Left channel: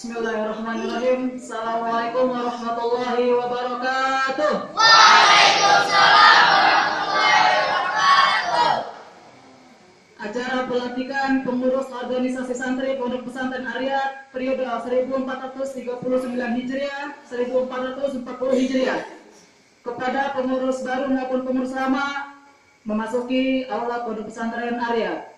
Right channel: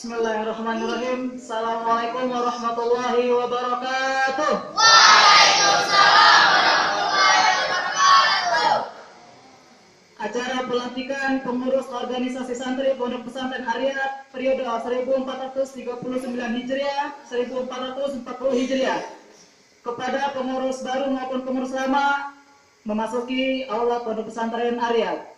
Bismillahirrahmanirrahim. Assalamualaikum warahmatullahi wabarakatuh. Waalaikumsalam warahmatullahi wabarakatuh. Acara pelantikan pengurus organisasi santri Pondok Pesantren Aryat periode 1439 Hijriah 1440 Hijriah kepada pengurus baru maupun pengurus lama memasuki aula Pondok Pesantren Aryat.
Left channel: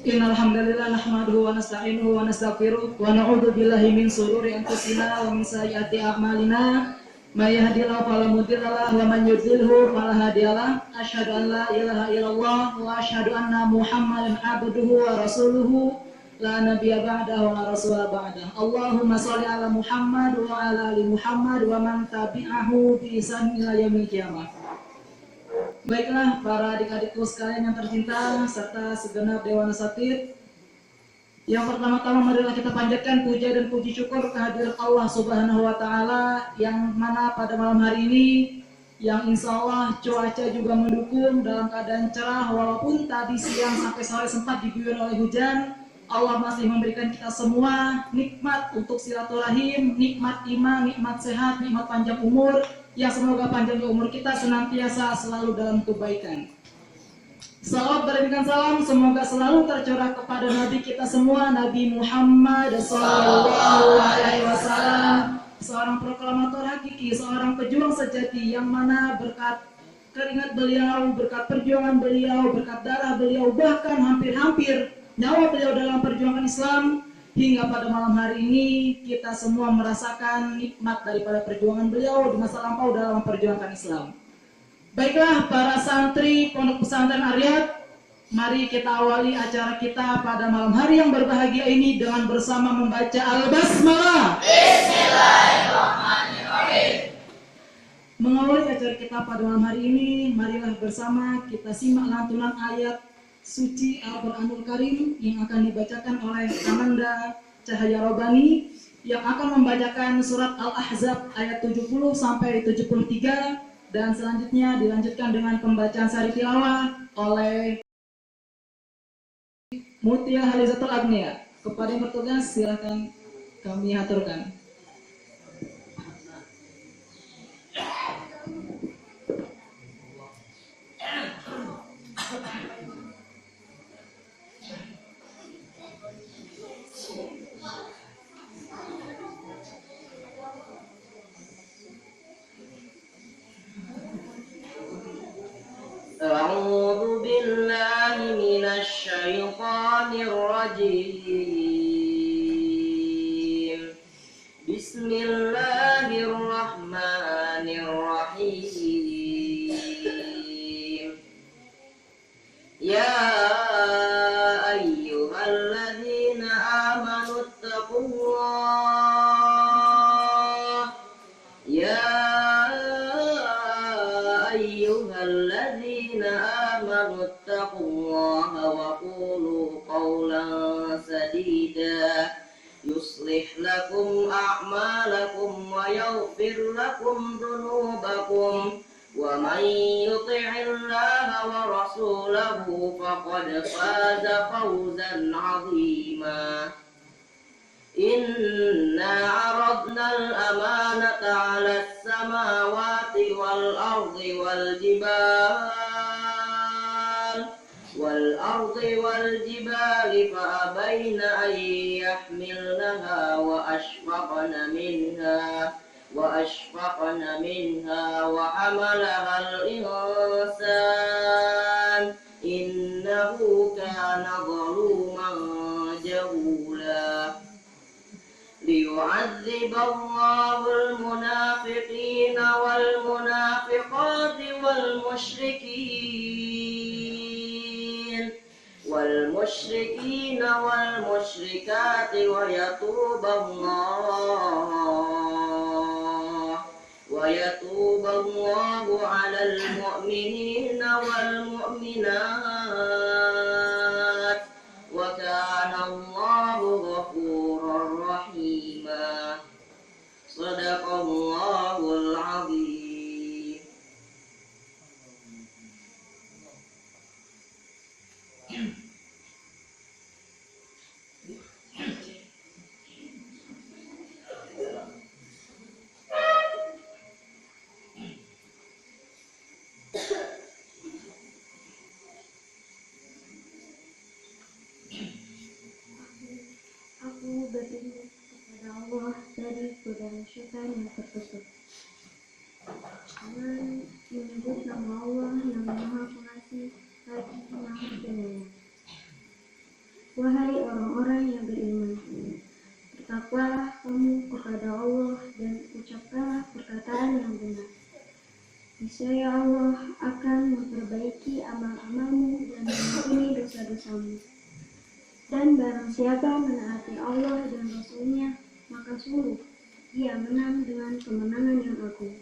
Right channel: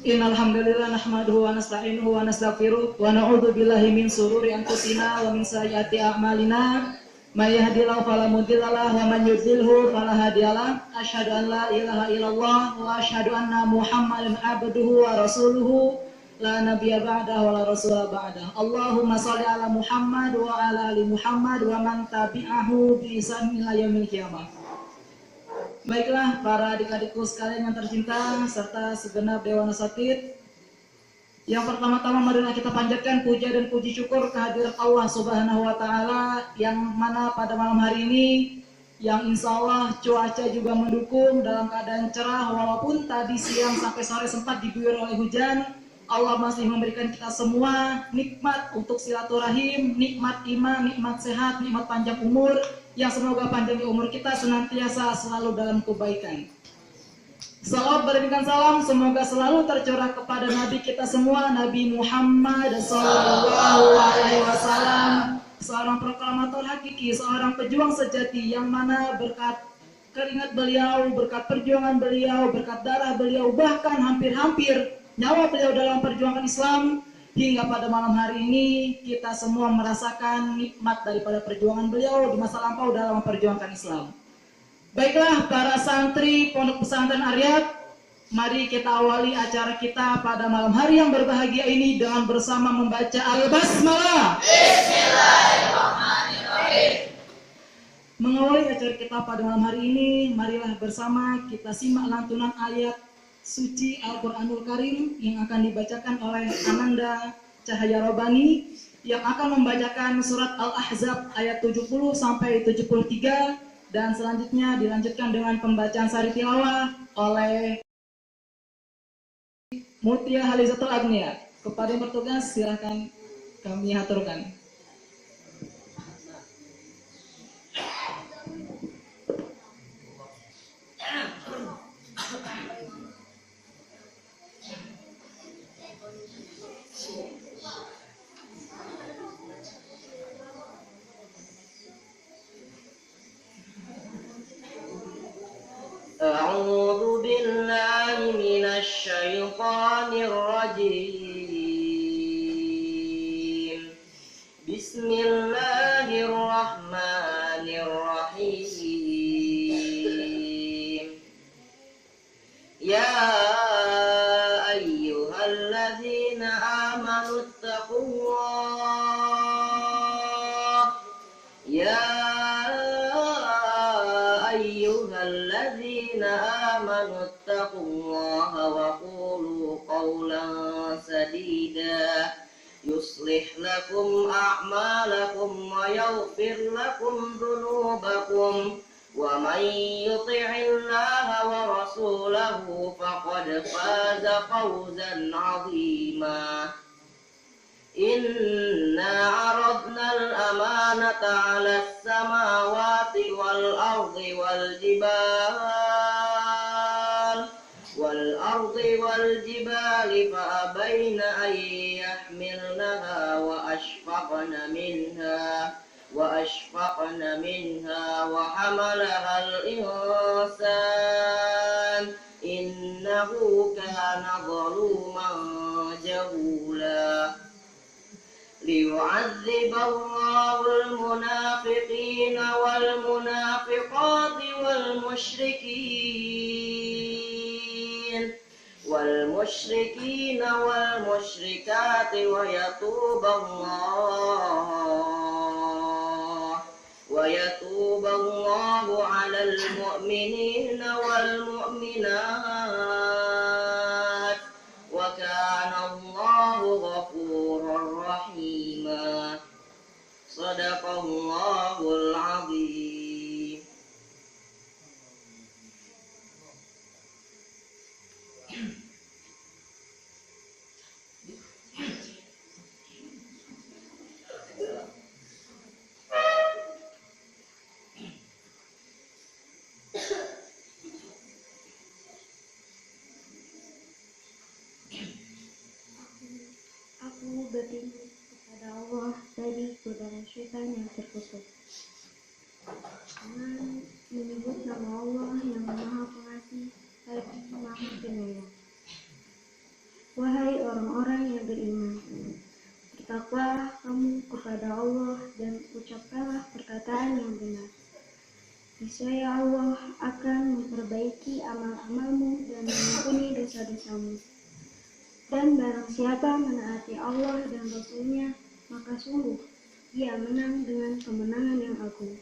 Innalhamdulillah nahmaduhu wa nasta'inuhu wa nastaghfiruh wa na'udzu billahi min shururi anfusina wa min sayyiati a'malina may yahdihillahu fala mudilla lahu wa man yudlilhu fala hadiyalah. Asyhadu an la ilaha illallah wa asyhadu anna Muhammadan abduhu wa rasuluhu la nabiyya ba'dahu wa la rasula ba'dahu. Allahumma shalli ala Muhammad wa ala ali Muhammad wa man tabi'ahu bi ihsan ila yaumil qiyamah. Baiklah para adik-adikku sekalian yang tercinta serta segenap Dewan Asatidz, yang pertama-tama marilah kita panjatkan puja dan puji syukur kehadirat Allah Subhanahu wa Ta'ala, yang mana pada malam hari ini yang insya Allah cuaca juga mendukung dalam keadaan cerah, walaupun tadi siang sampai sore sempat diguyur oleh hujan. Allah masih memberikan kita semua nikmat untuk silaturahim, nikmat iman, nikmat sehat, nikmat panjang umur, yang semoga panjangnya umur kita senantiasa selalu dalam kebaikan. Salawat berikan salam semoga selalu tercurah kepada Nabi kita semua, Nabi Muhammad SAW, seorang proklamator hakiki, seorang pejuang sejati, yang mana berkat keringat beliau, berkat perjuangan beliau, berkat darah beliau, bahkan hampir-hampir nyawa beliau dalam perjuangan Islam, hingga pada malam hari ini kita semua merasakan nikmat daripada perjuangan beliau di masa lampau dalam memperjuangkan Islam. Baiklah para santri Pondok Pesantren Aryat, mari kita awali acara kita pada malam hari yang berbahagia ini dengan bersama membaca Al-Basmalah. Bismillahirrahmanirrahim. Mengawali acara kita pada malam hari ini, marilah bersama kita simak lantunan ayat suci Al-Quranul Karim yang akan dibacakan oleh Ananda Cahaya Robani, yang akan membacakan surat Al-Ahzab ayat 70 sampai 73, dan selanjutnya dilanjutkan dengan pembacaan sari tilawah oleh Mutia Halizatul Agnia. Kepada yang bertugas silakan kami aturkan. أعوذ بالله من الشيطان الرجيم. بسم الله الرحمن الرحيم. يا أيها الذين آمنوا اتقوا الله. يا أيها الذين آمنوا اتقوا الله وقولوا قولا سديدا يصلح لكم أعمالكم ويغفر لكم ذنوبكم ومن يطع الله ورسوله فقد فاز فوزا عظيما إنا عرضنا الأمانة على السماوات والأرض والجبال فأبين أن يحملنها وأشفقن منها وحملها الإنسان إنه كان ظلوما جهولا ليعذب الله المنافقين والمنافقات والمشركين والمشركات ويتوب الله على المؤمنين والمؤمنات وكان الله غفورا رحيما صدق الله العظيم. Aku berlindung kepada Allah dari godaan syaitan yang terkutuk. Dengan menyebut nama Allah yang Maha Pengasih lagi Maha Penyayang. Wahai orang-orang yang beriman, bertakwalah kamu kepada Allah dan ucapkanlah perkataan yang benar. Niscaya Allah akan memperbaiki amal-amalmu dan mengampuni dosa-dosamu. Dan barang siapa menaati Allah dan Rasul-Nya, maka sungguh ia menang dengan kemenangan yang agung.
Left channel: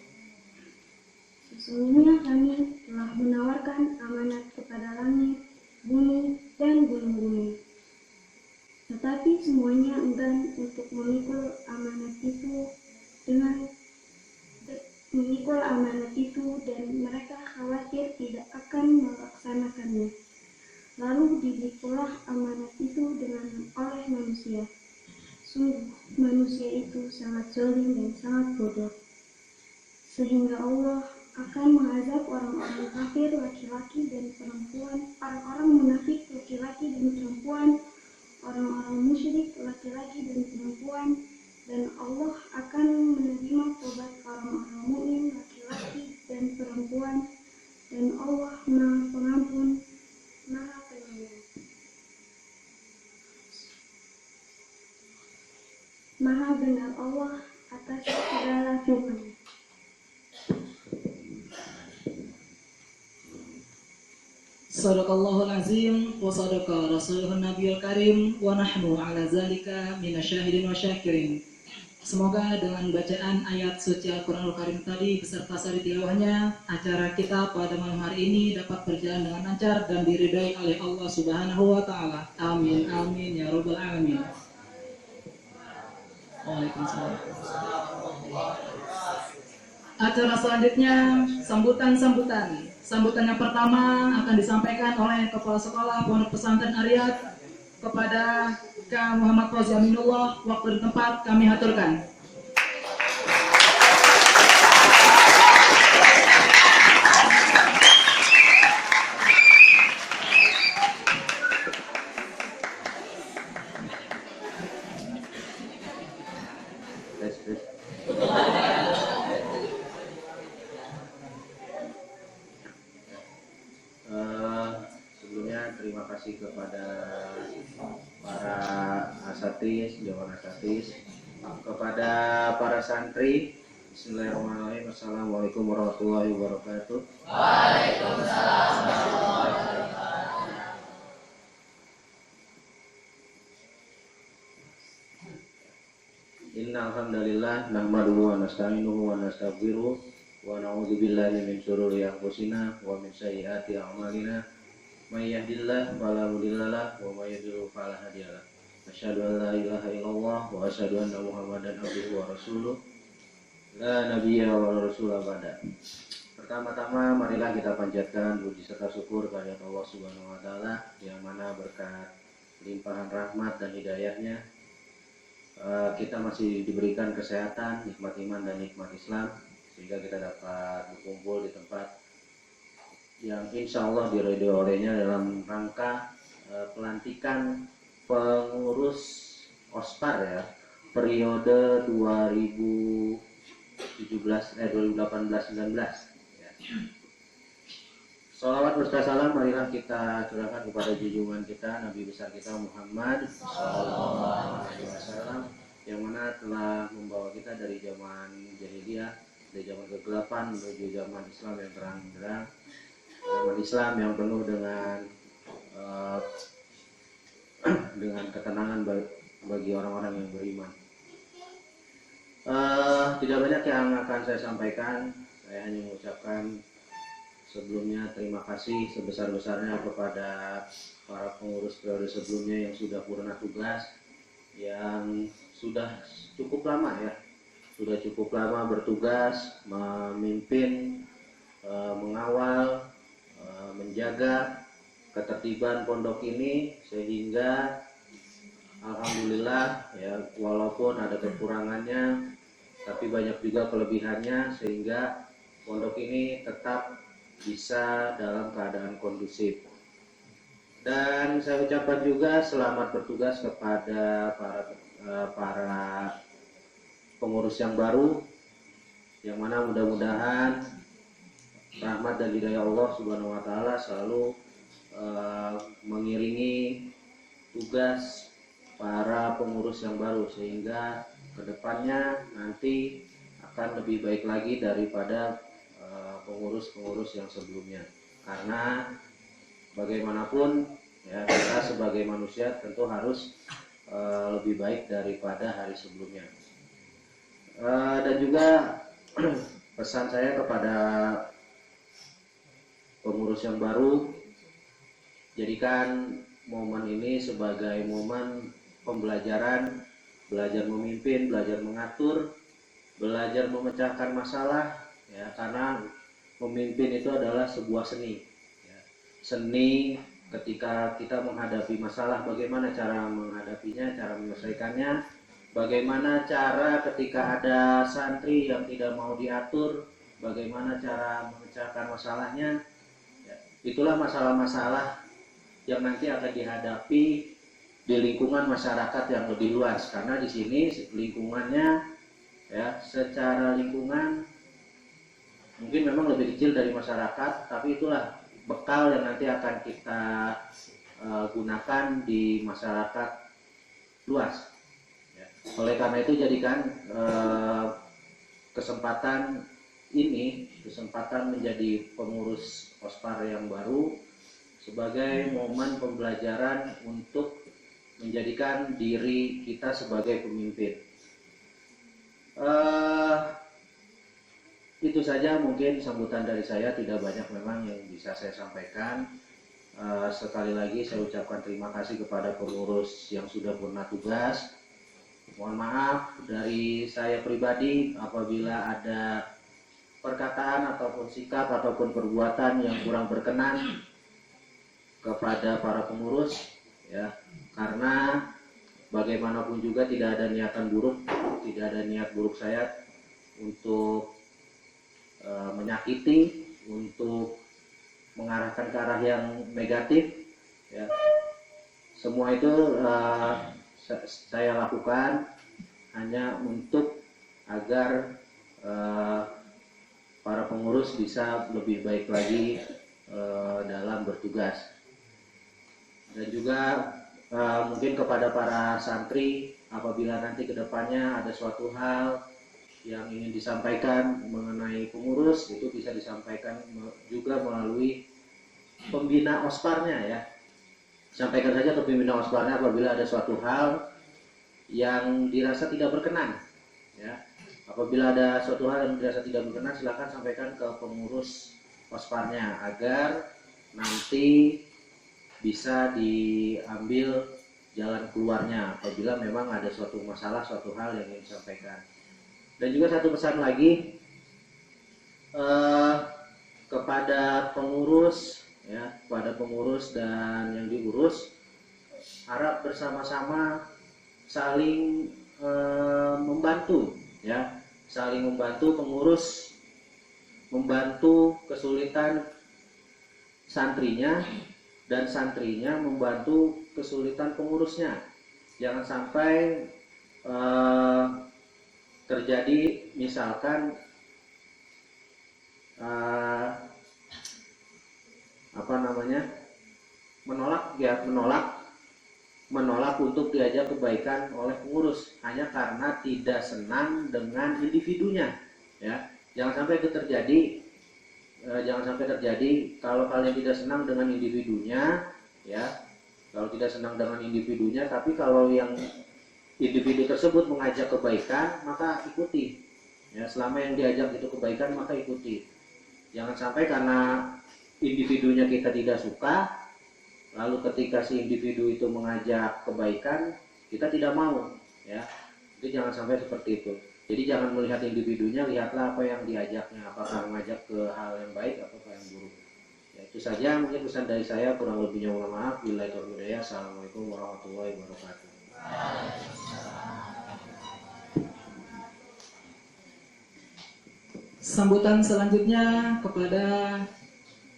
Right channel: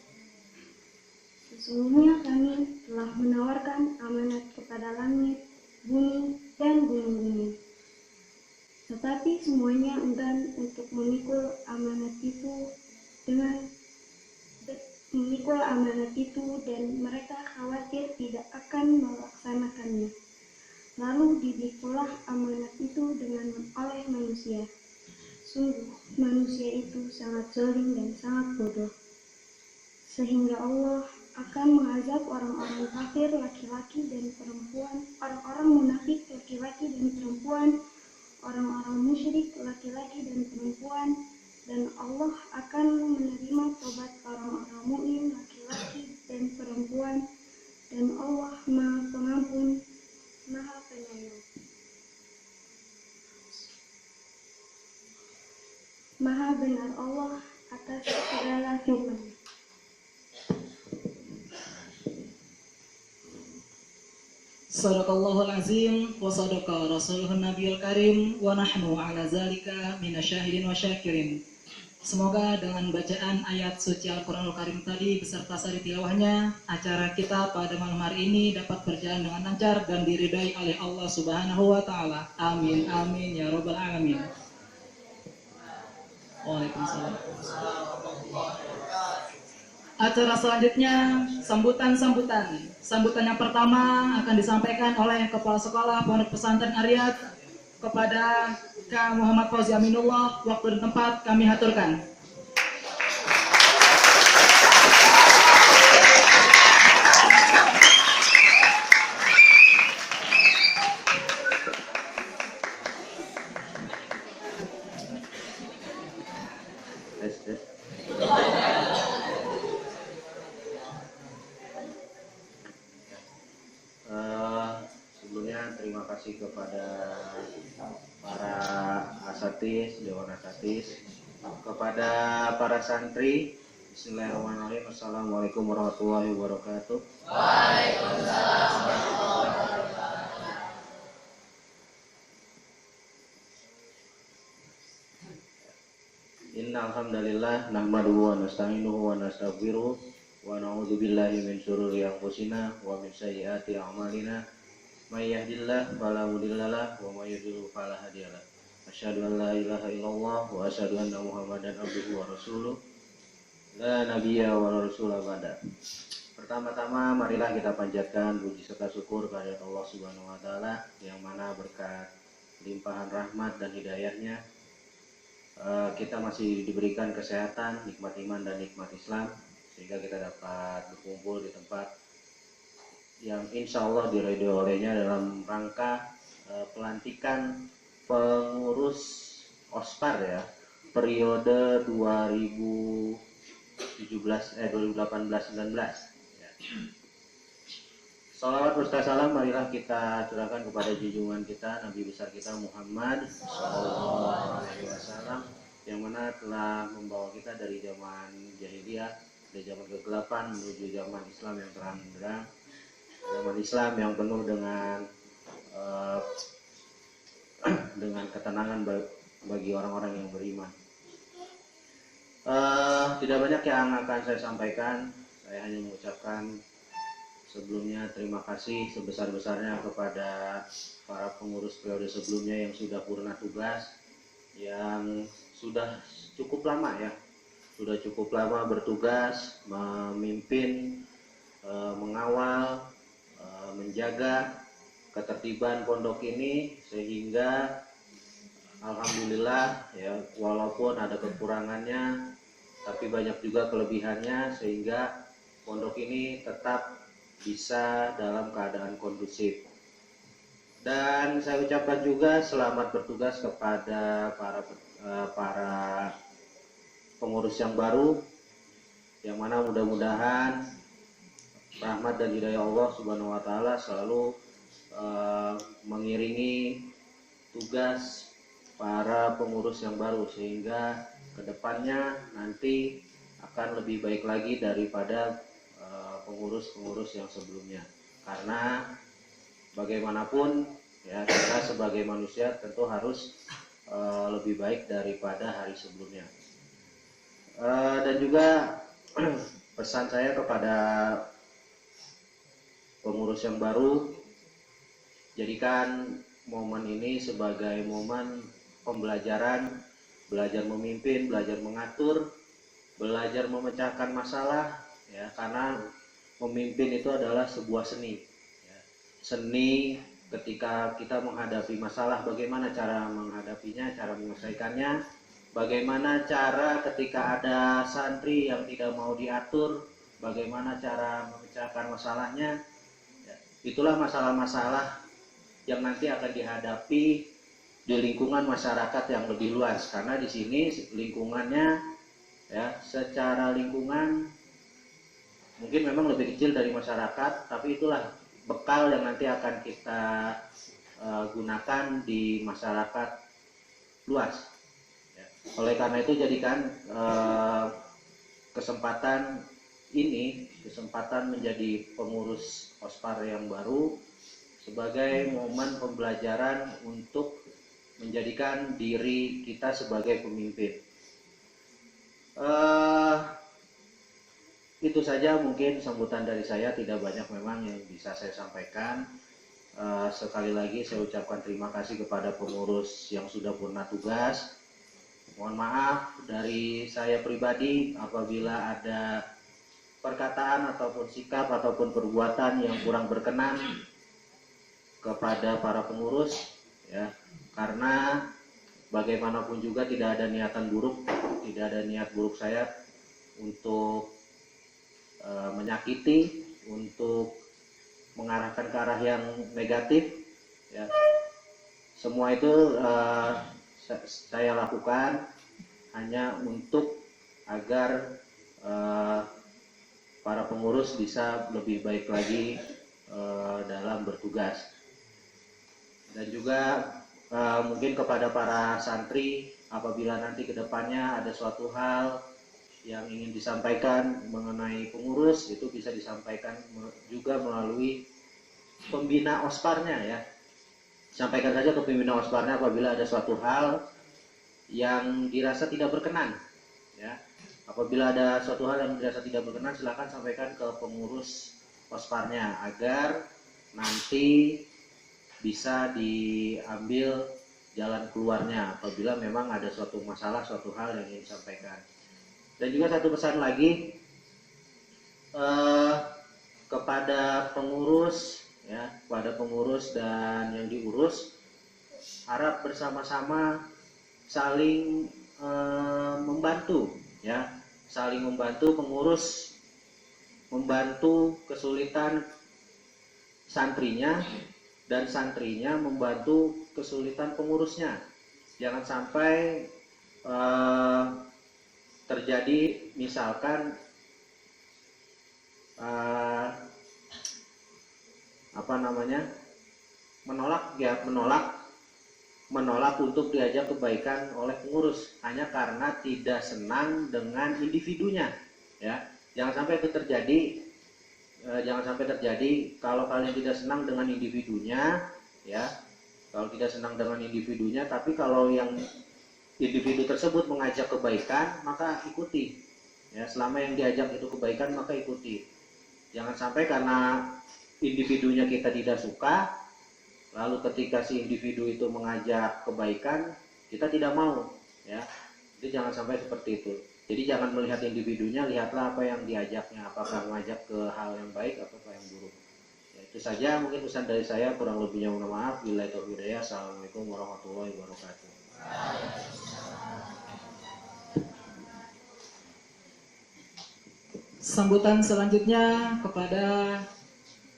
Sesungguhnya kami telah menawarkan amanat kepada langit, bumi, dan gunung-gunung. Tetapi semuanya enggan untuk memikul amanat itu dan mereka khawatir tidak akan melaksanakannya. Lalu dipikullah amanat itu oleh manusia. Sungguh manusia itu sangat zalim dan sangat bodoh. Sehingga Allah akan mengazab orang-orang kafir laki-laki dan perempuan, orang-orang munafik laki-laki dan perempuan, orang-orang musyrik laki-laki dan perempuan, dan Allah akan menerima tobat orang-orang mukmin laki-laki dan perempuan, dan Allah Maha Pengampun, Maha Penyayang. Maha benar Allah atas segala firman. Sadaqallahul azim wa sadaqa rasuluhun nabiyul karim wa nahnu ala zalika minasyahidin wa syakirin. Semoga dengan bacaan ayat suci Al-Quranul Karim tadi beserta sari tilawahnya, acara kita pada malam hari ini dapat berjalan dengan lancar dan diridai oleh Allah Subhanahu wa Ta'ala. Amin, amin ya Rabbal Alamin. Waalaikumsalam. Acara selanjutnya sambutan. Sambutan yang pertama akan disampaikan oleh Kepala Sekolah Pondok Pesantren Ariyat kepada Kang Muhammad Fauzi Aminullah. Waktu dan tempat kami haturkan. Sebelumnya terima kasih kepada para asatidz, dewan asatidz, kepada para santri. Bismillahirrahmanirrahim. Assalamualaikum warahmatullahi wabarakatuh. Waalaikumsalam warahmatullahi wabarakatuh. Innal hamdalillah nahmaduhu wa nasta'inuhu wa nastaghfiruh wa na'udzu billahi min syururi anfusina wa min sayyiati a'malina. May yahdihillahu fala mudhillalah wa may yudhlil fala hadiyalah. Asyhadu an la ilaha illallah wa asyhadu anna Muhammadan abduhu wa rasuluh. La nabiyya wa la rasula ba'da. Pertama-tama marilah kita panjatkan puji serta syukur kehadirat Allah Subhanahu wa taala yang mana berkat limpahan rahmat dan hidayahnya kita masih diberikan kesehatan, nikmat iman dan nikmat Islam sehingga kita dapat berkumpul di tempat yang insya Allah diridhoi olehnya dalam rangka pelantikan pengurus OSPAR ya periode 2018-19 ya. Salawat berserta salam marilah kita curahkan kepada junjungan kita Nabi besar kita Muhammad Sallallahu Alaihi Wasallam yang mana telah membawa kita dari zaman jahiliyah, dari zaman kegelapan menuju zaman Islam yang terang benderang, zaman Islam yang penuh dengan ketenangan bagi orang-orang yang beriman. Tidak banyak yang akan saya sampaikan, saya hanya mengucapkan sebelumnya terima kasih sebesar-besarnya kepada para pengurus periode sebelumnya yang sudah purna tugas, yang sudah cukup lama bertugas, memimpin, mengawal, menjaga ketertiban pondok ini sehingga alhamdulillah ya walaupun ada kekurangannya tapi banyak juga kelebihannya sehingga pondok ini tetap bisa dalam keadaan kondusif. Dan saya ucapkan juga selamat bertugas kepada para pengurus yang baru, yang mana mudah-mudahan rahmat dan hidayah Allah Subhanahu wa taala selalu mengiringi tugas para pengurus yang baru sehingga kedepannya nanti akan lebih baik lagi daripada pengurus-pengurus yang sebelumnya, karena bagaimanapun ya kita sebagai manusia tentu harus lebih baik daripada hari sebelumnya. Dan juga pesan saya kepada pengurus yang baru, jadikan momen ini sebagai momen pembelajaran, belajar memimpin, belajar mengatur, belajar memecahkan masalah ya, karena memimpin itu adalah sebuah seni ya. Seni ketika kita menghadapi masalah, bagaimana cara menghadapinya, cara menyelesaikannya, bagaimana cara ketika ada santri yang tidak mau diatur, bagaimana cara memecahkan masalahnya ya. Itulah masalah-masalah yang nanti akan dihadapi di lingkungan masyarakat yang lebih luas, karena di sini lingkungannya ya secara lingkungan mungkin memang lebih kecil dari masyarakat, tapi itulah bekal yang nanti akan kita gunakan di masyarakat luas ya. Oleh karena itu jadikan kesempatan menjadi pengurus OSPAR yang baru sebagai momen pembelajaran untuk menjadikan diri kita sebagai pemimpin. Itu saja mungkin sambutan dari saya, tidak banyak memang yang bisa saya sampaikan. Sekali lagi saya ucapkan terima kasih kepada pengurus yang sudah purna tugas. Mohon maaf dari saya pribadi apabila ada perkataan ataupun sikap ataupun perbuatan yang kurang berkenan kepada para pengurus ya, karena bagaimanapun juga tidak ada niatan buruk, tidak ada niat buruk saya untuk menyakiti, untuk mengarahkan ke arah yang negatif ya. Semua itu saya lakukan hanya untuk agar para pengurus bisa lebih baik lagi dalam bertugas. Dan juga mungkin kepada para santri, apabila nanti kedepannya ada suatu hal yang ingin disampaikan mengenai pengurus, itu bisa disampaikan juga melalui pembina OSPAR-nya ya. Sampaikan saja ke pembina OSPAR-nya apabila ada suatu hal yang dirasa tidak berkenan ya. Apabila ada suatu hal yang dirasa tidak berkenan, silakan sampaikan ke pengurus OSPAR-nya agar nanti bisa diambil jalan keluarnya apabila memang ada suatu masalah, suatu hal yang ingin disampaikan. Dan juga satu pesan lagi, kepada pengurus ya, kepada pengurus dan yang diurus, harap bersama-sama saling membantu ya, saling membantu pengurus, membantu kesulitan santrinya dan santrinya membantu kesulitan pengurusnya. Jangan sampai terjadi misalkan menolak untuk diajak kebaikan oleh pengurus hanya karena tidak senang dengan individunya ya. Jangan sampai itu terjadi. Jangan sampai terjadi. Kalau kalian tidak senang dengan individunya ya, kalau tidak senang dengan individunya, tapi kalau yang individu tersebut mengajak kebaikan, maka ikuti ya. Selama yang diajak itu kebaikan, maka ikuti. Jangan sampai karena individunya kita tidak suka, lalu ketika si individu itu mengajak kebaikan, kita tidak mau ya. Jadi jangan sampai seperti itu. Jadi jangan melihat individunya, lihatlah apa yang diajaknya, apakah mengajak ke hal yang baik atau yang buruk ya. Itu saja mungkin pesan dari saya, kurang lebihnya mohon maaf. Billahi taufiq wal hidayah. Assalamualaikum warahmatullahi wabarakatuh. Sambutan selanjutnya kepada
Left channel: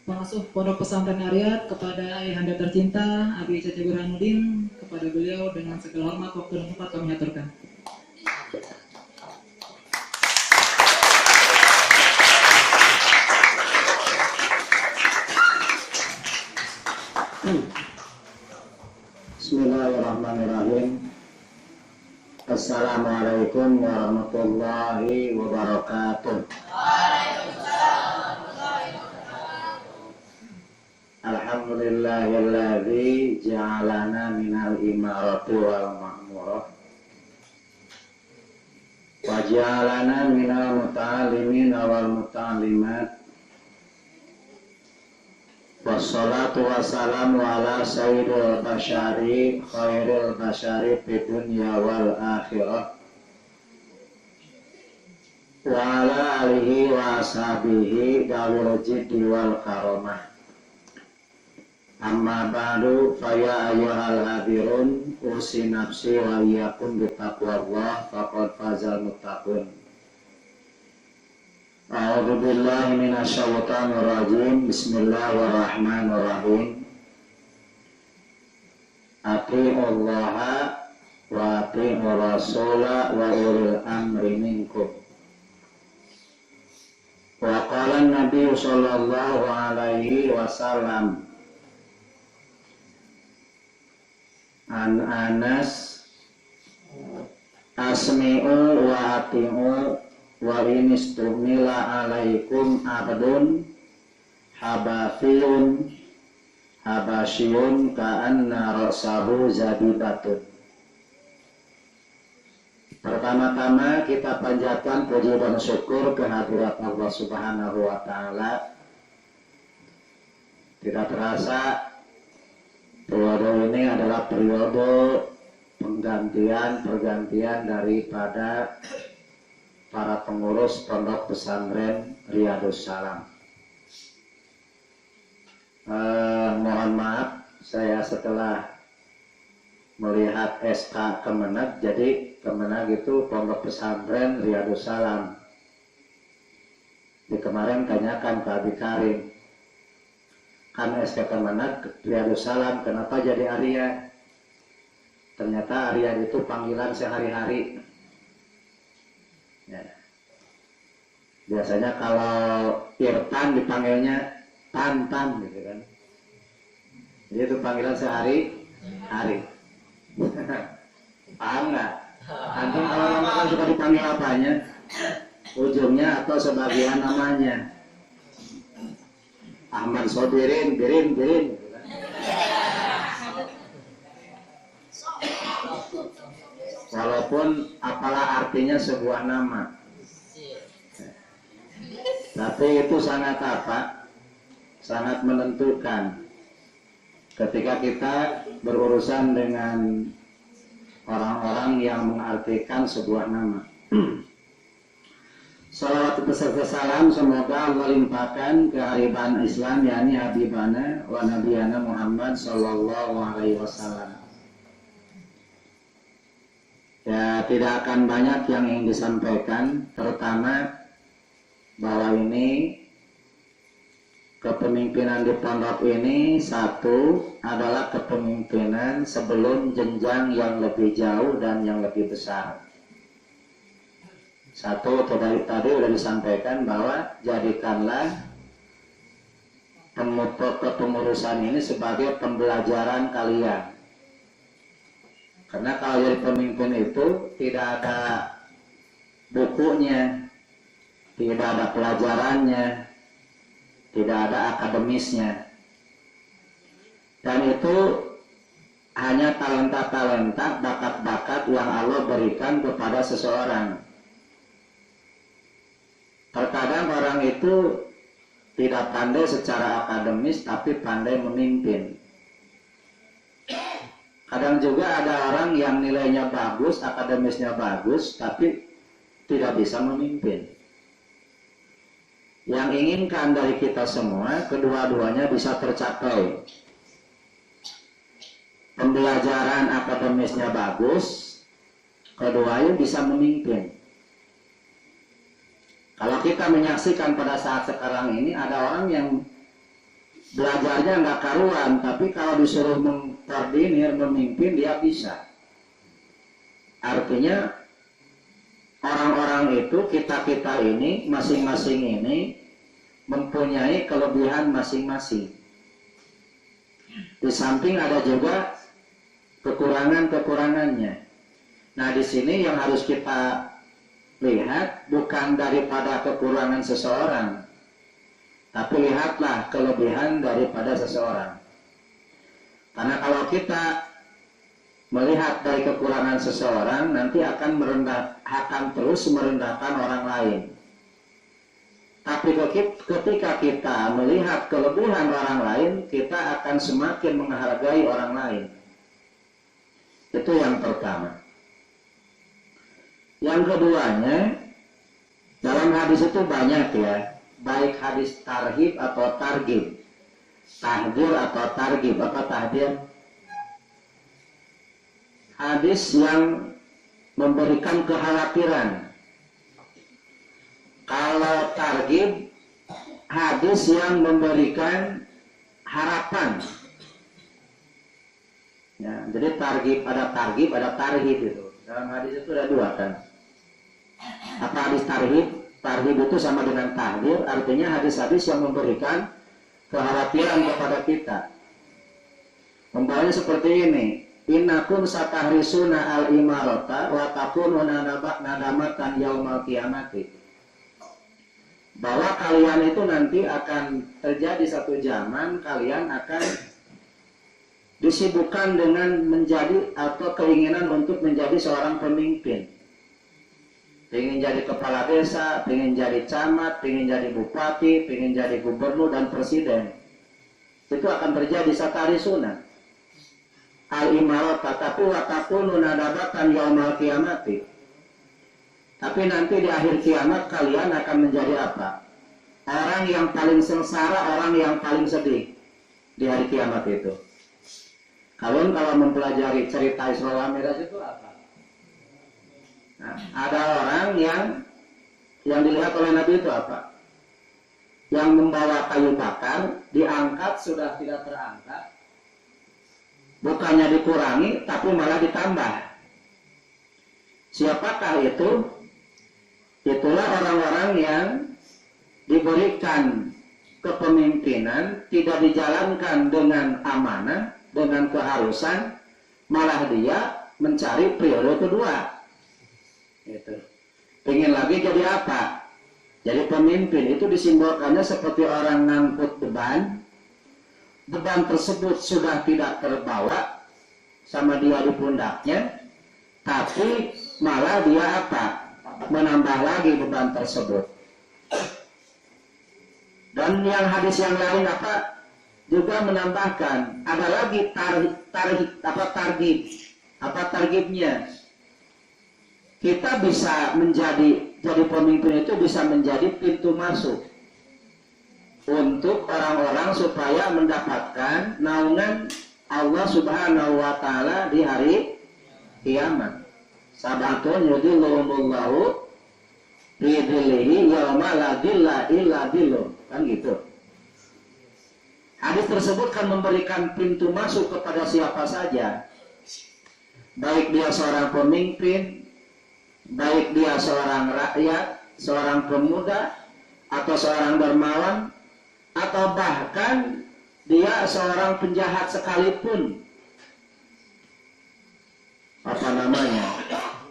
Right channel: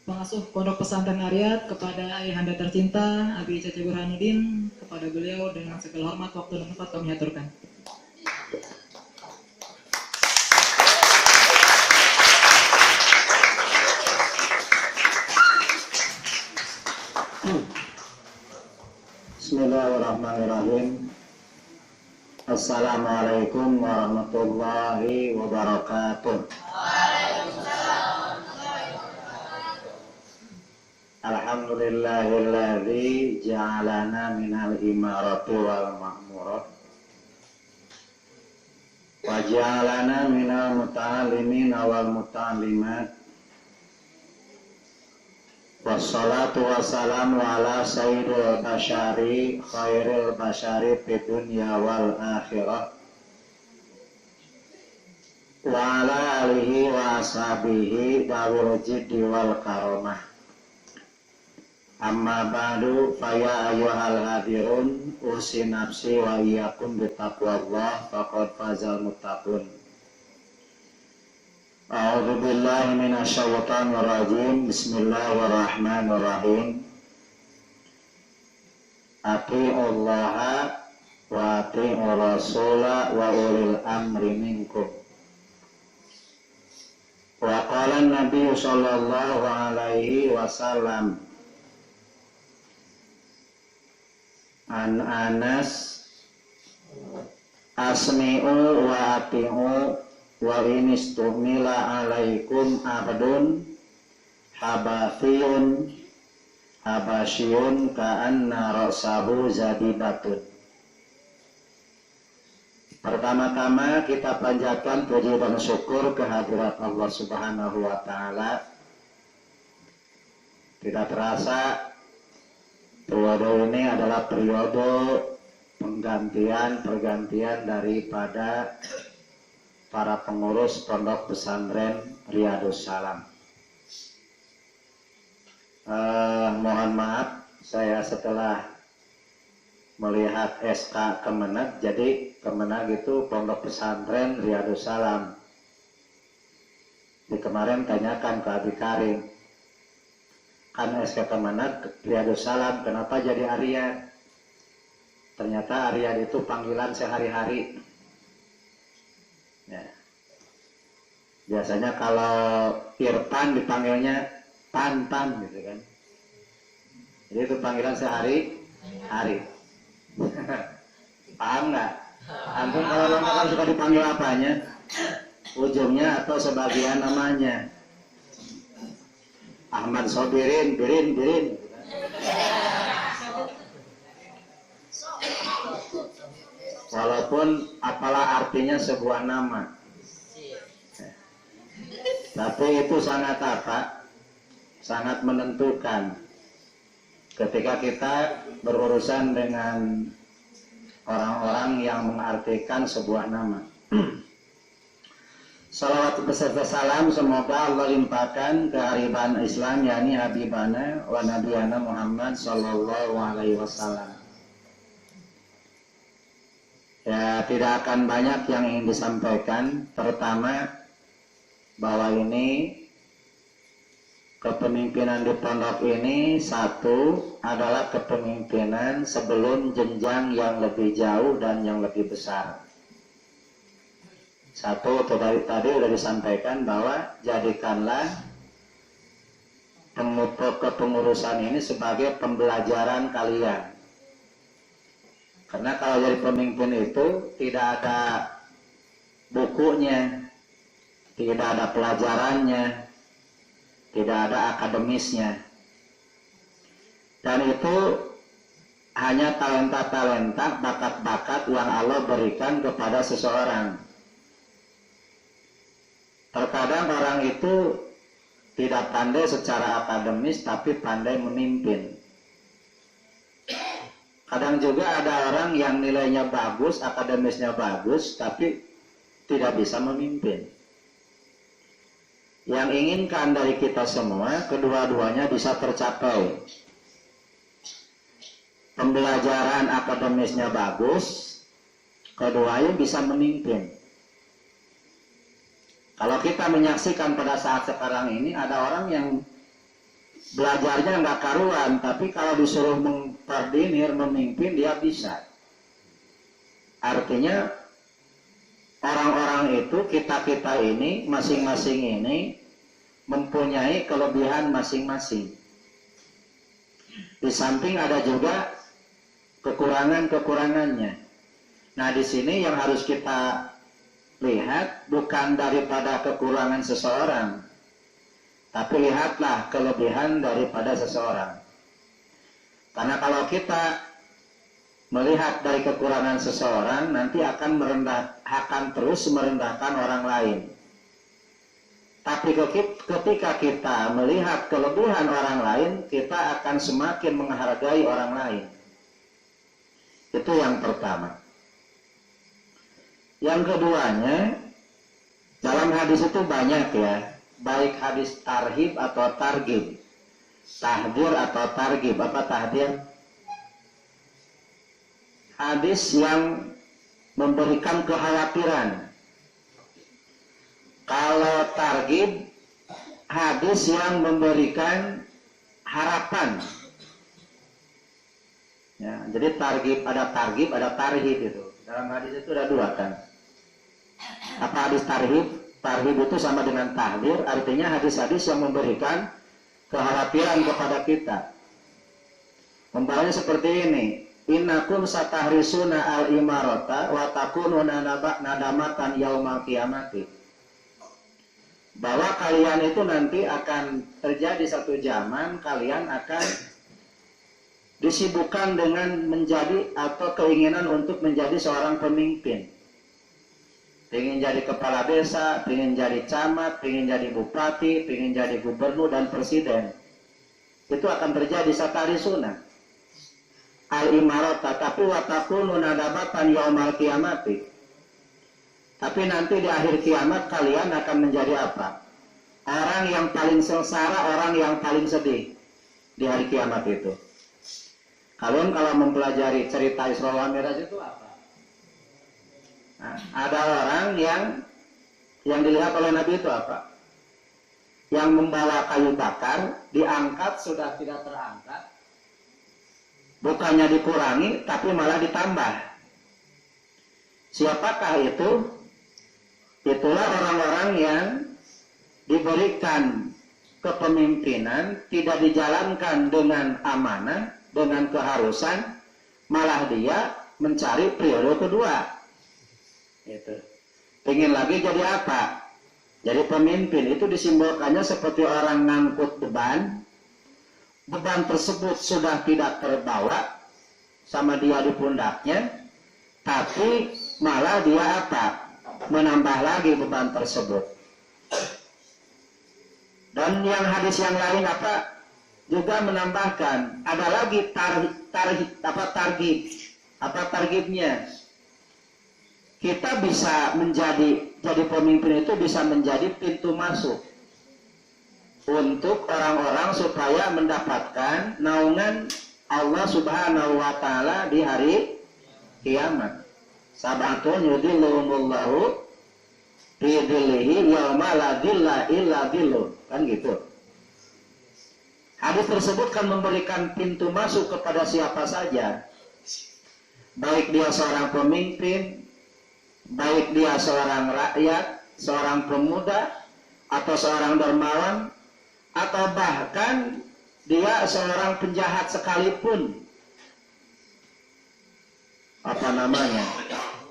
pengasuh Pondok Pesantren Ariyat, kepada ayahanda tercinta Abi Cece Burhanuddin, kepada beliau dengan segala hormat, waktu dan tempat kami aturkan. Bismillahirrahmanirrahim. Assalamualaikum warahmatullahi wabarakatuh. Alhamdulillahilladzi ja'alana minal imarati wal ma'murah wa ja'alana minal muta'allimin wal muta'allimat. Wassalatu wassalamu ala sayyidil basyari khairil basyari fid dunya wal akhirah wa ala alihi wa ashabihi dawil jiddi wal karamah. Amma ba'du, faya ayyuhal hadirun, usi nafsi wa iyyakum bitaqwallah faqad fazal muttaqun. A'udzu billahi minasyaitonir rajim. Bismillahirrahmanirrahim. Atiullaha wa atiur rasula wa ulil amri minkum. Wa qala an-nabiy sallallahu alaihi wasallam an Anas asmi'u wa ati'u wa inistumila alaikum abdun habathiyun habasyun ka'anna rasahu zabibatun. Pertama-tama kita panjatkan puji dan syukur kehadirat Allah Subhanahu wa Ta'ala. Tidak terasa periode ini adalah periode pergantian daripada para pengurus Pondok Pesantren Riyadus Salam. Mohon maaf, saya setelah melihat SK Kemenag, jadi Kemenag itu Pondok Pesantren Riyadus Salam. Di kemarin tanyakan ke Abi Karim, kan SK Kemenag Riyadus Salam, kenapa jadi Arya? Ternyata Arya itu panggilan sehari-hari. Ya. Biasanya kalau Irfan dipanggilnya Pan gitu kan. Jadi itu panggilan sehari-hari. Paham nggak? Antum kalau orang kan suka dipanggil apanya? Ujungnya atau sebagian namanya. Ahmad Sobirin, Birin. Walaupun apalah artinya sebuah nama, tapi itu sangat sangat menentukan ketika kita berurusan dengan orang-orang yang mengartikan sebuah nama. Salawat beserta salam semoga Allah limpahkan kearifan Islam yakni habibana wa nabiyana Muhammad sallallahu alaihi wasallam. Ya, tidak akan banyak yang ingin disampaikan. Pertama, bahwa ini kepemimpinan di pondok ini satu adalah kepemimpinan sebelum jenjang yang lebih jauh dan yang lebih besar. Satu, tadi sudah disampaikan bahwa jadikanlah kepengurusan ini sebagai pembelajaran kalian. Karena kalau jadi pemimpin itu tidak ada bukunya, tidak ada pelajarannya, tidak ada akademisnya. Dan itu hanya talenta-talenta, bakat-bakat yang Allah berikan kepada seseorang. Terkadang orang itu tidak pandai secara akademis tapi pandai memimpin. Kadang juga ada orang yang nilainya bagus, akademisnya bagus, tapi tidak bisa memimpin. Yang inginkan dari kita semua, kedua-duanya bisa tercapai. Pembelajaran akademisnya bagus, keduanya bisa memimpin. Kalau kita menyaksikan pada saat sekarang ini, ada orang yang belajarnya nggak karuan, tapi kalau disuruh mengkoordinir, memimpin, dia bisa. Artinya, orang-orang itu, kita-kita ini, masing-masing ini, mempunyai kelebihan masing-masing. Di samping ada juga kekurangan-kekurangannya. Nah, di sini yang harus kita lihat bukan daripada kekurangan seseorang, tapi lihatlah kelebihan daripada seseorang. Karena kalau kita melihat dari kekurangan seseorang, nanti akan terus merendahkan orang lain. Tapi ketika kita melihat kelebihan orang lain, kita akan semakin menghargai orang lain. Itu yang pertama. Yang keduanya, dalam hadis itu banyak ya, baik hadis tarhib atau targhib, tahdir atau targhib. Apa tahdir? Hadis yang memberikan kekhawatiran. Kalau targhib, hadis yang memberikan harapan. Ya, jadi targhib, ada tarhib itu. Dalam hadis itu ada dua kan. Apa hadis tarhib? Tarhib itu sama dengan tahdir, artinya hadis-hadis yang memberikan kekhawatiran kepada kita. Umpamanya seperti ini, innakum satahrisuna al-imarata wa takununa nadamatan yaumal qiyamati. Bahwa kalian itu nanti akan terjadi satu zaman, kalian akan disibukkan dengan menjadi atau keinginan untuk menjadi seorang pemimpin. Pengen jadi kepala desa, pengen jadi camat, pengen jadi bupati, pengen jadi gubernur dan presiden. Itu akan terjadi satarisuna al-imarat, tapi watakunu nadabatan yaumal qiyamati. Tapi nanti di akhir kiamat kalian akan menjadi apa? Orang yang paling sengsara, orang yang paling sedih di hari kiamat itu. Kalian kalau mempelajari cerita Isra wal Mi'raj itu apa? Nah, ada orang yang dilihat oleh Nabi itu apa? Yang membawa kayu bakar, diangkat sudah tidak terangkat, bukannya dikurangi, tapi malah ditambah. Siapakah itu? Itulah orang-orang yang diberikan kepemimpinan, tidak dijalankan dengan amanah, dengan keharusan, malah dia mencari periode kedua. Gitu. Pengen lagi jadi apa? Jadi pemimpin. Itu disimbolkannya seperti orang ngangkut beban. Beban tersebut sudah tidak terbawa sama dia di pundaknya, tapi malah dia apa? Menambah lagi beban tersebut. Dan yang hadis yang lain apa? Juga menambahkan, ada lagi targhib. Apa targhibnya? Kita bisa menjadi jadi pemimpin itu bisa menjadi pintu masuk untuk orang-orang supaya mendapatkan naungan Allah Subhanahu wa taala di hari kiamat. Sabatun yudhilluhumullahu fi dhillihi yauma la dhilla illa dhilluh. Kan gitu. Hadis tersebut kan memberikan pintu masuk kepada siapa saja. Baik dia seorang pemimpin, baik dia seorang rakyat, seorang pemuda, atau seorang dermawan, atau bahkan dia seorang penjahat sekalipun. Apa namanya?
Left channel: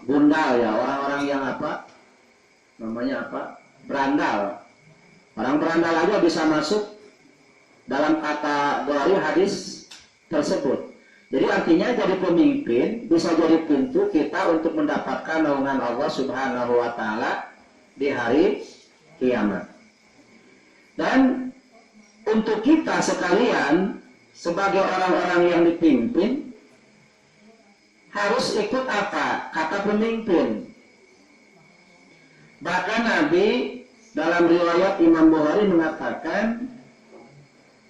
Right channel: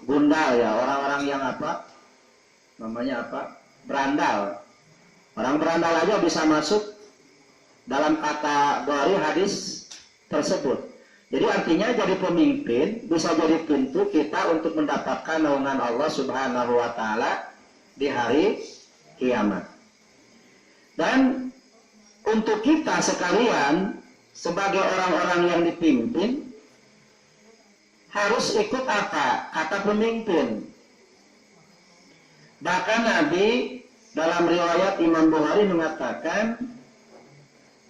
Gundal ya, orang-orang yang apa? Namanya apa? Berandal. Orang berandal aja bisa masuk dalam kategori hadis tersebut. Jadi artinya jadi pemimpin bisa jadi pintu kita untuk mendapatkan naungan Allah Subhanahu wa taala di hari kiamat. Dan untuk kita sekalian sebagai orang-orang yang dipimpin harus ikut apa? Kata pemimpin. Bahkan Nabi dalam riwayat Imam Bukhari mengatakan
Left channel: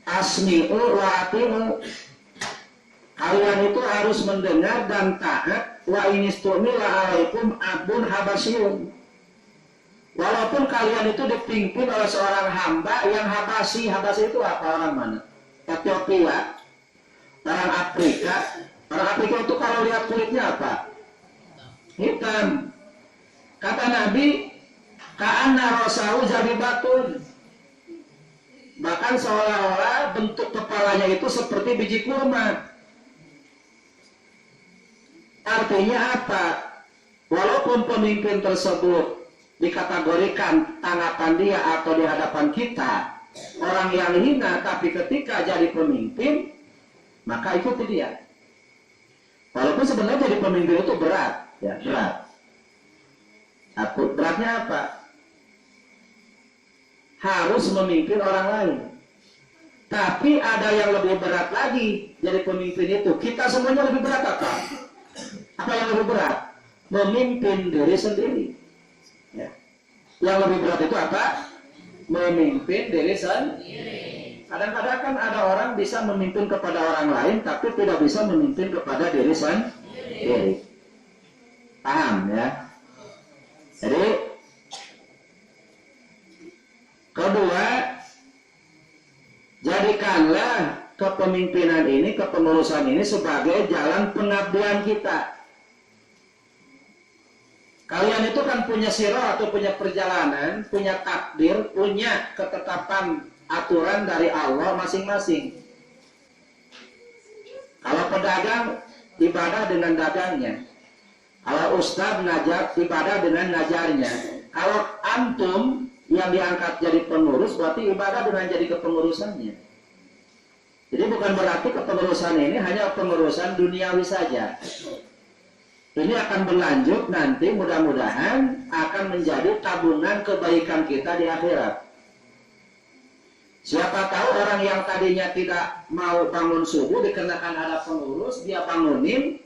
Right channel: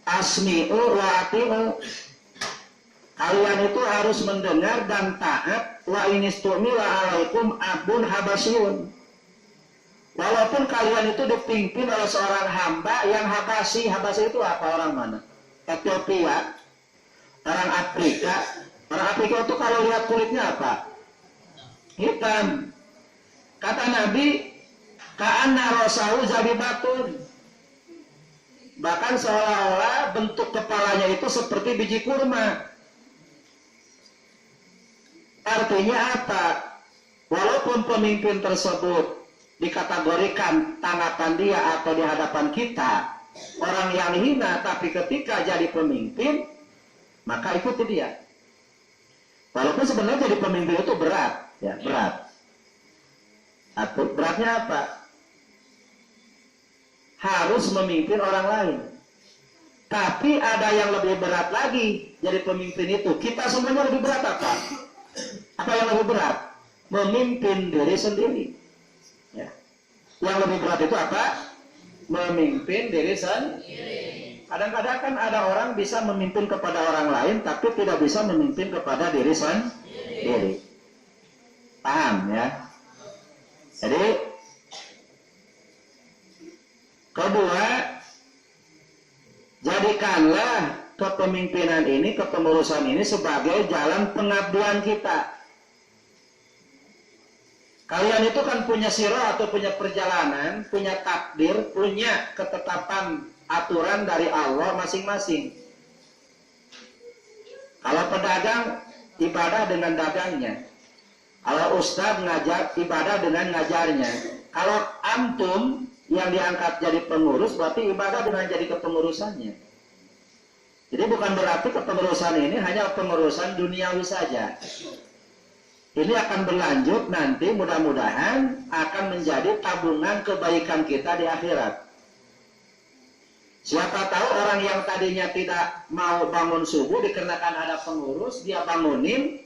asmi'u wa ati'u. Kalian itu harus mendengar dan taat. Wa inistumila alaikum abun habasyun. Walaupun kalian itu dipimpin oleh seorang hamba yang Habasi. Habasi itu apa? Orang mana? Ethiopia, orang Afrika. Orang Afrika itu kalau lihat kulitnya apa? Hitam. Kata Nabi, ka'anna rasahu zabibatun. Bahkan seolah-olah bentuk kepalanya itu seperti biji kurma. Artinya apa? Walaupun pemimpin tersebut dikategorikan tanggapan dia atau di hadapan kita orang yang hina, tapi ketika jadi pemimpin maka ikuti dia. Walaupun sebenarnya jadi pemimpin itu berat, ya berat. Beratnya apa? Harus memimpin orang lain. Tapi ada yang lebih berat lagi jadi pemimpin itu. Kita semuanya lebih berat apa? Apa yang lebih berat? Memimpin diri sendiri. Ya. Yang lebih berat itu apa? Memimpin diri sendiri. Kadang-kadang kan ada orang bisa memimpin kepada orang lain, tapi tidak bisa memimpin kepada diri sendiri. Paham ya? Jadi kedua, jadikanlah kepemimpinan ini, kepengurusan ini sebagai jalan pengabdian kita. Kalian itu kan punya sirah atau punya perjalanan, punya takdir, punya ketetapan aturan dari Allah masing-masing. Kalau pedagang, ibadah dengan dagangnya. Kalau ustadz ngajar, ibadah dengan ngajarnya. Kalau antum yang diangkat jadi pengurus, berarti ibadah dengan jadi kepengurusannya. Jadi bukan berarti kepengurusan ini hanya pengurusan duniawi saja. Ini akan berlanjut nanti, mudah-mudahan akan menjadi tabungan kebaikan kita di akhirat. Siapa tahu orang yang tadinya tidak mau bangun subuh dikarenakan ada pengurus, dia bangunin,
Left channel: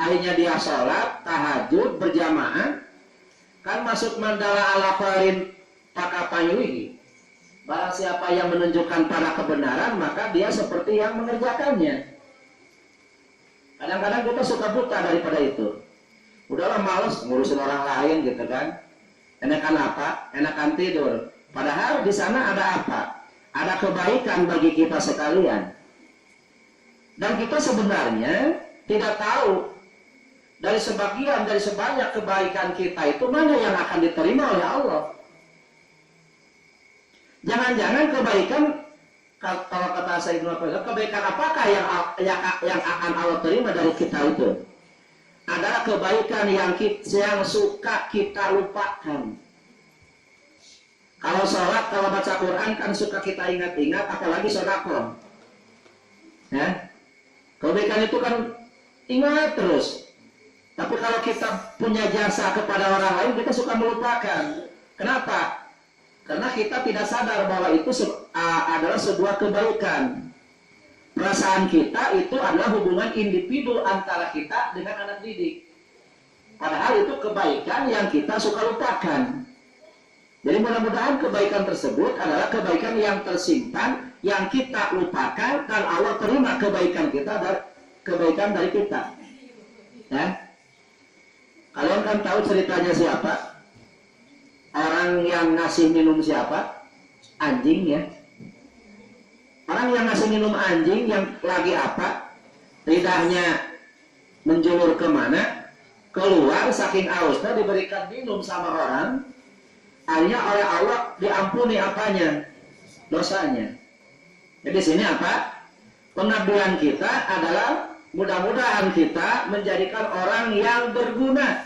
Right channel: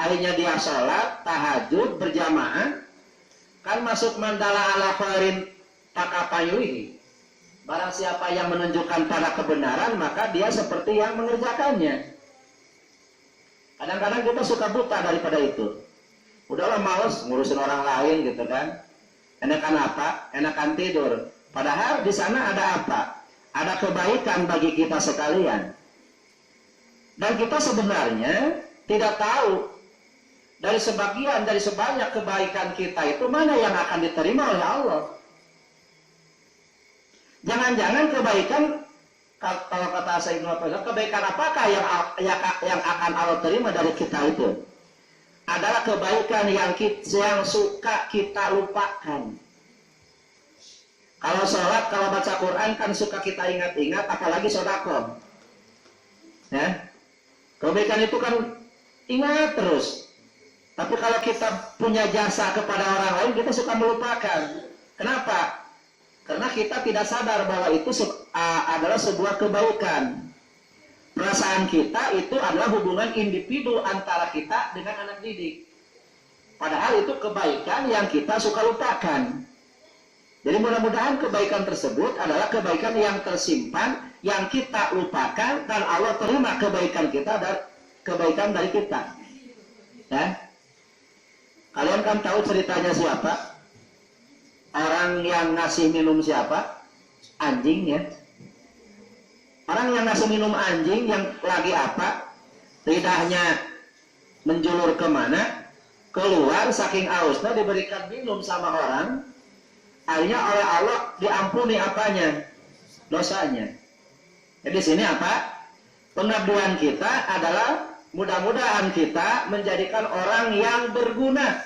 akhirnya dia sholat, tahajud, berjamaah, kan masuk mandala ala khairin pakapayuhi. Barang siapa yang menunjukkan pada kebenaran, maka dia seperti yang mengerjakannya. Kadang-kadang kita suka buta daripada itu. Udahlah males ngurusin orang lain gitu kan. Enakan apa? Enakan tidur. Padahal di sana ada apa? Ada kebaikan bagi kita sekalian. Dan kita sebenarnya tidak tahu dari sebagian, dari sebanyak kebaikan kita itu mana yang akan diterima oleh Allah. Jangan-jangan kebaikan, kalau kata saya kebaikan apakah yang akan Allah terima dari kita itu? Adalah kebaikan yang suka kita lupakan. Kalau sholat, kalau baca Quran kan suka kita ingat-ingat, apalagi sedekah. Ya, kebaikan itu kan ingat terus. Tapi kalau kita punya jasa kepada orang lain, kita suka melupakan. Kenapa? Karena kita tidak sadar bahwa itu adalah sebuah kebaikan. Perasaan kita itu adalah hubungan individu antara kita dengan anak didik. Padahal itu kebaikan yang kita suka lupakan. Jadi mudah-mudahan kebaikan tersebut adalah kebaikan yang tersimpan, yang kita lupakan, dan Allah terima kebaikan kita dan kebaikan dari kita. Ya, kalian kan tahu ceritanya siapa? Orang yang ngasih minum siapa? Anjing ya. Orang yang ngasih minum anjing yang lagi apa? Lidahnya menjulur kemana? Keluar saking hausnya diberikan minum sama orang. Akhirnya oleh Allah diampuni apanya? Dosanya. Jadi sini apa? Pengabdian kita adalah mudah-mudahan kita menjadikan orang yang berguna.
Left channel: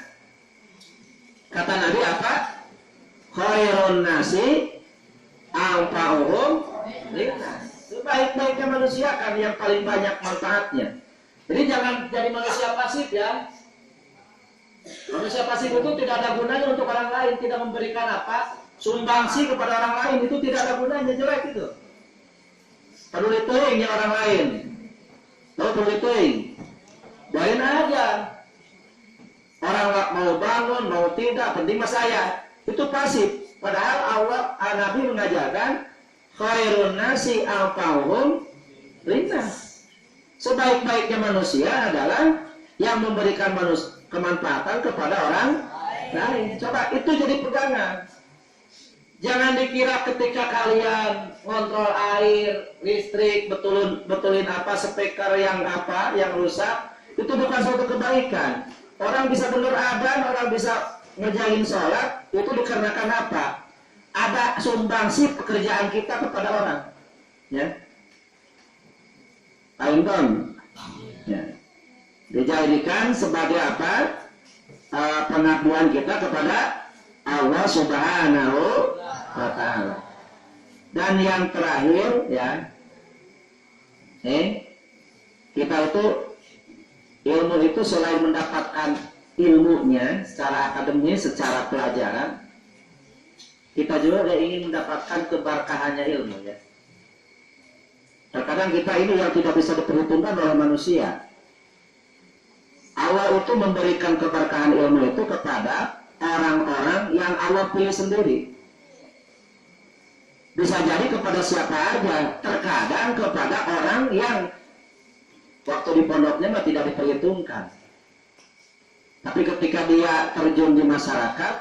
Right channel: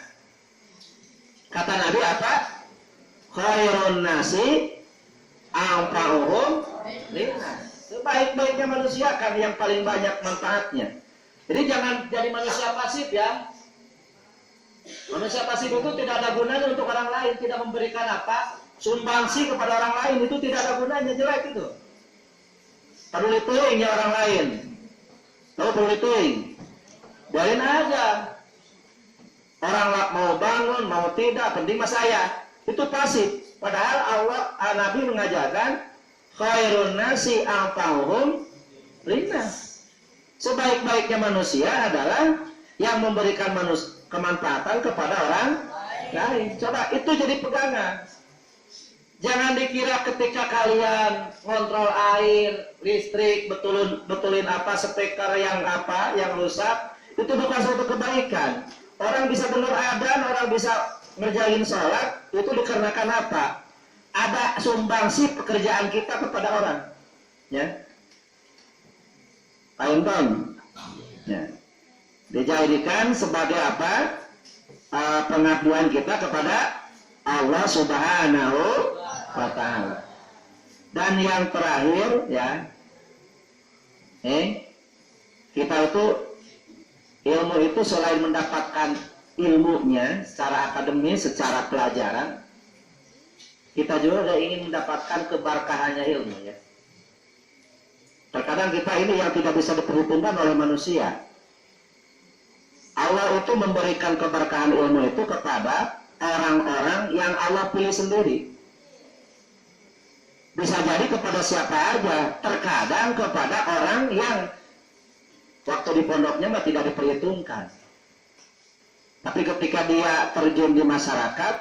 Kata Nabi apa? Khairun nasi anfa'uhum linnas. Sebaik-baiknya manusia kan yang paling banyak manfaatnya. Jadi jangan jadi manusia pasif ya. Manusia pasif itu tidak ada gunanya untuk orang lain, tidak memberikan apa? Sumbangsi kepada orang lain, itu tidak ada gunanya, jelek itu. Peduli teuingnya orang lain. Tahu peduli teuing. Biarin aja. Orang mau bangun, mau tidak, penting mas saya. Itu pasif. Padahal Allah, Nabi mengajarkan khairun nasi anfa'uhum linnas. Sebaik-baiknya manusia adalah yang memberikan kemanfaatan kepada orang lain. Coba itu jadi pegangan. Jangan dikira ketika kalian kontrol air, listrik, betulin apa, speaker yang rusak, itu bukan suatu kebaikan. Orang bisa dengar adzan, orang bisa ngerjain sholat, itu dikarenakan apa? Ada sumbangsi pekerjaan kita kepada orang. Ya. Ainton. Ya. Dijadikan sebagai apa? Pengakuan kita kepada Allah Subhanahu wa Ta'ala. Dan yang terakhir ya, kita itu ilmu itu selain mendapatkan ilmunya secara akademis, secara pelajaran, kita juga ingin mendapatkan keberkahannya ilmu ya. Terkadang kita ini yang tidak bisa diperhitungkan oleh manusia. Allah itu memberikan keberkahan ilmu itu kepada orang-orang yang Allah pilih sendiri. Bisa jadi kepada siapa aja, terkadang kepada orang yang waktu di pondoknya mah tidak diperhitungkan. Tapi ketika dia terjun di masyarakat,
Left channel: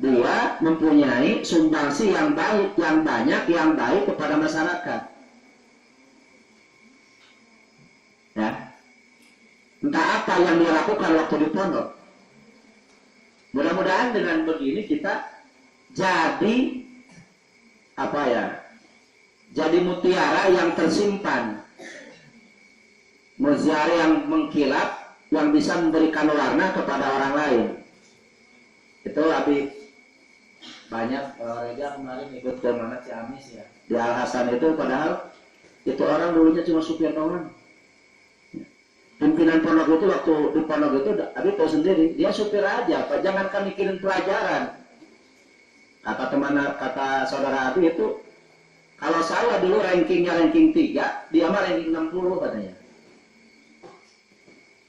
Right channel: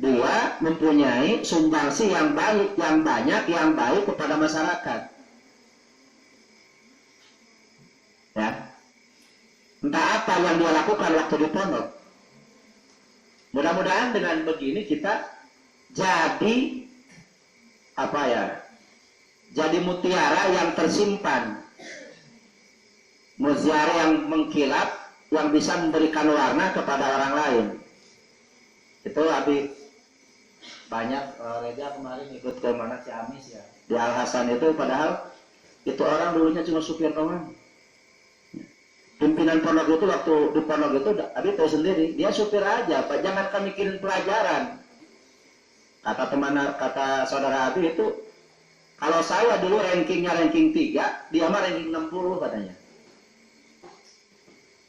dia mempunyai sumbangsi yang baik, yang banyak, yang baik kepada masyarakat. Ya. Entah apa yang dia lakukan waktu di pondok. Mudah-mudahan dengan begini kita jadi jadi mutiara yang tersimpan, mutiara yang mengkilap, yang bisa memberikan warna kepada orang lain. Itu lebih banyak. Reja kemarin ikut ke mana Ciamis ya, di Al Hasan itu, padahal itu orang dulunya cuma supir doang. Pimpinan pondok itu waktu di pondok itu, Abi tahu sendiri, dia supir aja, jangan kami mikirin pelajaran. Kata saudara Abi itu, kalau saya dulu rankingnya ranking 3, dia mah ranking 60 katanya.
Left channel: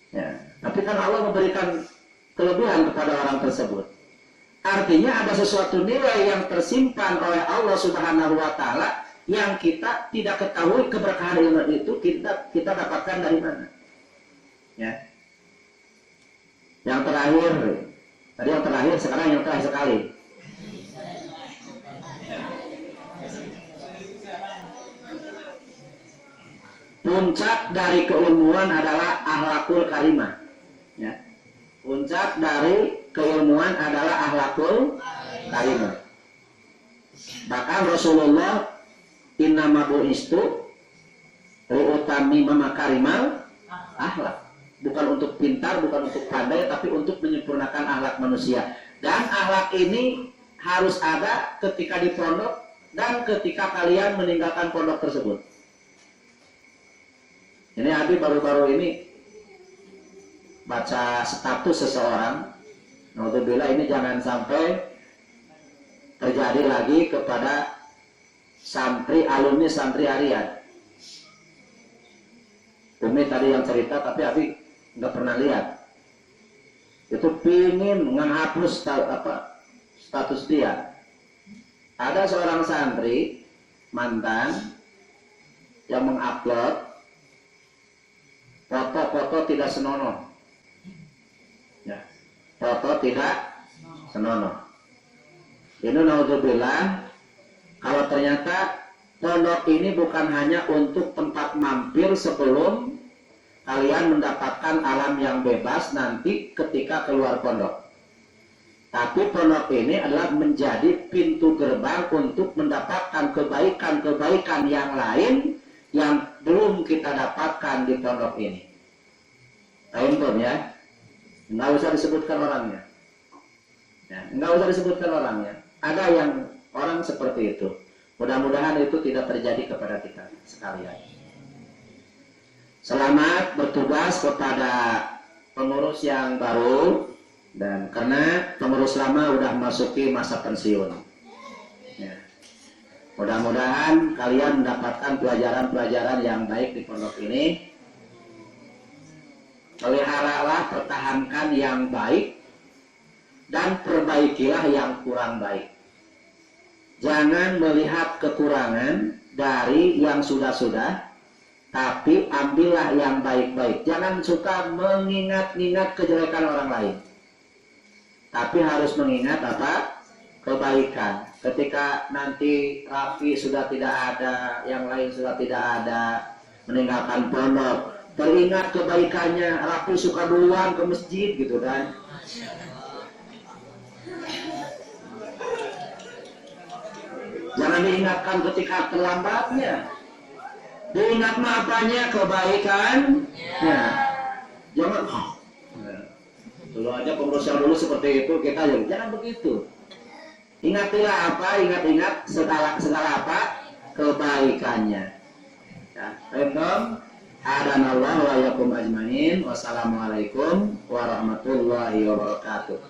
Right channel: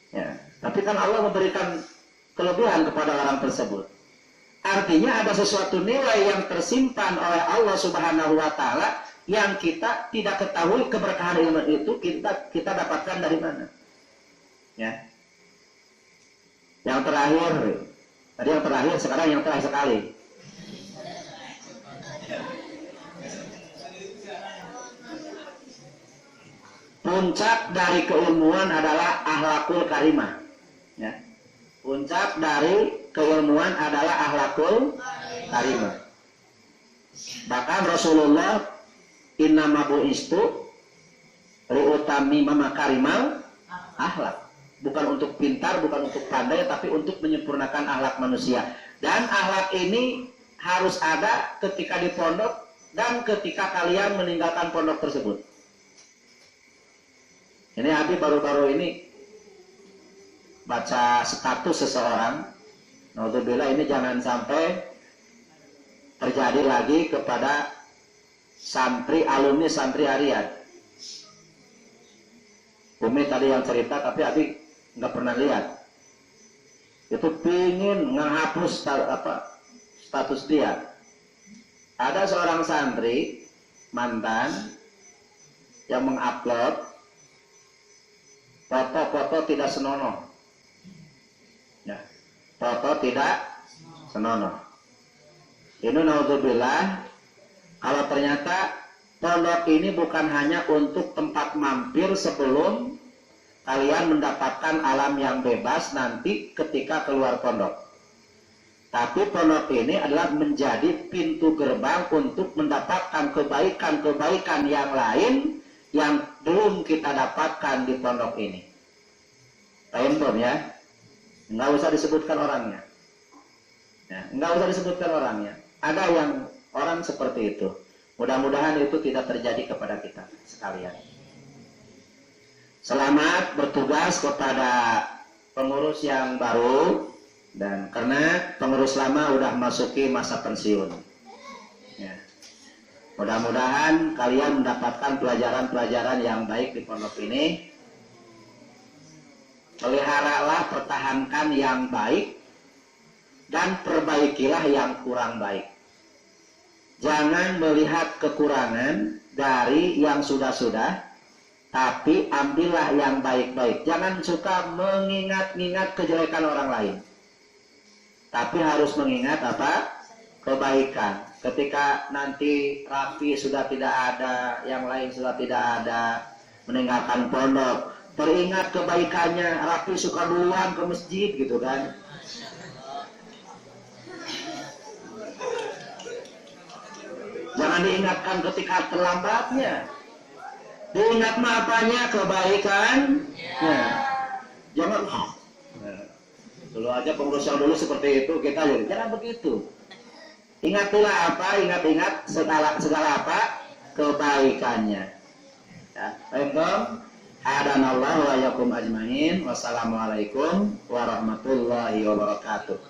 Ya, tapi kan Allah memberikan kelebihan kepada orang tersebut. Artinya ada sesuatu nilai yang tersimpan oleh Allah Subhanahu wa Ta'ala yang kita tidak ketahui keberkahan ilmu itu kita dapatkan dari mana. Ya. Yang terakhir, tadi yang terakhir, sekarang yang terakhir sekali. Puncak dari keilmuan adalah akhlakul karimah. Ya. Puncak dari keilmuan adalah akhlakul karimah. Bahkan Rasulullah innama bu'istu liutammima makarimal akhlak. Bukan untuk pintar, bukan untuk pandai, tapi untuk menyempurnakan akhlak manusia. Dan akhlak ini harus ada ketika di pondok dan ketika kalian meninggalkan pondok tersebut. Ini Abi baru-baru ini baca status seseorang. Naudzubillah, ini jangan sampai terjadi lagi kepada alumni santri harian. Umi tadi yang cerita, tapi Abi nggak pernah lihat. itu pingin menghapus status dia. Ada seorang santri mantan yang mengupload foto-foto tidak senonoh. Ya, foto tidak senonoh. Ini naudzubillah, kalau ternyata pondok ini bukan hanya untuk tempat mampir sebelum kalian mendapatkan alam yang bebas nanti ketika keluar pondok. Tapi pondok ini adalah menjadi pintu gerbang untuk mendapatkan kebaikan-kebaikan yang lain yang belum kita dapatkan di pondok ini. Paham belum ya? Nggak usah disebutkan orangnya. Ya, nggak usah disebutkan orangnya. Ada yang orang seperti itu. Mudah-mudahan itu tidak terjadi kepada kita sekalian. Selamat bertugas kepada pengurus yang baru, dan karena pengurus lama udah masuki masa pensiun. Ya. Mudah-mudahan kalian mendapatkan pelajaran-pelajaran yang baik di pondok ini. Peliharalah, pertahankan yang baik, dan perbaikilah yang kurang baik. Jangan melihat kekurangan dari yang sudah-sudah, tapi ambillah yang baik-baik. Jangan suka mengingat-ingat kejelekan orang lain, tapi harus mengingat apa? Kebaikan. Ketika nanti Rafi sudah tidak ada, yang lain sudah tidak ada, meninggalkan pondok, teringat kebaikannya. Rafi suka duluan ke masjid gitu kan. Jangan diingatkan ketika terlambatnya. Diingat apanya? Kebaikan. Nah, jangan dulu aja pengurus yang dulu seperti itu, kita jangan begitu. Ingatilah apa? Ingat-ingat segala apa? Kebaikannya. Ya, adanallahu wa yakum ajmain. Wassalamualaikum warahmatullahi wabarakatuh.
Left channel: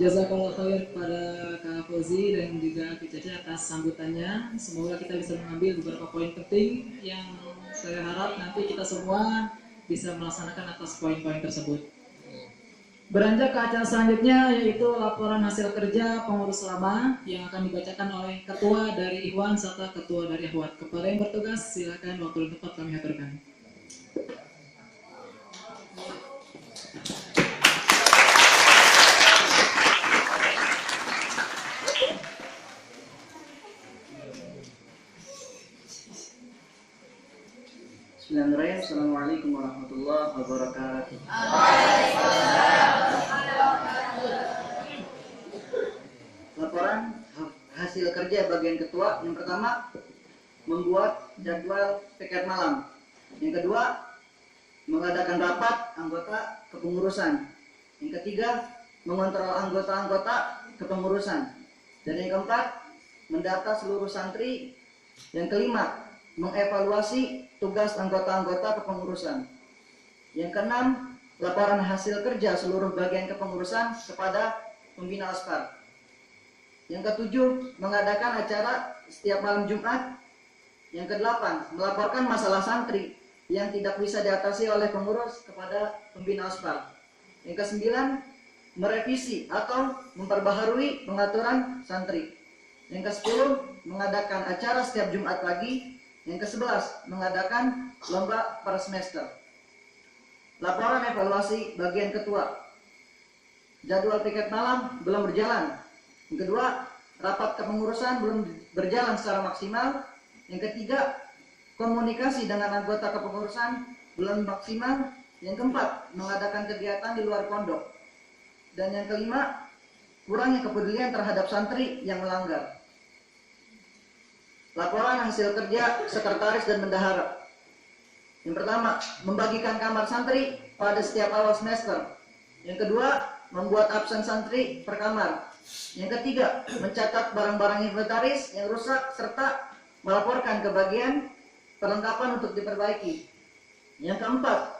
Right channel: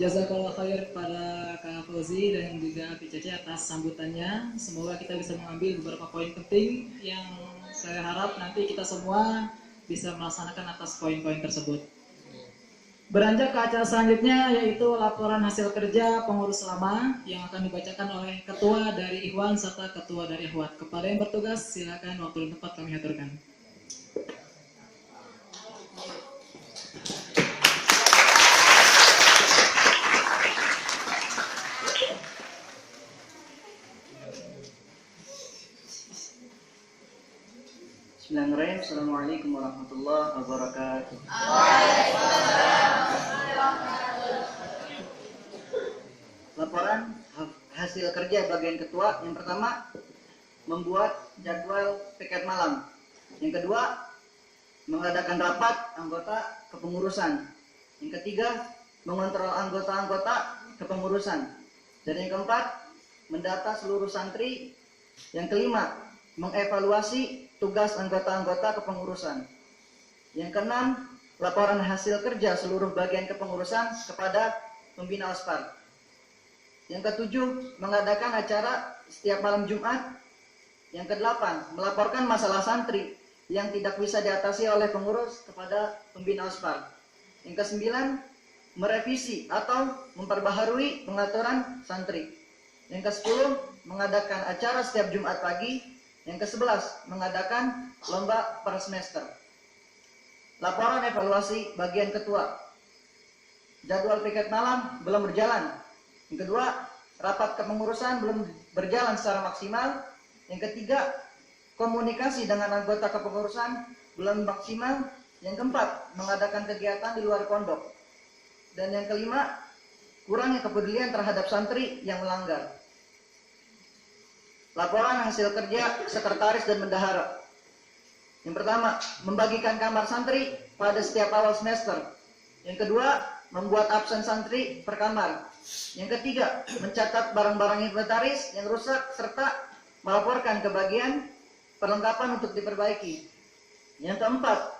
Jazakallah khair kepada Kak Fauzi dan juga Kak Cece atas sambutannya. Semoga kita bisa mengambil beberapa poin penting yang saya harap nanti kita semua bisa melaksanakan atas poin-poin tersebut. Beranjak ke acara selanjutnya, yaitu laporan hasil kerja pengurus lama yang akan dibacakan oleh ketua dari Ikhwan serta ketua dari Akhwat. Kepada yang bertugas, silakan waktu dan tempat kami aturkan. Bismillahirrahmanirrahim. Assalamualaikum warahmatullahi wabarakatuh. Laporan hasil kerja bagian ketua. Yang pertama, membuat jadwal piket malam. Yang kedua, mengadakan rapat anggota kepengurusan. Yang ketiga, mengontrol anggota-anggota kepengurusan. Dan yang keempat, mendata seluruh santri. Yang kelima, mengevaluasi tugas anggota-anggota kepengurusan. Yang keenam, laporan hasil kerja seluruh bagian kepengurusan kepada pembina OSPAR. Yang ketujuh, mengadakan acara setiap malam Jumat. Yang kedelapan, melaporkan masalah santri yang tidak bisa diatasi oleh pengurus kepada pembina OSPAR. Yang kesembilan, merevisi atau memperbaharui pengaturan santri. Yang kesepuluh, mengadakan acara setiap Jumat pagi. Yang ke-11, mengadakan lomba per semester. Laporan evaluasi bagian ketua. Jadwal piket malam belum berjalan. Yang kedua, rapat kepengurusan belum berjalan secara maksimal. Yang ketiga, komunikasi dengan anggota kepengurusan belum maksimal. Yang keempat, mengadakan kegiatan di luar pondok. Dan yang kelima, kurangnya kepedulian terhadap santri yang melanggar. Laporan hasil kerja sekretaris dan bendahara. Yang pertama, membagikan kamar santri pada setiap awal semester. Yang kedua, membuat absen santri per kamar. Yang ketiga, mencatat barang-barang inventaris yang rusak serta melaporkan ke bagian perlengkapan untuk diperbaiki. Yang keempat,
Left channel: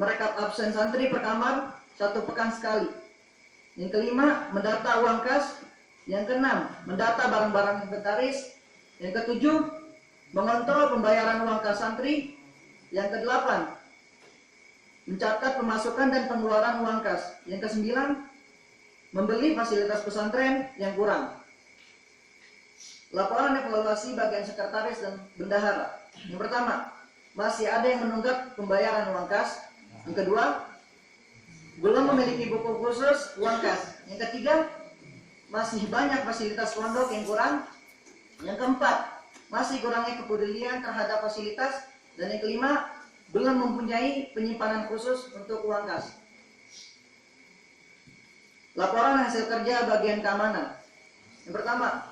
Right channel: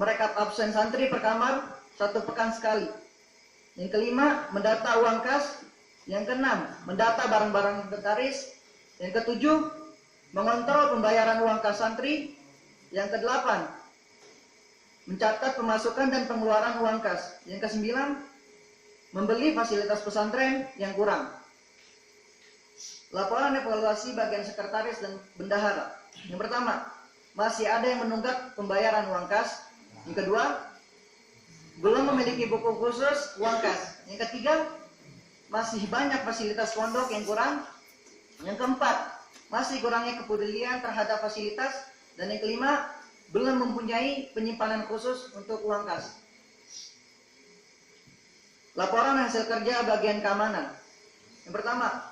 merekap absen santri per kamar 1 pekan sekali. Yang kelima, mendata uang kas. Yang keenam, mendata barang-barang inventaris. Yang ketujuh, mengontrol pembayaran uang kas santri. Yang ke-8, mencatat pemasukan dan pengeluaran uang kas. Yang ke-9, membeli fasilitas pesantren yang kurang. Laporan evaluasi bagian sekretaris dan bendahara. Yang pertama, masih ada yang menunggak pembayaran uang kas. Yang kedua, belum memiliki buku khusus uang kas. Yang ketiga, masih banyak fasilitas pondok yang kurang. Yang keempat, masih kurangnya kepedulian terhadap fasilitas. Dan yang kelima, belum mempunyai penyimpanan khusus untuk uang kas. Laporan hasil kerja bagian keamanan. Yang pertama,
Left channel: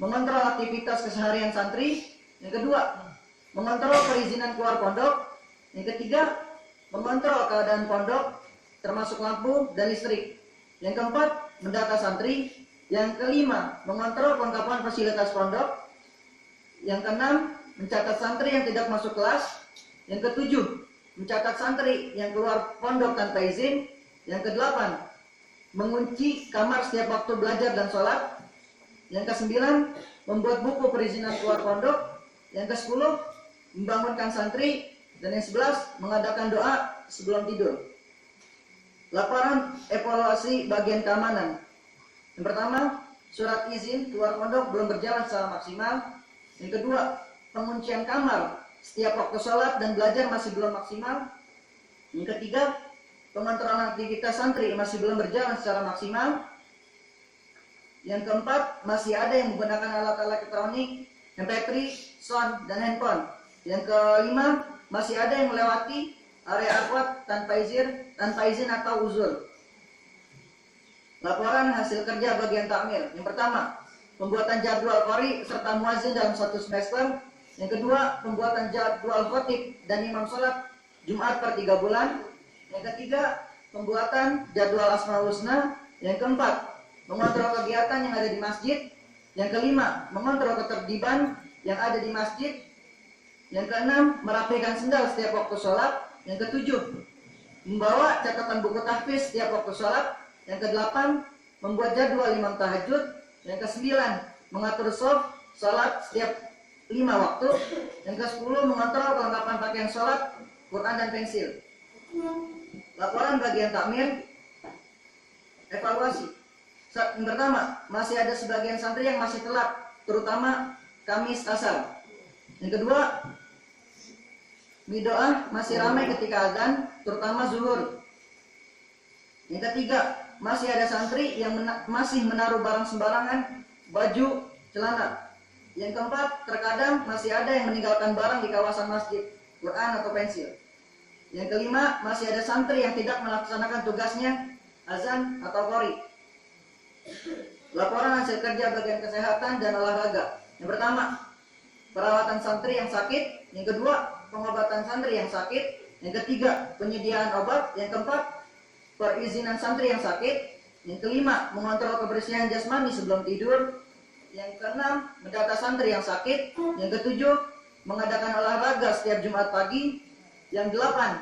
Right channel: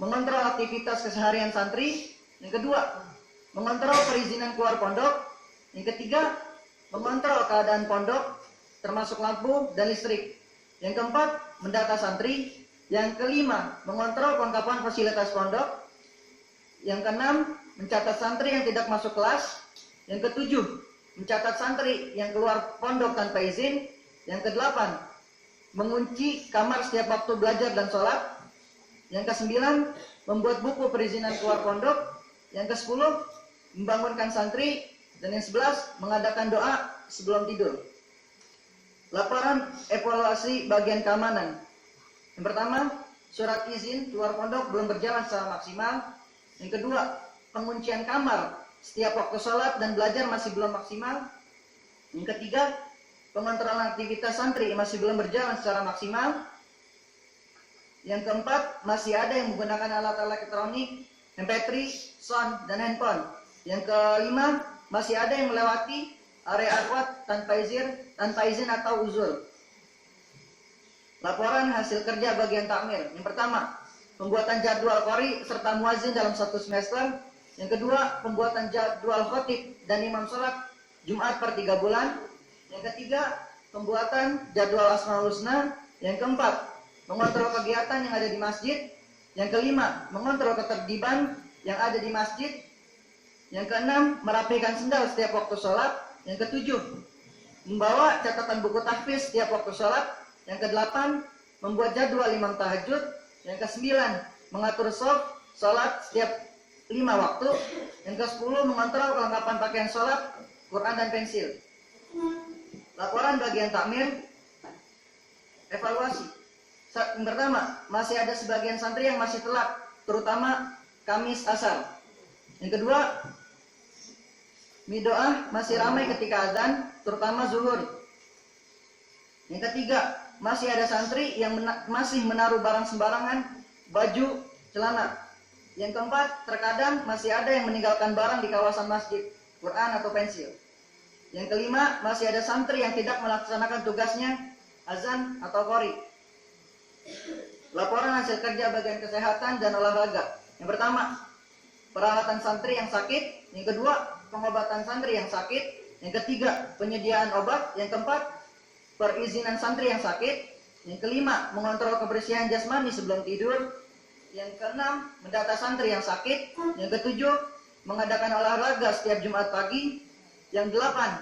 mengontrol aktivitas keseharian santri. Yang kedua, mengontrol perizinan keluar pondok. Yang ketiga, mengontrol keadaan pondok termasuk lampu dan listrik. Yang keempat, mendata santri. Yang kelima, mengontrol kelengkapan fasilitas pondok. Yang keenam, mencatat santri yang tidak masuk kelas. Yang ketujuh, mencatat santri yang keluar pondok tanpa izin. Yang kedelapan, mengunci kamar setiap waktu belajar dan sholat. Yang ke-9, membuat buku perizinan keluar pondok. Yang ke-10, membangunkan santri. Dan yang 11, mengadakan doa sebelum tidur. Laporan evaluasi bagian keamanan. Yang pertama, surat izin keluar pondok belum berjalan secara maksimal. Yang kedua, penguncian kamar setiap waktu sholat dan belajar masih belum maksimal. Yang ketiga, pengontrolan aktivitas santri masih belum berjalan secara maksimal. Yang keempat, masih ada yang menggunakan alat elektronik, MP3, sound, dan handphone. Yang kelima, masih ada yang melewati area arwat tanpa izin atau uzur. Laporan hasil kerja bagian takmir. Yang pertama, pembuatan jadwal qori serta muazin dalam satu semester. Yang kedua, pembuatan jadwal khotib dan imam sholat Jumat per 3 bulan. Yang ketiga, pembuatan jadwal Asmaul Husna. Yang keempat, mengontrol kegiatan yang ada di masjid. Yang kelima, mengontrol ketertiban yang ada di masjid. Yang keenam, merapikan sendal setiap waktu sholat. Yang ketujuh, membawa catatan buku tahfiz setiap waktu sholat. Yang kedelapan, membuat jadwal imam tahajud. Yang ke-9, mengatur sholat setiap 5 waktu. Yang ke-10, mengontrol kelengkapan pakaian sholat, Quran dan pensil. Laporan bagian takmir. Evaluasi. Yang pertama, masih ada sebagian santri yang masih telat, terutama Kamis asar. Yang kedua, midoah masih ramai ketika azan, terutama zuhur. Yang ketiga, masih ada santri yang masih menaruh barang sembarangan, baju, celana. Yang keempat, terkadang masih ada yang meninggalkan barang di kawasan masjid, Quran atau pensil. Yang kelima, masih ada santri yang tidak melaksanakan tugasnya, azan atau qori. Laporan hasil kerja bagian kesehatan dan olahraga. Yang pertama, perawatan santri yang sakit. Yang kedua, pengobatan santri yang sakit. Yang ketiga, penyediaan obat. Yang keempat, perizinan santri yang sakit. Yang kelima, mengontrol kebersihan jasmani sebelum tidur. Yang keenam, mendata santri yang sakit. Yang ketujuh, mengadakan olahraga setiap Jumat pagi. Yang delapan,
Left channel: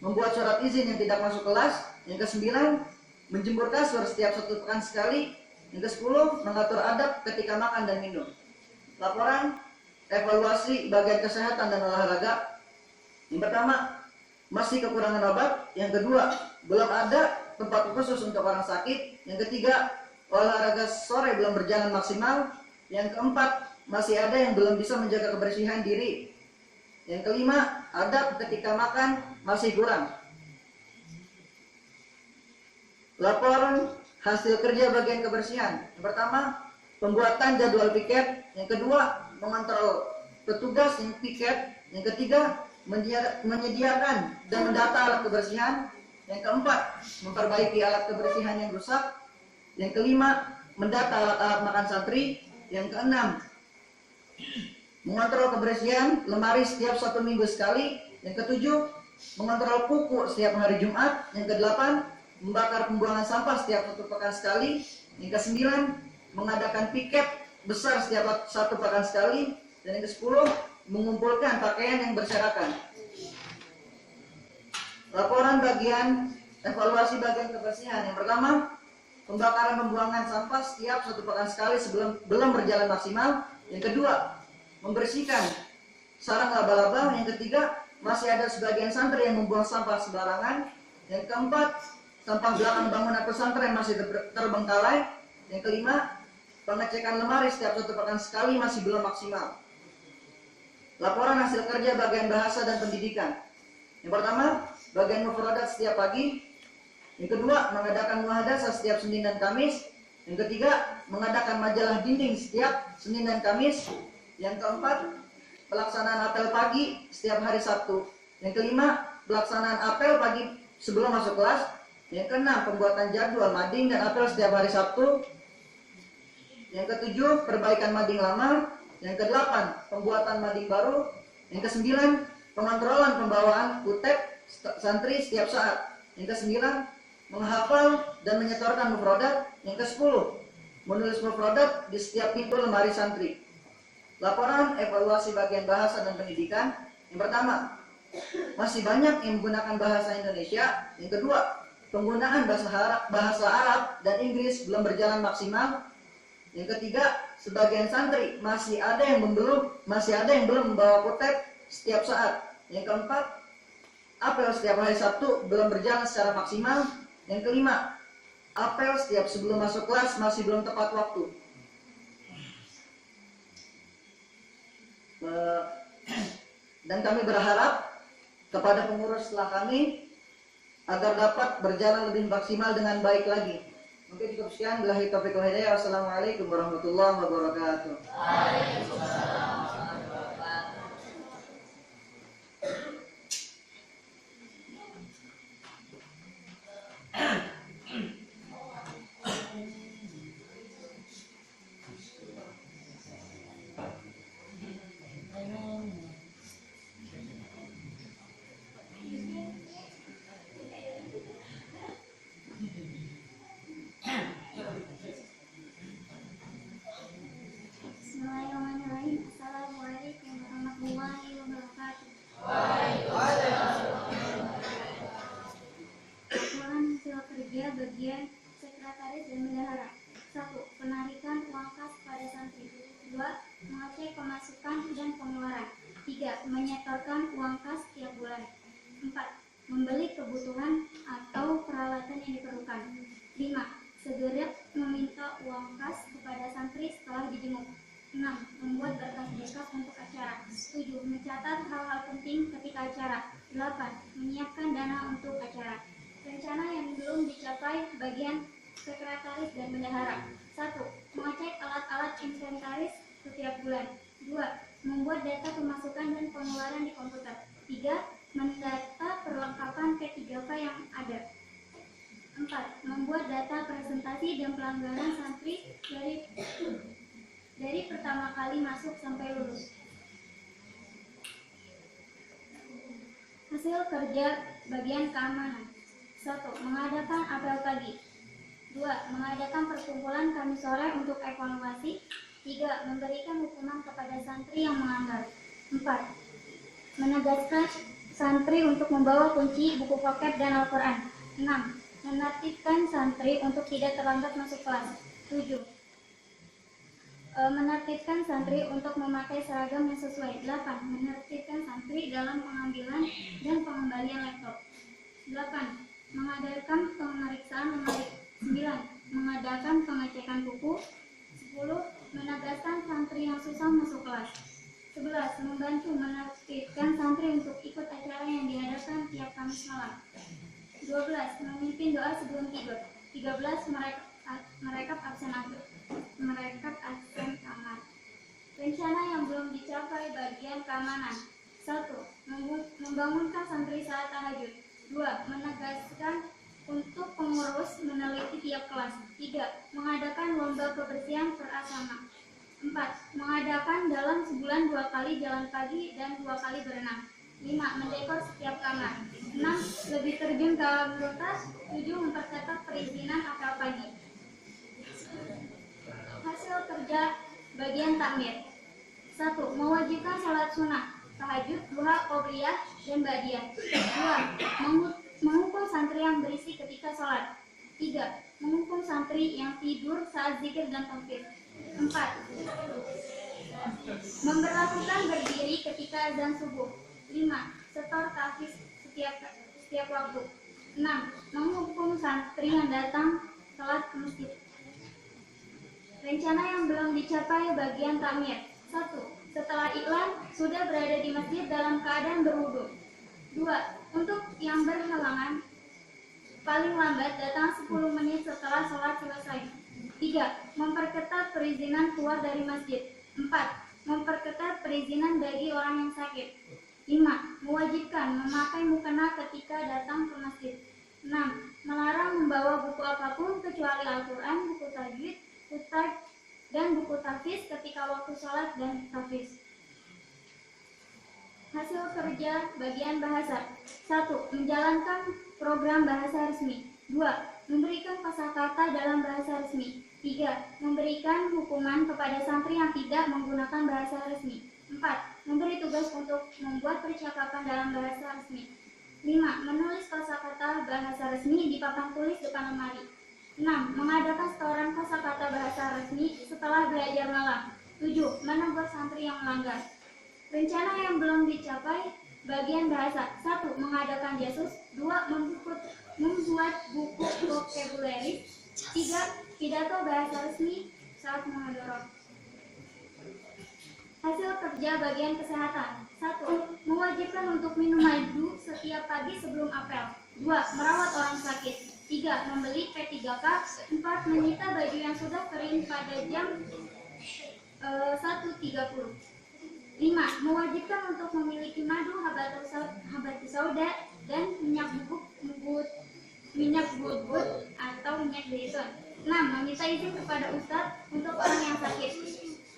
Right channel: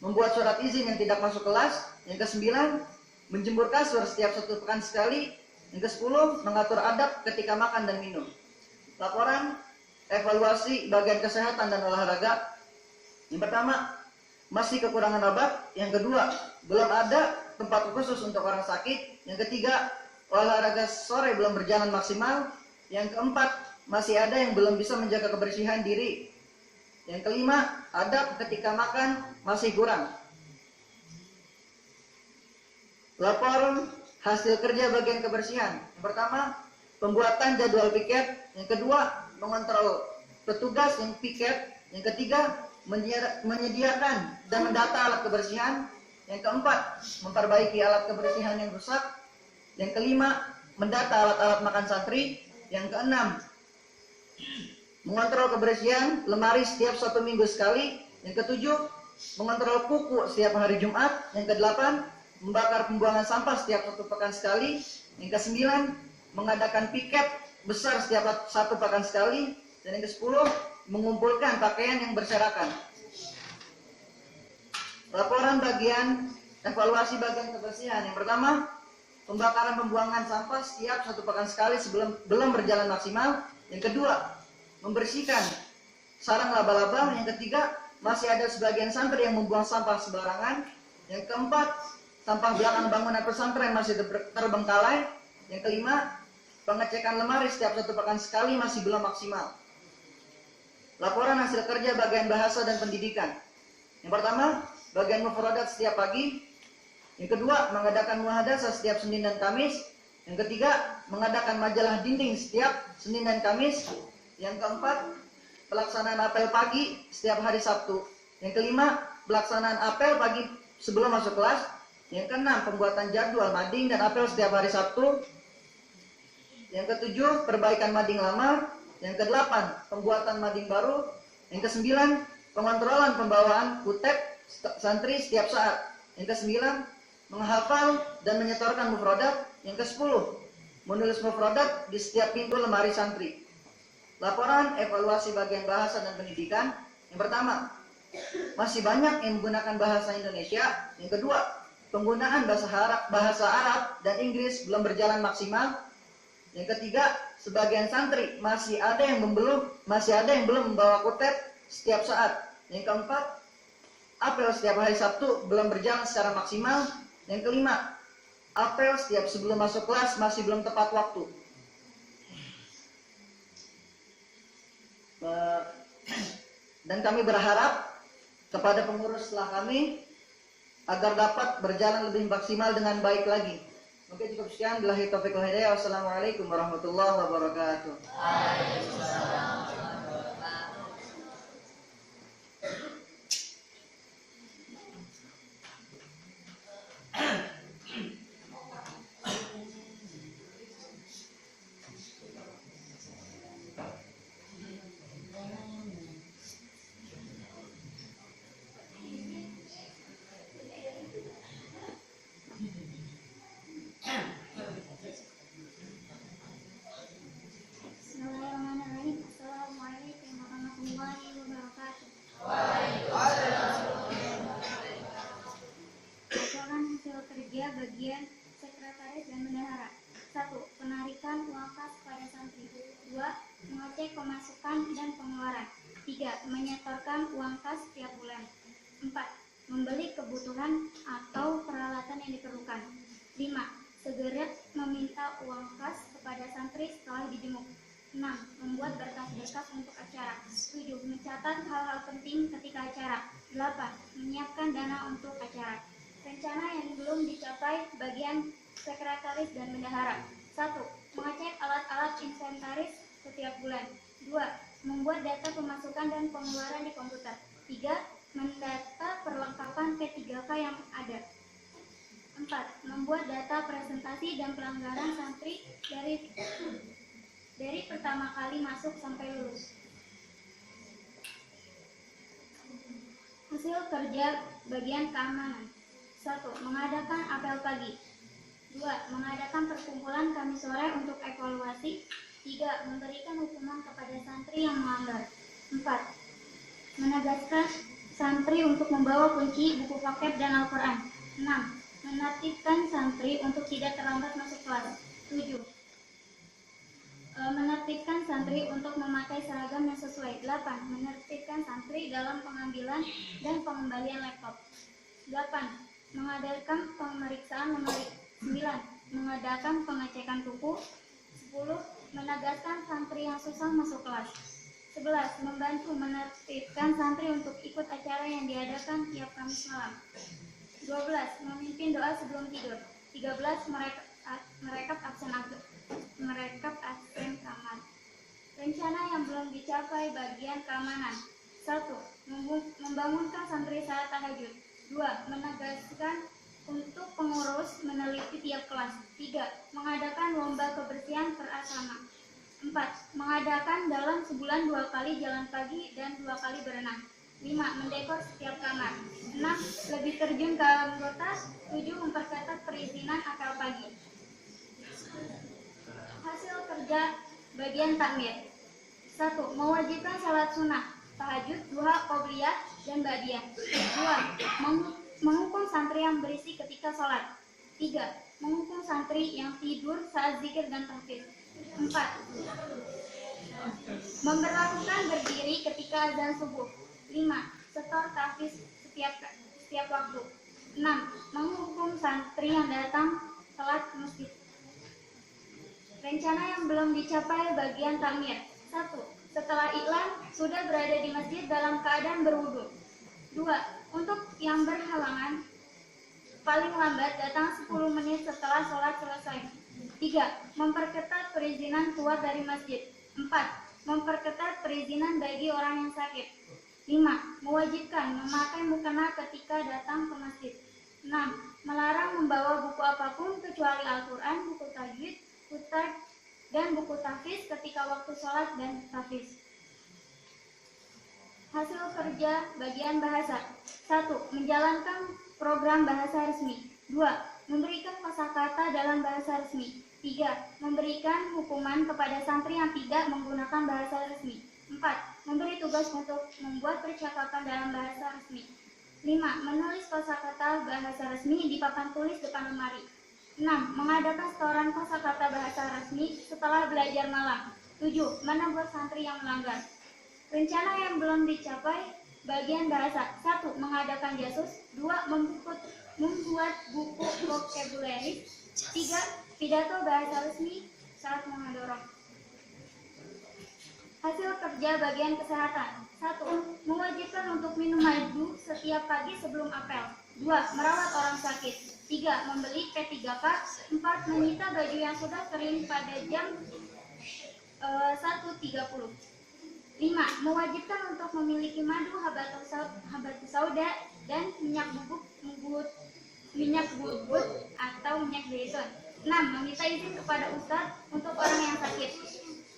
membuat surat izin yang tidak masuk kelas. Yang ke-9, menjemur kasur setiap 1 pekan sekali. Yang ke-10, mengatur adab ketika makan dan minum. Laporan evaluasi bagian kesehatan dan olahraga. Yang pertama, masih kekurangan obat. Yang kedua, belum ada tempat khusus untuk orang sakit. Yang ketiga, olahraga sore belum berjalan maksimal. Yang keempat, masih ada yang belum bisa menjaga kebersihan diri. Yang kelima, adab ketika makan masih kurang. Laporan hasil kerja bagian kebersihan. Yang pertama, pembuatan jadwal piket. Yang kedua, mengontrol petugas yang piket. Yang ketiga, menyediakan dan mendata alat kebersihan. Yang keempat, memperbaiki alat kebersihan yang rusak. Yang kelima, mendata alat-alat makan santri. Yang keenam, mengontrol kebersihan lemari setiap 1 minggu sekali. Yang ketujuh, mengontrol kuku setiap hari Jumat. Yang kedelapan, membakar pembuangan sampah setiap 1 pekan sekali. Yang ke-9, mengadakan piket besar setiap 1 pekan sekali. Dan yang ke-10, mengumpulkan pakaian yang berserakan. Laporan bagian evaluasi bagian kebersihan. Yang pertama, pembakaran pembuangan sampah setiap 1 pekan sekali sebelum belum berjalan maksimal. Yang kedua, membersihkan sarang laba-laba. Yang ketiga, masih ada sebagian santri yang membuang sampah sembarangan. Yang keempat, sampah belakang bangunan pesantren masih terbengkalai. Yang kelima, pengecekan lemari setiap 1 pekan sekali masih belum maksimal. Laporan hasil kerja bagian bahasa dan pendidikan. Yang pertama, bagian mufradat setiap pagi. Yang kedua, mengadakan muhadasah setiap Senin dan Kamis. Yang ketiga, mengadakan majalah dinding setiap Senin dan Kamis. Yang keempat, pelaksanaan apel pagi setiap hari Sabtu. Yang kelima, pelaksanaan apel pagi sebelum masuk kelas. Yang keenam, pembuatan jadwal mading dan apel setiap hari Sabtu. Yang ketujuh, perbaikan mading lama. Yang kedelapan, pembuatan mading baru. Yang kesembilan, pengontrolan pembawaan kutek santri setiap saat. Yang kesembilan, menghafal dan menyetorkan mufradat. Yang ke-10, menulis mufradat di setiap pintu lemari santri. Laporan evaluasi bagian bahasa dan pendidikan. Yang pertama, masih banyak yang menggunakan bahasa Indonesia. Yang kedua, penggunaan bahasa Arab dan Inggris belum berjalan maksimal. Yang ketiga, sebagian santri masih ada yang belum membawa kutek setiap saat. Yang keempat, apel setiap hari Sabtu belum berjalan secara maksimal. Yang kelima, apel setiap sebelum masuk kelas masih belum tepat waktu. Dan kami berharap kepada pengurus setelah kami agar dapat berjalan lebih maksimal dengan baik lagi. Mungkin cukup sekian. Billahi taufiq wal hidayah. Wassalamualaikum warahmatullahi wabarakatuh. Bismillahirrahmanirrahim. Assalamualaikum warahmatullahi wabarakatuh. Laporan hasil kerja bagian sekretaris dan bendahara. 1. Penarikan uang kas pada santri. 2. Mengecek pemasukan dan pengeluaran. 3. Menyetorkan uang kas setiap bulan. 4. Membeli kebutuhan atau peralatan yang diperlukan. 5. Segera meminta uang kas kepada santri setelah dijenguk. 6. Membuat berkas-berkas untuk acara. 7. Mencatat hal-hal penting ketika acara. 8. Menyiapkan dana untuk acara. Rencana yang belum dicapai bagian sekretaris dan bendahara. 1. Mengecek alat-alat inventaris setiap bulan. 2. Membuat data pemasukan dan pengeluaran di komputer. 3. Mendata perlengkapan P3K yang ada. 4. Membuat data presentasi dan pelanggaran santri dari pertama kali masuk sampai lulus. Hasil kerja bagian keamanan. 1. Mengadakan apel pagi. 2. Mengadakan perkumpulan Kamis sore untuk evaluasi. 3. Memberikan hukuman kepada santri yang melanggar. 4. Menegaskan santri untuk membawa kunci, buku vocab, dan Al-Quran. 6. Menertibkan santri untuk tidak terlambat masuk kelas. 7. Menertibkan santri untuk memakai seragam yang sesuai. 8. Menertibkan santri dalam pengambilan dan pengembalian laptop. 8. Mengadakan pemeriksaan lemari. 9. Mengadakan pengecekan buku. 10. Menegaskan santri yang susah masuk kelas. 11. Membantu menertibkan santri untuk ikut acara yang diadakan tiap Kamis malam. 12. Memimpin doa sebelum tidur. 13. Merekap absen kamar. Rencana yang belum dicapai bagian keamanan. 1. Membangunkan santri saat tahajud. 2. Menegaskan untuk pengurus meneliti tiap kelas. 3. Mengadakan lomba kebersihan per asrama. 4. Mengadakan dalam sebulan 2 kali jalan pagi dan 2 kali berenang. 5. Mendekor setiap kamar. 6. Lebih terjun ke anggota. 7. Memperketat perizinan apel pagi. Hasil kerja bagian takmir. 1. Mewajibkan salat sunnah, tahajud, duha, qobliyah, dan ba'diyah. 2. Menghukum santri yang berisik ketika sholat. 3. Menghukum santri yang tidur saat zikir dan tahfidz. 4. Memberlakukan berdiri ketika azan subuh. 5. Setor tahfiz setiap waktu. 6. Menghukum santri yang datang telat ke masjid. Rencana yang belum dicapai bagian takmir. 1. Setelah iklan sudah berada di masjid dalam keadaan berwudu. 2. Untuk yang berhalangan paling lambat datang 10 menit setelah sholat selesai. 3. Memperketat perizinan keluar dari masjid. 4. Memperketat perizinan bagi orang yang sakit. 5. Mewajibkan memakai mukena ketika datang ke masjid. 6. Melarang membawa buku apapun kecuali Al-Quran, buku tajwid, kutab, dan buku tahfiz ketika waktu sholat dan tahfiz. Hasil kerja bagian bahasa. 1. Menjalankan program bahasa resmi. 2. Memberikan kosakata dalam bahasa resmi. 3. Memberikan hukuman kepada santri yang tidak menggunakan bahasa resmi. 4. Memberi tugas untuk membuat percakapan dalam bahasa resmi. 5. Menulis kosakata bahasa resmi di papan tulis depan lemari. 6. Mengadakan setoran kosakata bahasa resmi setelah belajar malam. 7. Menegur santri yang melanggar. Rencana yang belum dicapai bagian bahasa. 1. Mengadakan jasus. 2. Membuat buku vocabulary. 3. Pidato bahasa resmi saat mengadorong. Hasil kerja bagian kesehatan. 1. Mewajibkan untuk minum madu setiap pagi sebelum apel. 2. Merawat orang sakit. 3. Membeli P3K. 4. Menyita baju yang sudah kering pada jam 1.30. 5. Mewajibkan untuk memiliki madu habatus sauda dan minyak bubut atau minyak zaitun. 6. Meminta izin kepada ustadz untuk orang yang sakit.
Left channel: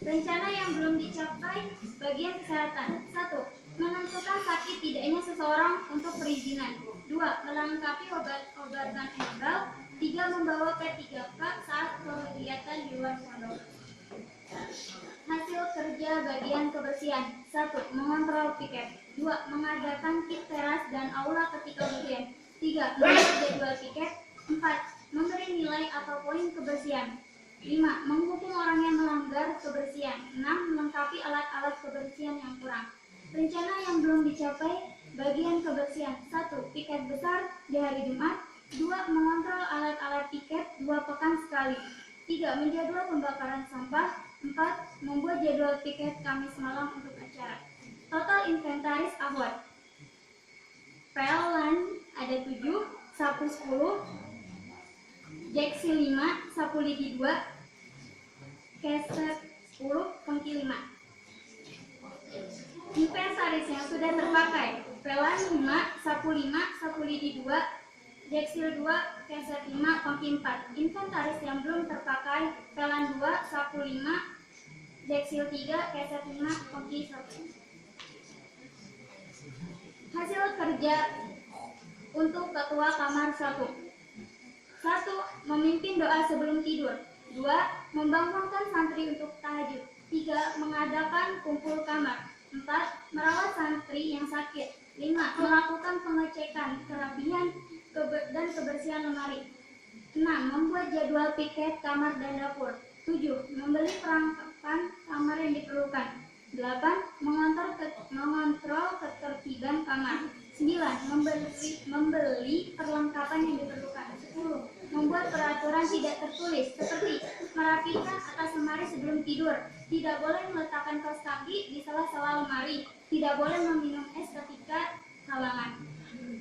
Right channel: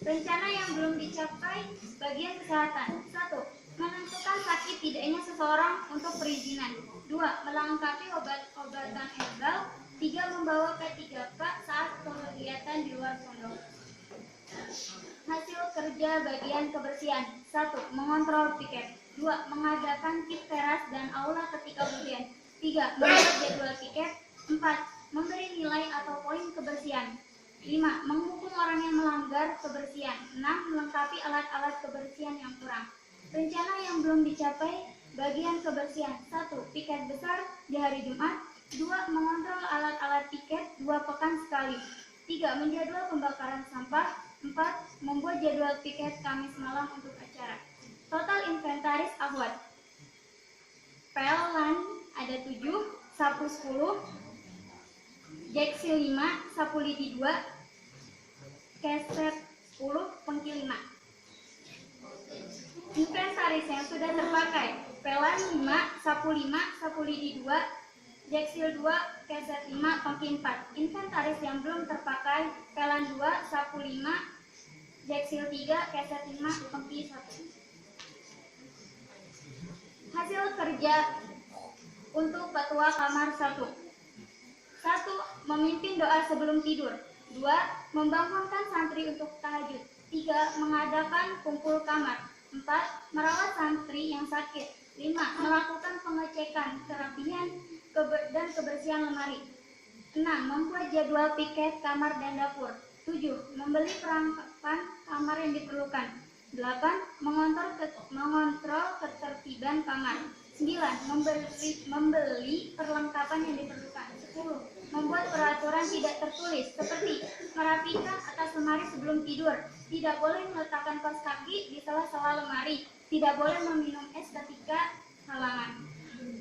Rencana yang belum dicapai bagian kesehatan. 1. Menentukan sakit tidaknya seseorang untuk perizinan. 2. Melengkapi obat-obatan herbal. 3. Membawa P3K saat kegiatan di luar pondok. Hasil kerja bagian kebersihan. 1. Mengontrol piket. 2. Mengadakan pit teras dan aula ketika hujan. 3. Membuat jadwal piket. 4. Memberi nilai atau poin kebersihan. 5. Menghukum orang yang melanggar kebersihan. 6. Melengkapi alat-alat kebersihan yang kurang. Rencana yang belum dicapai bagian kebersihan. 1. Piket besar di hari Jumat. 2. Mengontrol alat-alat piket 2 pekan sekali. 3. Menjadwal pembakaran sampah. 4. Membuat jadwal piket Kamis malam untuk acara. Total inventaris ahwat. Pelan ada 7, sapu 10, jeksi 5, sapu lidi 2, keset 10, pengki 5. Inventaris yang sudah terpakai. Pelan 5, sapu 5, sapu lidi 2, jeksil 2, keset 5, pengki 4. Inventaris yang belum terpakai. Pelan 2, sapu 5, jeksil 3, keset 5, pengki 1. Hasil kerja untuk ketua kamar 1. 1. Memimpin doa sebelum tidur. 2. Membangunkan santri untuk tahajud. 3. Mengadakan kumpul kamar. 4. Merawat santri yang sakit. 5. Melakukan pengecekan kerapihan dan kebersihan lemari. 6. Membuat jadwal piket kamar dan dapur. 7. Membeli perlengkapan kamar yang diperlukan. 8. Mengontrol ketertiban kamar. 9. Membeli perlengkapan yang diperlukan. 10. Membuat peraturan tidak tertulis seperti merapikan atas lemari sebelum tidur. Tidak boleh meletakkan kaos kaki di sela-sela lemari. Tidak boleh meminum es ketika halangan.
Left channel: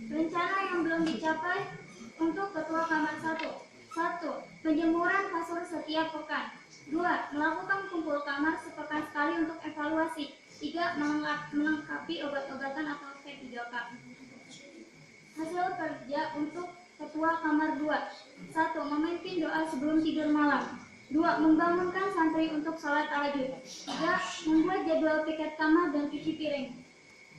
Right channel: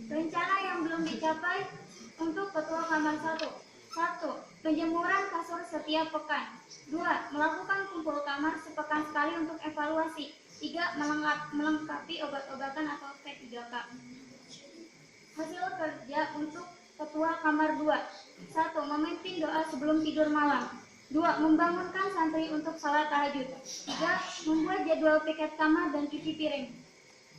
Rencana yang belum dicapai untuk ketua kamar 1. 1. Penjemuran kasur setiap pekan. 2. Melakukan kumpul kamar sepekan sekali untuk evaluasi. 3. Melengkapi obat-obatan atau P3K. Hasil kerja untuk ketua kamar 2. 1. Memimpin doa sebelum tidur malam. 2. Membangunkan santri untuk salat tahajud. 3. Membuat jadwal piket kamar dan cuci piring.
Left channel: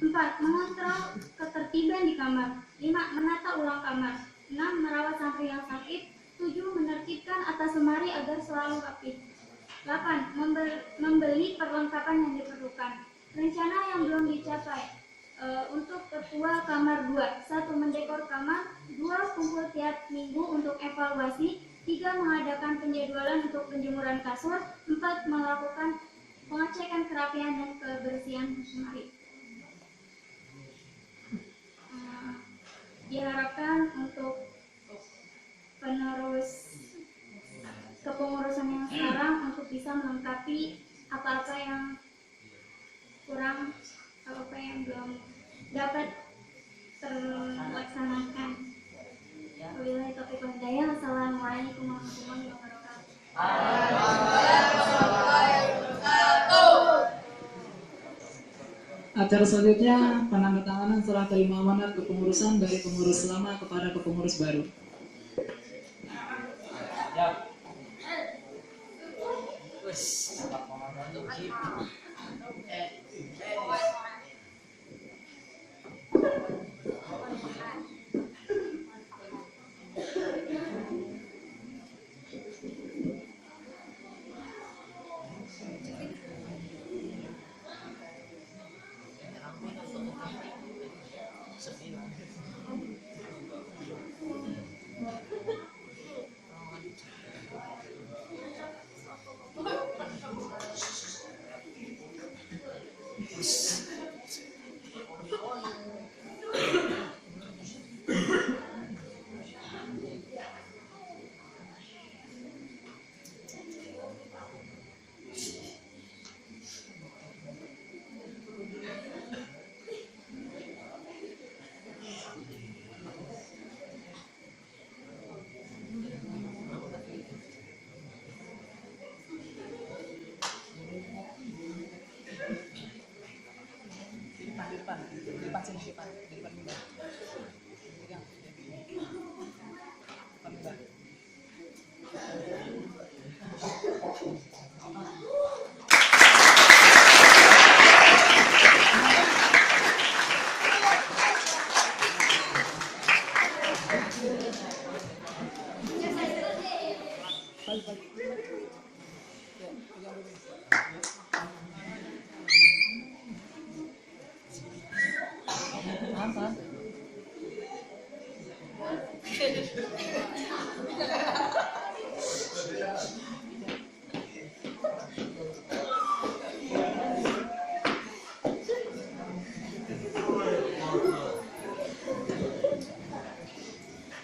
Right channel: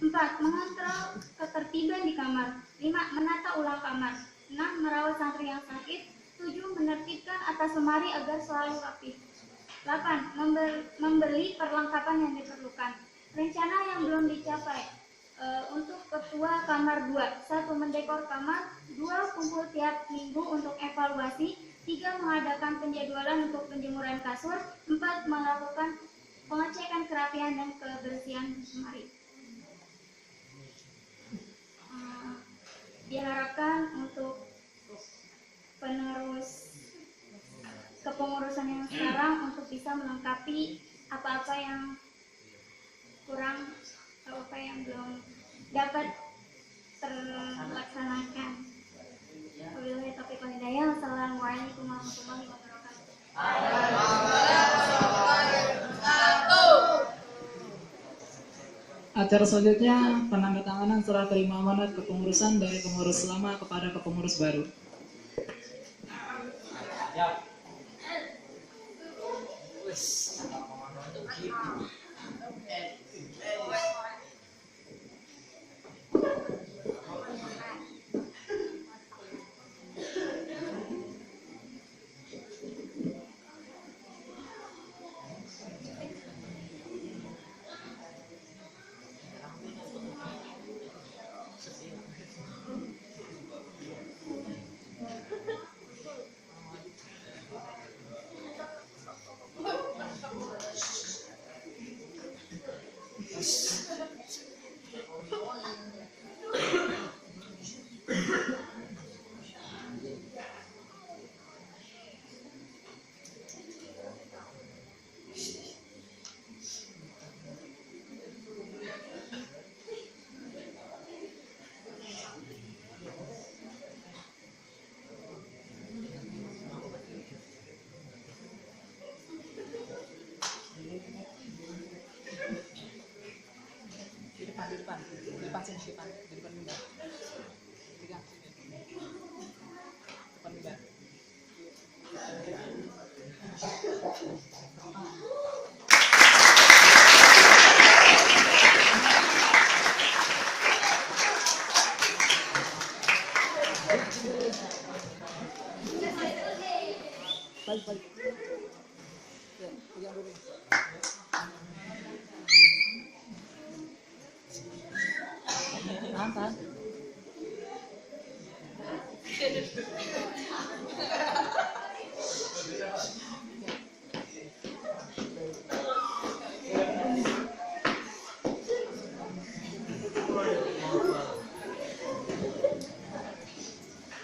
4. Mengontrol ketertiban di kamar. 5. Menata ulang kamar. 6. Merawat santri yang sakit. 7. Menertibkan atas lemari agar selalu rapi. 8. Membeli perlengkapan yang diperlukan. Rencana yang belum dicapai. Untuk ketua kamar 2. 1. Mendekor kamar. 2. Kumpul tiap minggu untuk evaluasi. 3. Mengadakan penjadwalan untuk penjemuran kasur. 4. Melakukan pengecekan kerapihan dan kebersihan lemari. Diharapkan untuk penerus kepengurusan yang sekarang untuk bisa melengkapi apa-apa yang kurang, apa yang belum dapat terlaksanakan. Wabillahi taufiq wal hidayah. Assalamualaikum warahmatullahi wabarakatuh. Acara selanjutnya penandatanganan serah terima amanat kepengurusan dari pengurus lama kepada kepengurus baru.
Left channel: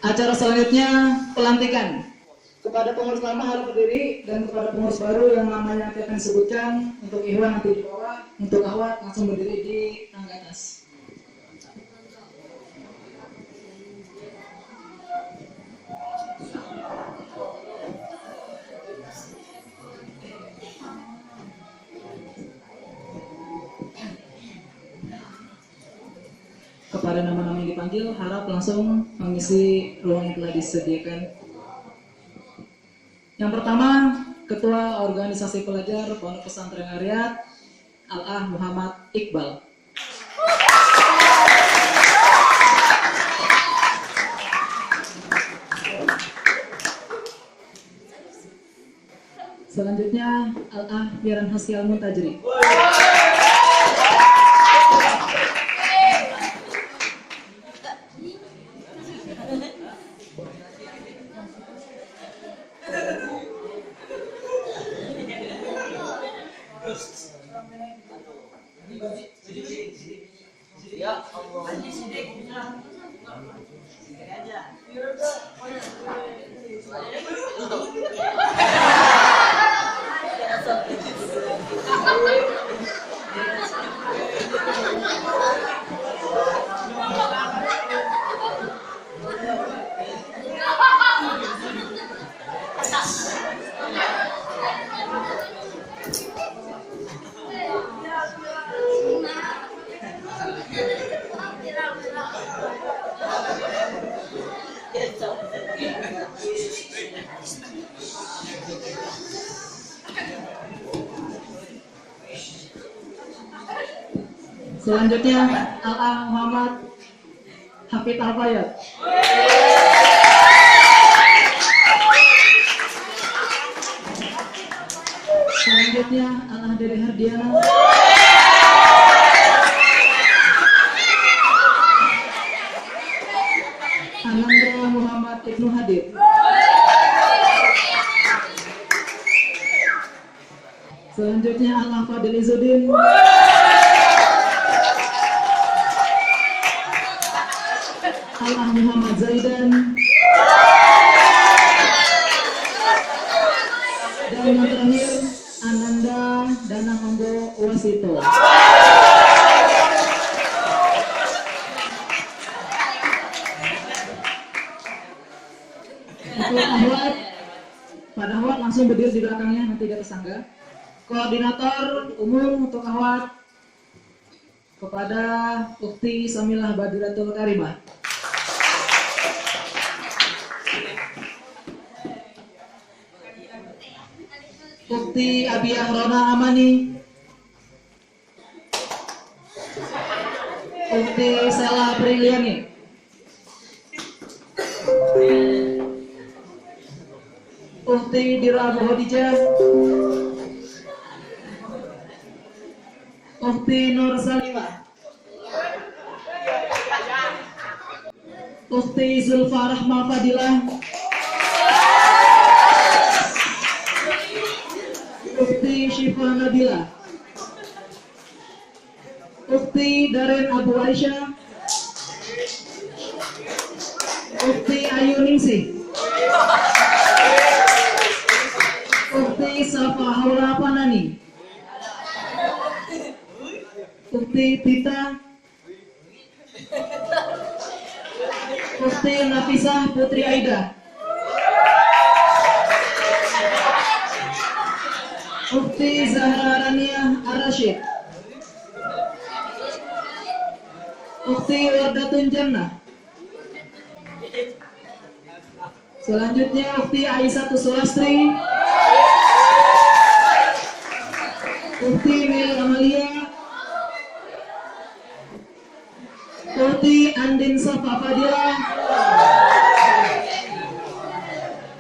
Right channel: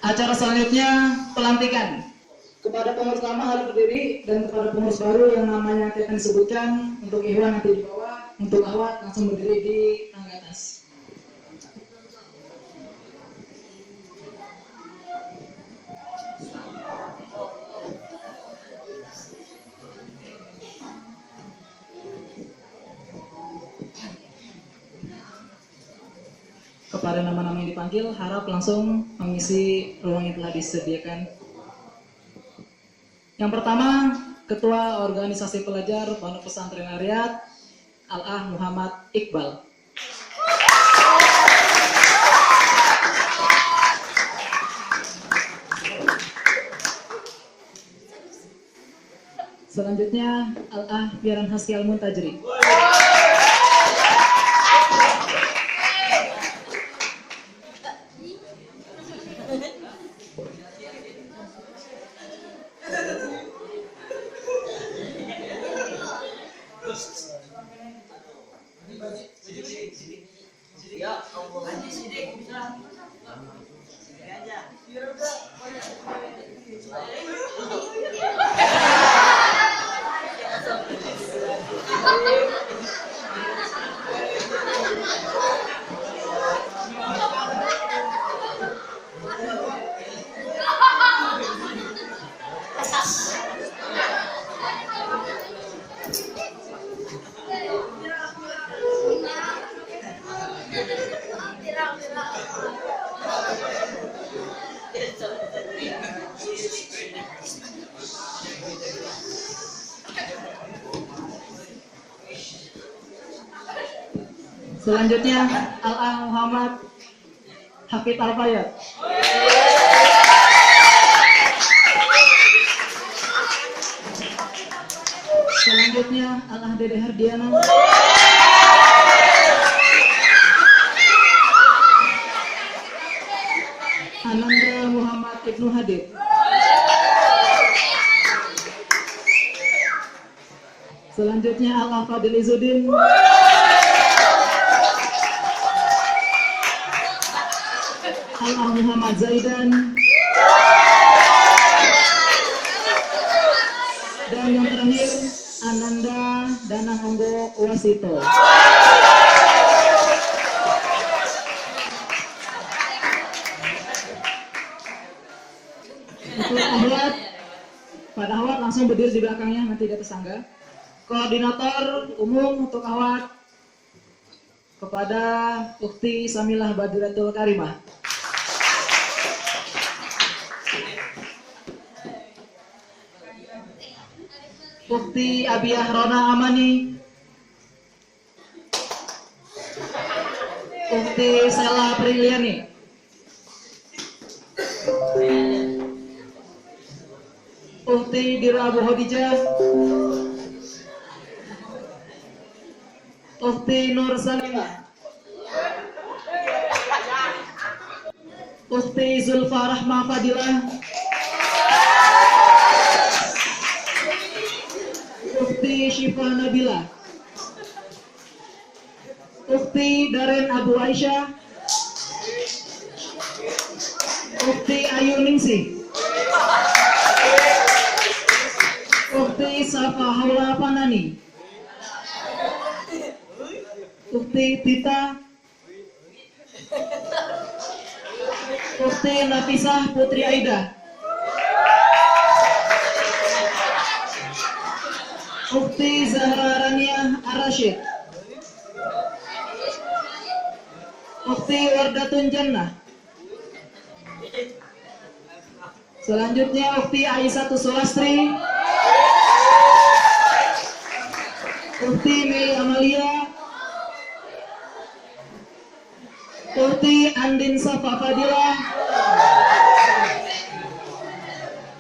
Acara selanjutnya pelantikan. Kepada pengurus lama harus berdiri dan kepada pengurus baru yang namanya akan disebutkan untuk Ikhwan nanti di bawah, untuk Awad langsung berdiri di tangga atas. Kepada nama-nama yang dipanggil, harap langsung mengisi ruang yang telah disediakan. Yang pertama, Ketua Organisasi Pelajar Pondok Pesantren Ariyat, Al-Ah Muhammad Iqbal. Selanjutnya, Al-Ah Piaran Haski Al-Muntajri. Selanjutnya Al-Ah Muhammad Hafid Al-Fayyad. Selanjutnya Al-Ah Dede Hardiana. Anandra Muhammad Ibnu Hadir. Selanjutnya Al-Fadil Izzuddin. Al Muhammad Zaidan. Dan yang terakhir Ananda Danamonggo Wasito. Untuk ahwat, pada ahwat langsung berdiri di belakangnya, nanti di atas tangga. Koordinator umum untuk ahwat kepada Ukti Samilah Badiratul Karimah. Ukti Abiyah Rona Amani. Ukti Sela Priliani. Ukti Dira Bohodijah. Ukti Nur Salimah. Ukti Zulfa Rahma Fadilah. Ukti Syifa Nabila. Ukti Daren Abu Aisyah. Ukti Ayu Ningsih. Ukti Safa Haula Panani. Ukti Tita. Ukti Nafisah Putri Aida. Ukti Zahra Rania Ar-Rashid. Ukti Wardatun Jannah. Selanjutnya Ukti Aisyah Sulastri. Ukti Mei Amalia. Ukti Andin Safa Fadilah.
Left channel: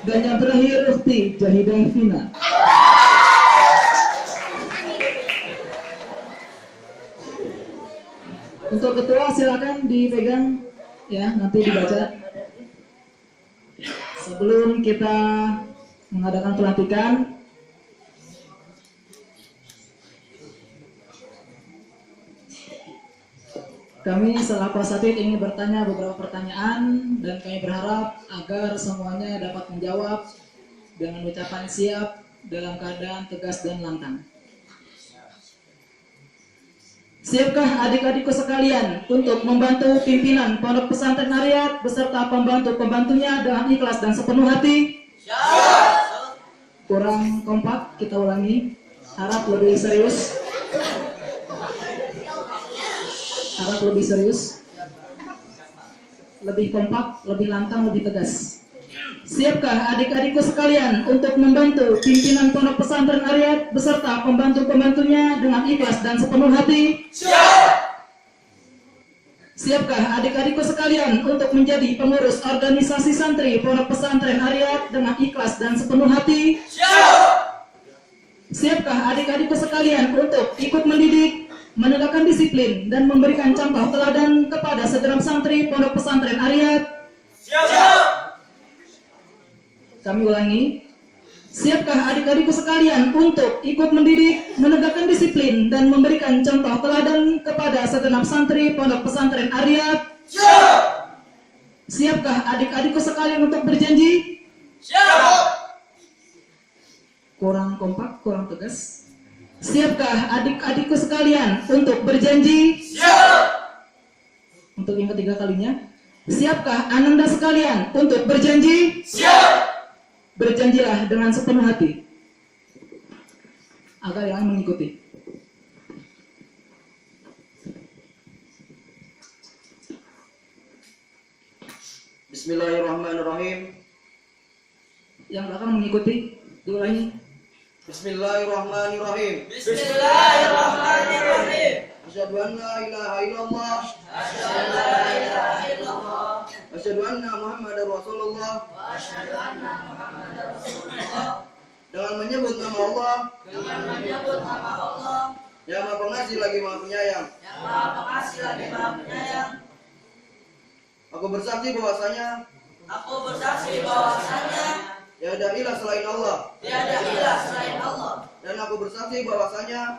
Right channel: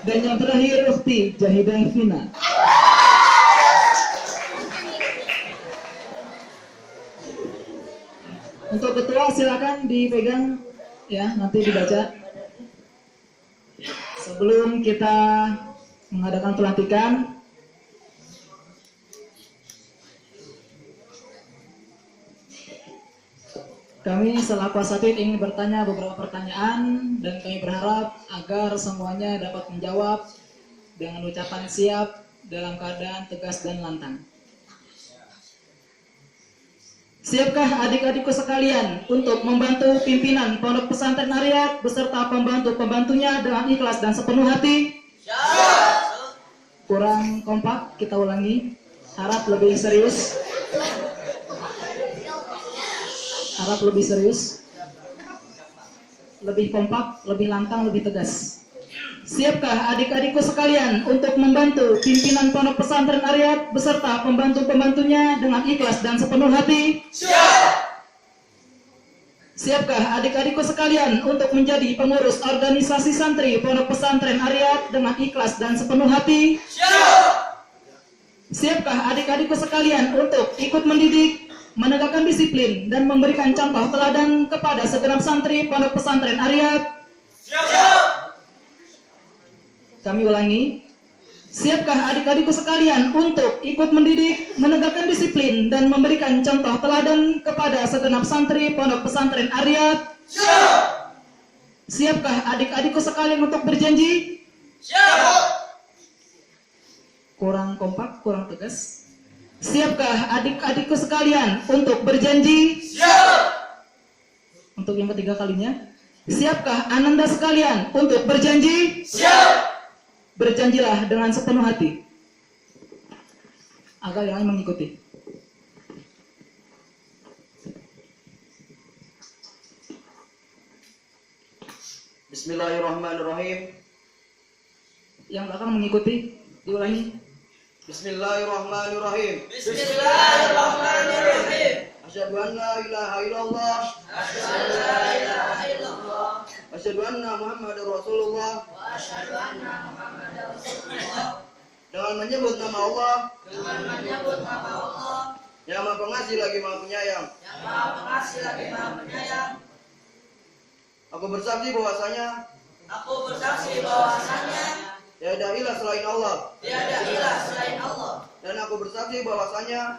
Dan yang terakhir Ukti Jahidah Fina. Untuk ketua silakan dipegang ya, nanti dibaca. Sebelum kita mengadakan pelantikan, kami selaku asatid ingin bertanya beberapa pertanyaan dan kami berharap agar semuanya dapat menjawab dengan ucapan siap dalam keadaan tegas dan lantang. Siapkah adik-adikku sekalian untuk membantu pimpinan Pondok Pesantren Ariyat beserta pembantu-pembantunya dengan ikhlas dan sepenuh hati? Siap. Kurang kompak, kita ulangi. Harap lebih serius. Harap lebih serius. Lebih kompak, lebih lantang, lebih tegas. Siapkah adik-adikku sekalian untuk membantu pimpinan Pondok Pesantren Ariyat beserta pembantu-pembantunya dengan ikhlas dan sepenuh hati? Siap. Siapkah adik-adikku sekalian untuk menjadi pengurus organisasi santri Pondok Pesantren Ariyat dengan ikhlas dan sepenuh hati? Siap. Siapkah adik-adikku sekalian untuk ikut mendidik, menegakkan disiplin dan memberikan contoh teladan kepada segenap santri Pondok Pesantren Ariyat? Siap. Kami ulangi. Siapkah adik-adikku sekalian untuk ikut mendidik, menegakkan disiplin dan memberikan contoh teladan kepada segenap santri Pondok Pesantren Ariyat? Siap. Siapkah adik-adikku sekalian untuk berjanji? Siap. Kurang kompak, kurang tegas. Siapkah adik-adikku sekalian untuk berjanji? Siap. Untuk yang ketiga kalinya, siapkah ananda sekalian untuk berjanji? Siap. Berjanjilah dengan sepenuh hati agar yang mengikuti. Bismillahirrahmanirrahim. Yang akan mengikuti diulangi. Bismillahirrahmanirrahim. Bismillahirrahmanirrahim. Asyhadu an la ilaha illallah. Asyhadu an la ilaha illallah. Asyhadu anna Muhammadar Rasulullah. Wa asyhadu anna Muhammadar Rasulullah. Dengan menyebut nama Allah Dengan menyebut nama Allah yang Maha Pengasih lagi Maha Penyayang. yang Maha Pengasih lagi Maha Penyayang. Aku bersaksi bahwasanya Aku bersaksi bahwasanya tiada ilah selain Allah. tiada ilah selain Allah. Dan aku bersaksi bahwasanya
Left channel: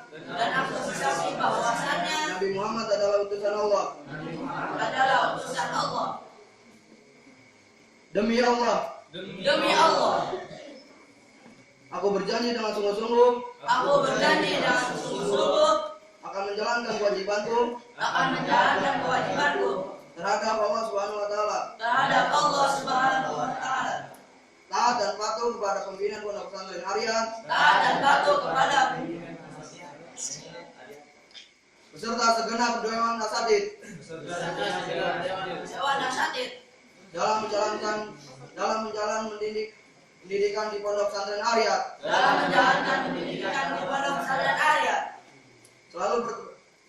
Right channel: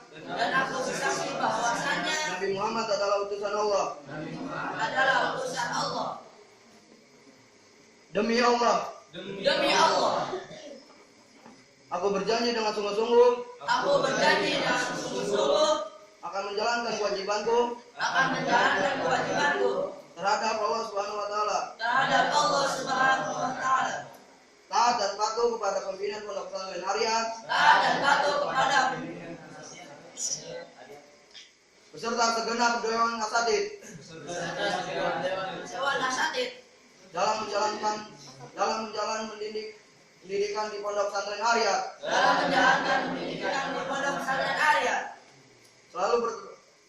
Nabi Muhammad adalah utusan Allah. Demi Allah. Aku berjanji dengan sungguh-sungguh akan menjalankan kewajibanku terhadap Allah Subhanahu wa taala. Taat dan patuh kepada pimpinan Pondok Pesantren Arya. Beserta segenap dewan asatid. Dalam menjalankan pendidikan di Pondok Pesantren Arya.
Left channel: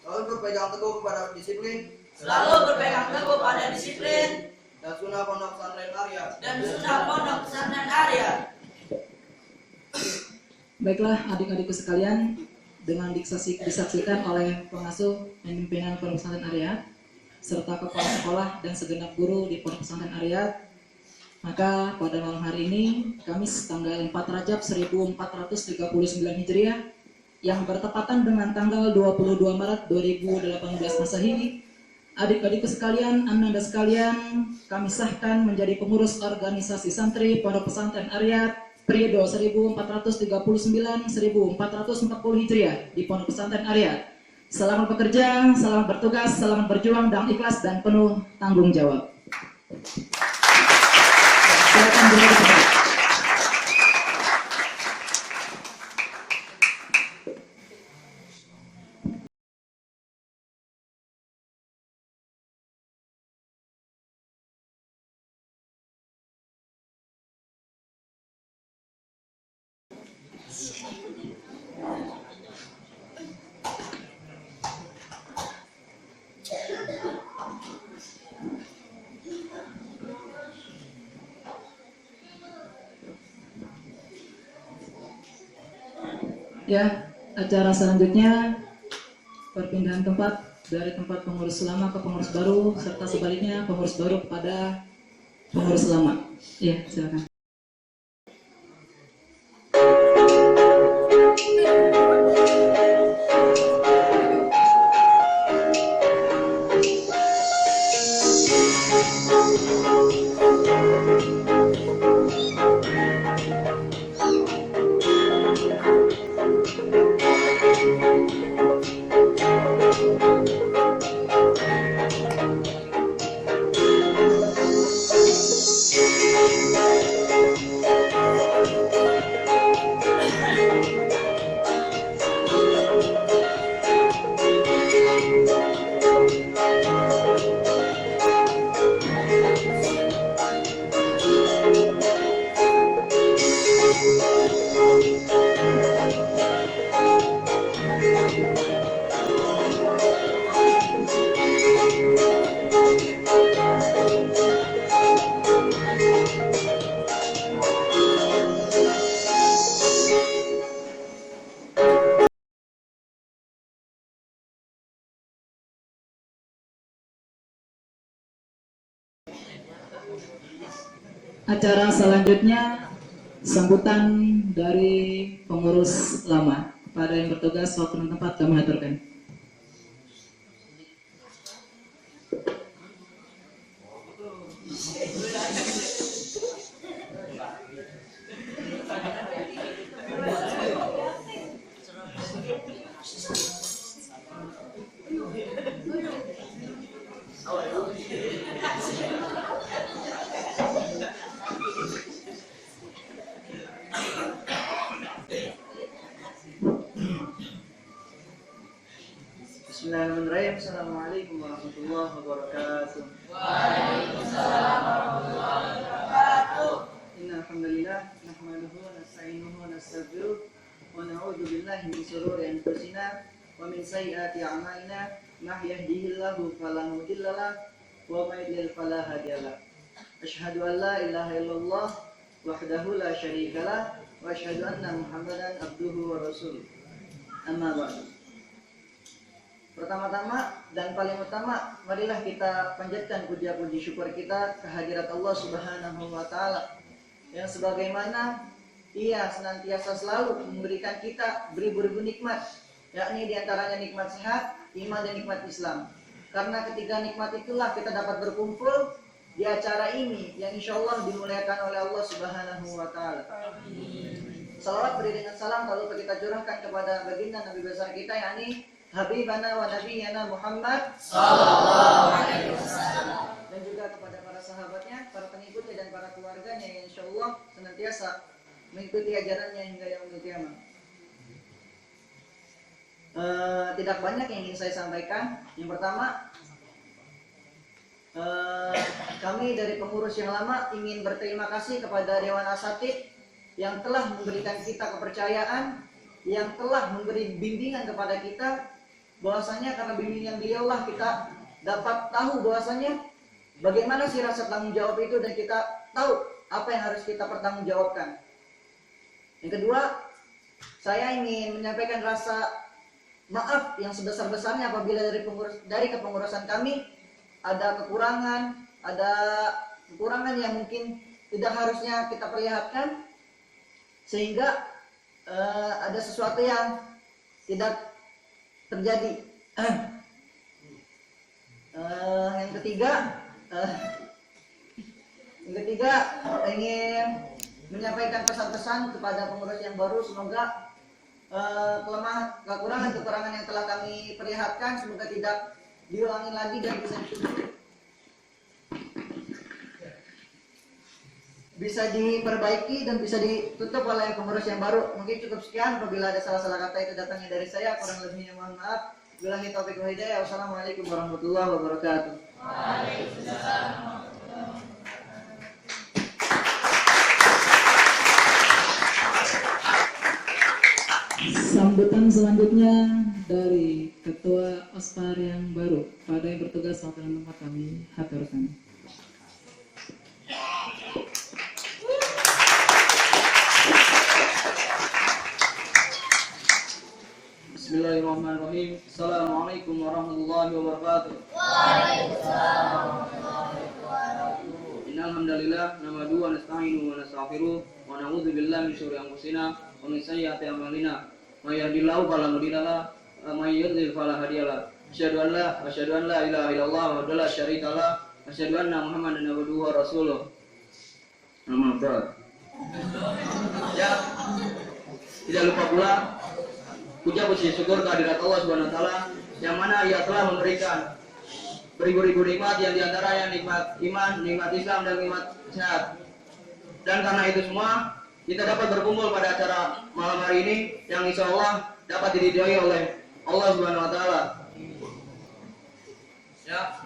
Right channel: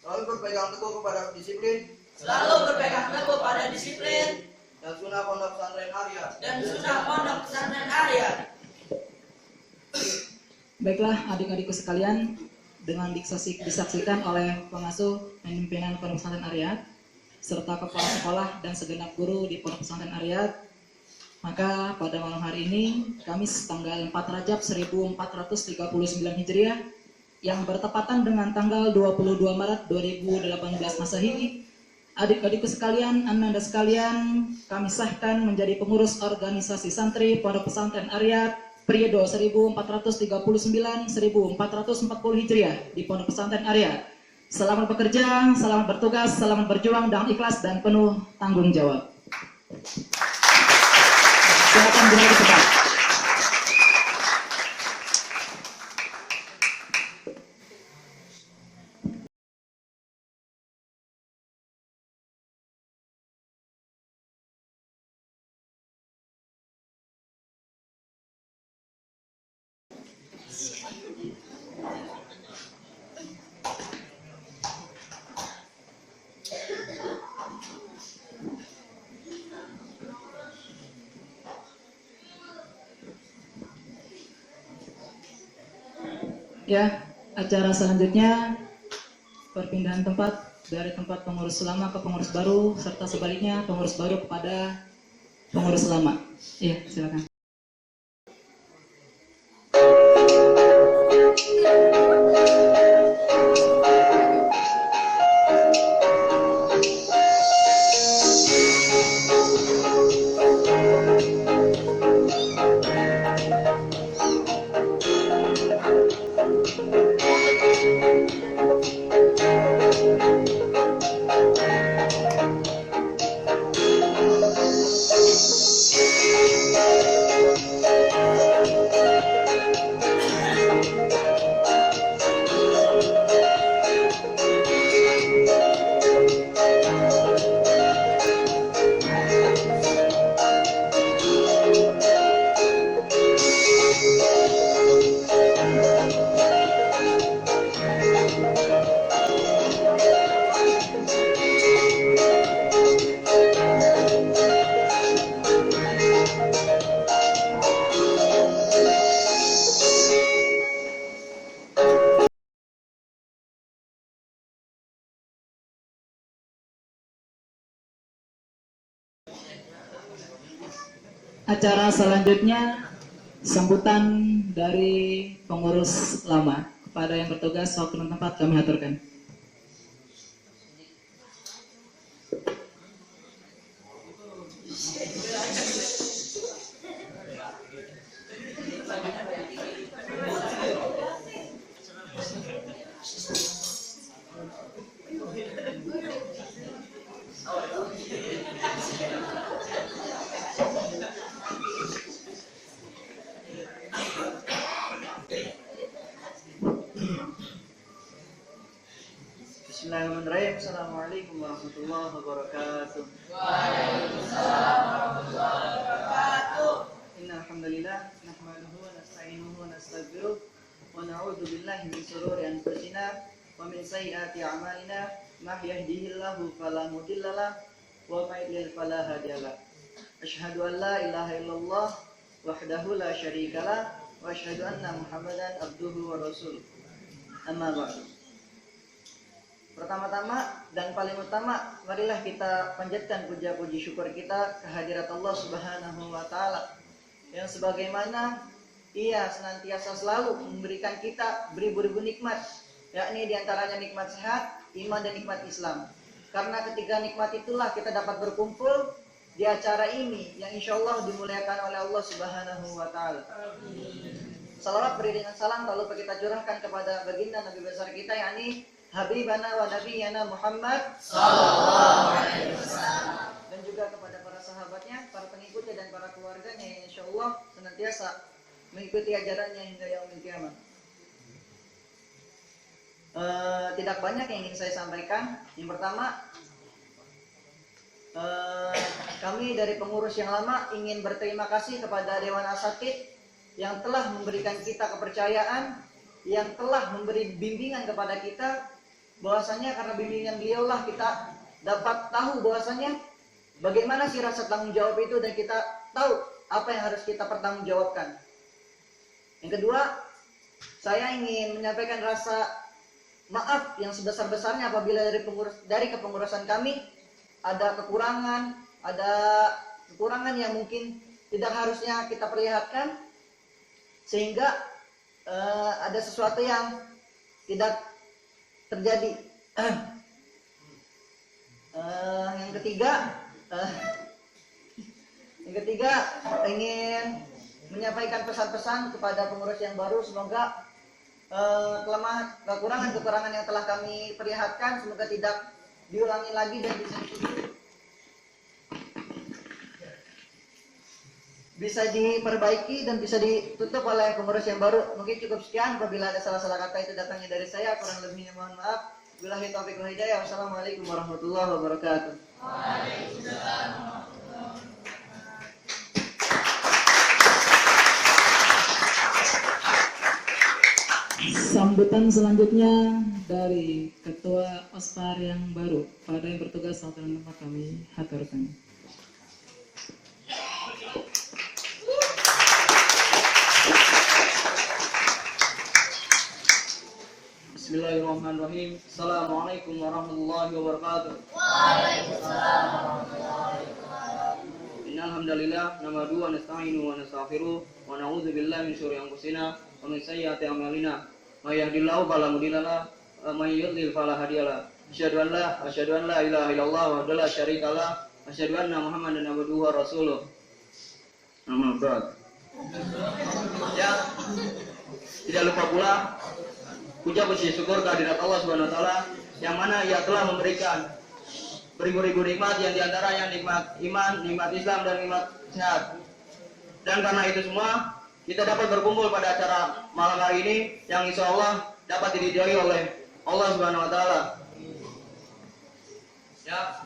Selalu berpegang teguh kepada disiplin. Dan sunnah Pondok Pesantren Arya. Baiklah adik-adikku sekalian, dengan disaksikan oleh pengasuh dan pimpinan Pondok Pesantren Arya serta kepala sekolah dan segenap guru di Pondok Pesantren Arya, maka pada malam hari ini Kamis tanggal 4 Rajab 1439 Hijriah yang bertepatan dengan tanggal 22 Maret 2018 Masehi, adik-adikku sekalian, ananda sekalian, kami sahkan menjadi pengurus organisasi santri Pondok Pesantren Arya periode 1439-1440 Hijriah di Pondok Pesantren Arya. Selamat bekerja, selamat bertugas, selamat berjuang dengan ikhlas dan penuh tanggung jawab. Silakan berdiri di tempat. Ya, acara selanjutnya perpindahan tempat dari tempat pengurus lama ke pengurus baru serta sebaliknya pengurus baru kepada pengurus lama. Iya, silakan. Acara selanjutnya sambutan dari pengurus lama. Kepada yang bertugas waktu dan tempat kami aturkan. Bismillahirrahmanirrahim. Assalamualaikum warahmatullahi wabarakatuh. Waalaikumsalam warahmatullahi wabarakatuh. Innal hamdalillah nahmaduhu wa nasta'inuhu wa nastaghfiruh wa na'udzu billahi min shururi anfusina wa min sayyiati a'malina may yahdihillahu fala mudhillalah wa may yudlil fala hadiyalah. Asyhadu an la ilaha illallah wahdahu la syarikalah wa asyhadu anna Muhammadan abduhu wa rasuluh. Amma ba'du. Pertama-tama dan paling utama, marilah kita panjatkan puja-puji syukur kita kehadirat Allah Subhanahu wa taala yang sebagaimana Ia senantiasa selalu memberikan kita beribu-ribu nikmat, yakni diantaranya nikmat sehat, iman dan nikmat Islam. Karena ketiga nikmat itulah kita dapat berkumpul di acara ini yang insya Allah dimuliakan oleh Allah Subhanahu wa Ta'ala. Salawat beriringan salam tak lupa kita curahkan kepada baginda Nabi besar kita, yakni Habibana wa Nabiyana Muhammad sallallahu alaihi wasallam, dan juga kepada para sahabatnya, para pengikutnya dan para keluarganya yang insya Allah senantiasa mengikuti ajarannya hingga yaumil qiyamah. Tidak banyak yang ingin saya sampaikan. Yang pertama, kami dari pengurus yang lama ingin berterima kasih kepada Dewan Asatidz yang telah memberikan kita kepercayaan, yang telah memberi bimbingan kepada kita, bahwasanya karena bimbingan beliau lah kita dapat tahu bahwasanya bagaimana sih rasa tanggung jawab itu, dan kita tahu apa yang harus kita pertanggungjawabkan. Yang kedua, saya ingin menyampaikan rasa maaf yang sebesar-besarnya apabila dari kepengurusan kami ada kekurangan yang mungkin tidak harusnya kita perlihatkan, sehingga ada sesuatu yang tidak terjadi. Yang ketiga ingin menyampaikan pesan-pesan kepada pengurus yang baru. Semoga kekurangan yang telah kami perlihatkan semoga tidak diulangi lagi dan bisa diperbaiki dan bisa ditutup oleh pengurus yang baru. Mungkin cukup sekian. Apabila ada salah-salah kata itu datangnya dari saya, kurang lebihnya mohon maaf. Billahi taufiq wal hidayah. Wassalamualaikum warahmatullahi wabarakatuh. Waalaikumsalam. Sambutan selanjutnya dari Ketua Ospar yang baru pada yang bertugas sampai tempat kami haturkan. Bismillahirrahmanirrahim. Assalamualaikum warahmatullahi wabarakatuh. Waalaikumsalam warahmatullahi wabarakatuh. Innal hamdalillah nahmaduhu wa nasta'inuhu wa nastaghfiruh wa na'udzu billahi min syururi anfusina wa min sayyiati a'malina. May yahdihillahu fala mudilla lahu wa may yudlil fala hadiya lahu. Asyhadu an la ilaha illallah wahdahu la syarika lahu wa asyhadu anna Muhammadan abduhu wa rasuluh. Amma ba'd. Ya, tidak lupa pula puja puji syukur kehadirat Allah Subhanahu wa taala yang mana Ia telah memberikan beribu-ribu nikmat, yang diantaranya nikmat iman, nikmat Islam dan nikmat sehat. Dan karena itu semua kita dapat berkumpul pada acara malam hari ini yang insya Allah dapat diridhoi oleh Allah Subhanahu wa taala. Ya.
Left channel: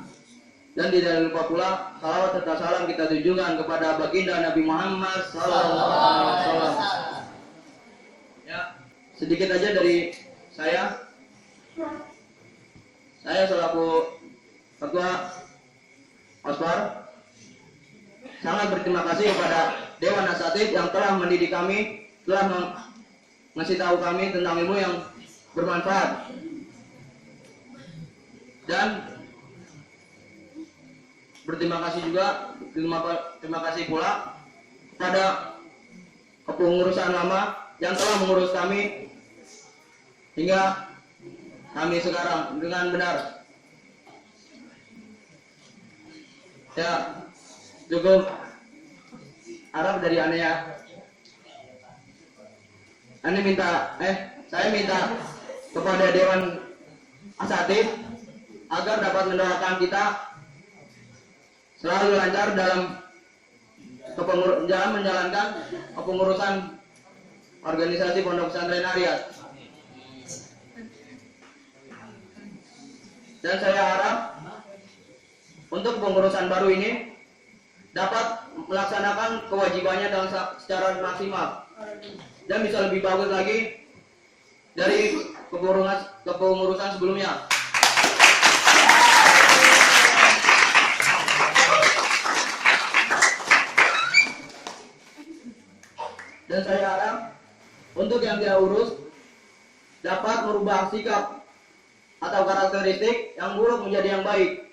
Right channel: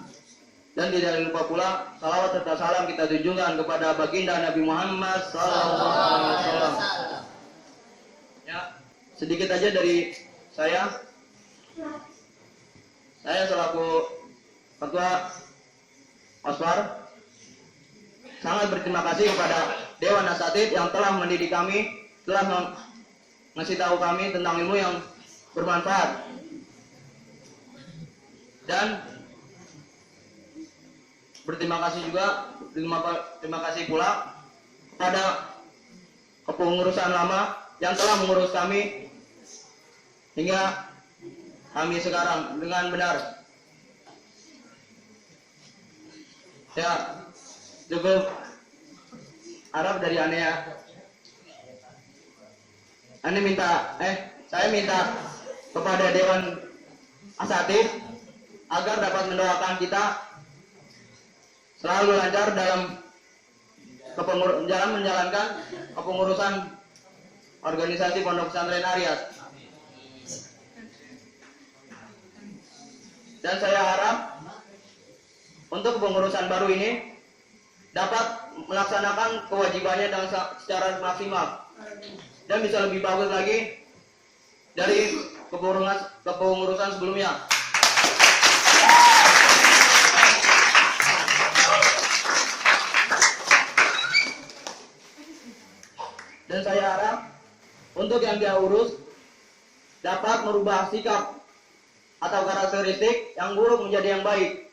Dan tidak lupa pula salawat serta salam kita tunjukkan kepada baginda Nabi Muhammad sallallahu alaihi wasallam. Ya. Sedikit aja dari saya selaku Ketua Ospar sangat berterima kasih kepada Dewan Asatidz yang telah mendidik kami, telah ngasih tahu kami tentang ilmu yang bermanfaat. Dan berterima kasih juga, terima kasih pula kepada kepengurusan lama yang telah mengurus kami hingga kami sekarang dengan benar. Ya, cukup harap dari aneh ya. Saya minta kepada Dewan Asatidz agar dapat mendoakan kita selalu lancar dalam menjalankan kepengurusan organisasi Pondok Pesantren Ariyat. Dan saya harap untuk pengurusan baru ini dapat melaksanakan kewajibannya dengan secara maksimal dan bisa lebih bagus lagi dari kepengurusan sebelumnya. Dan saya harap untuk yang dia urus dapat merubah sikap atau karakteristik yang buruk menjadi yang baik.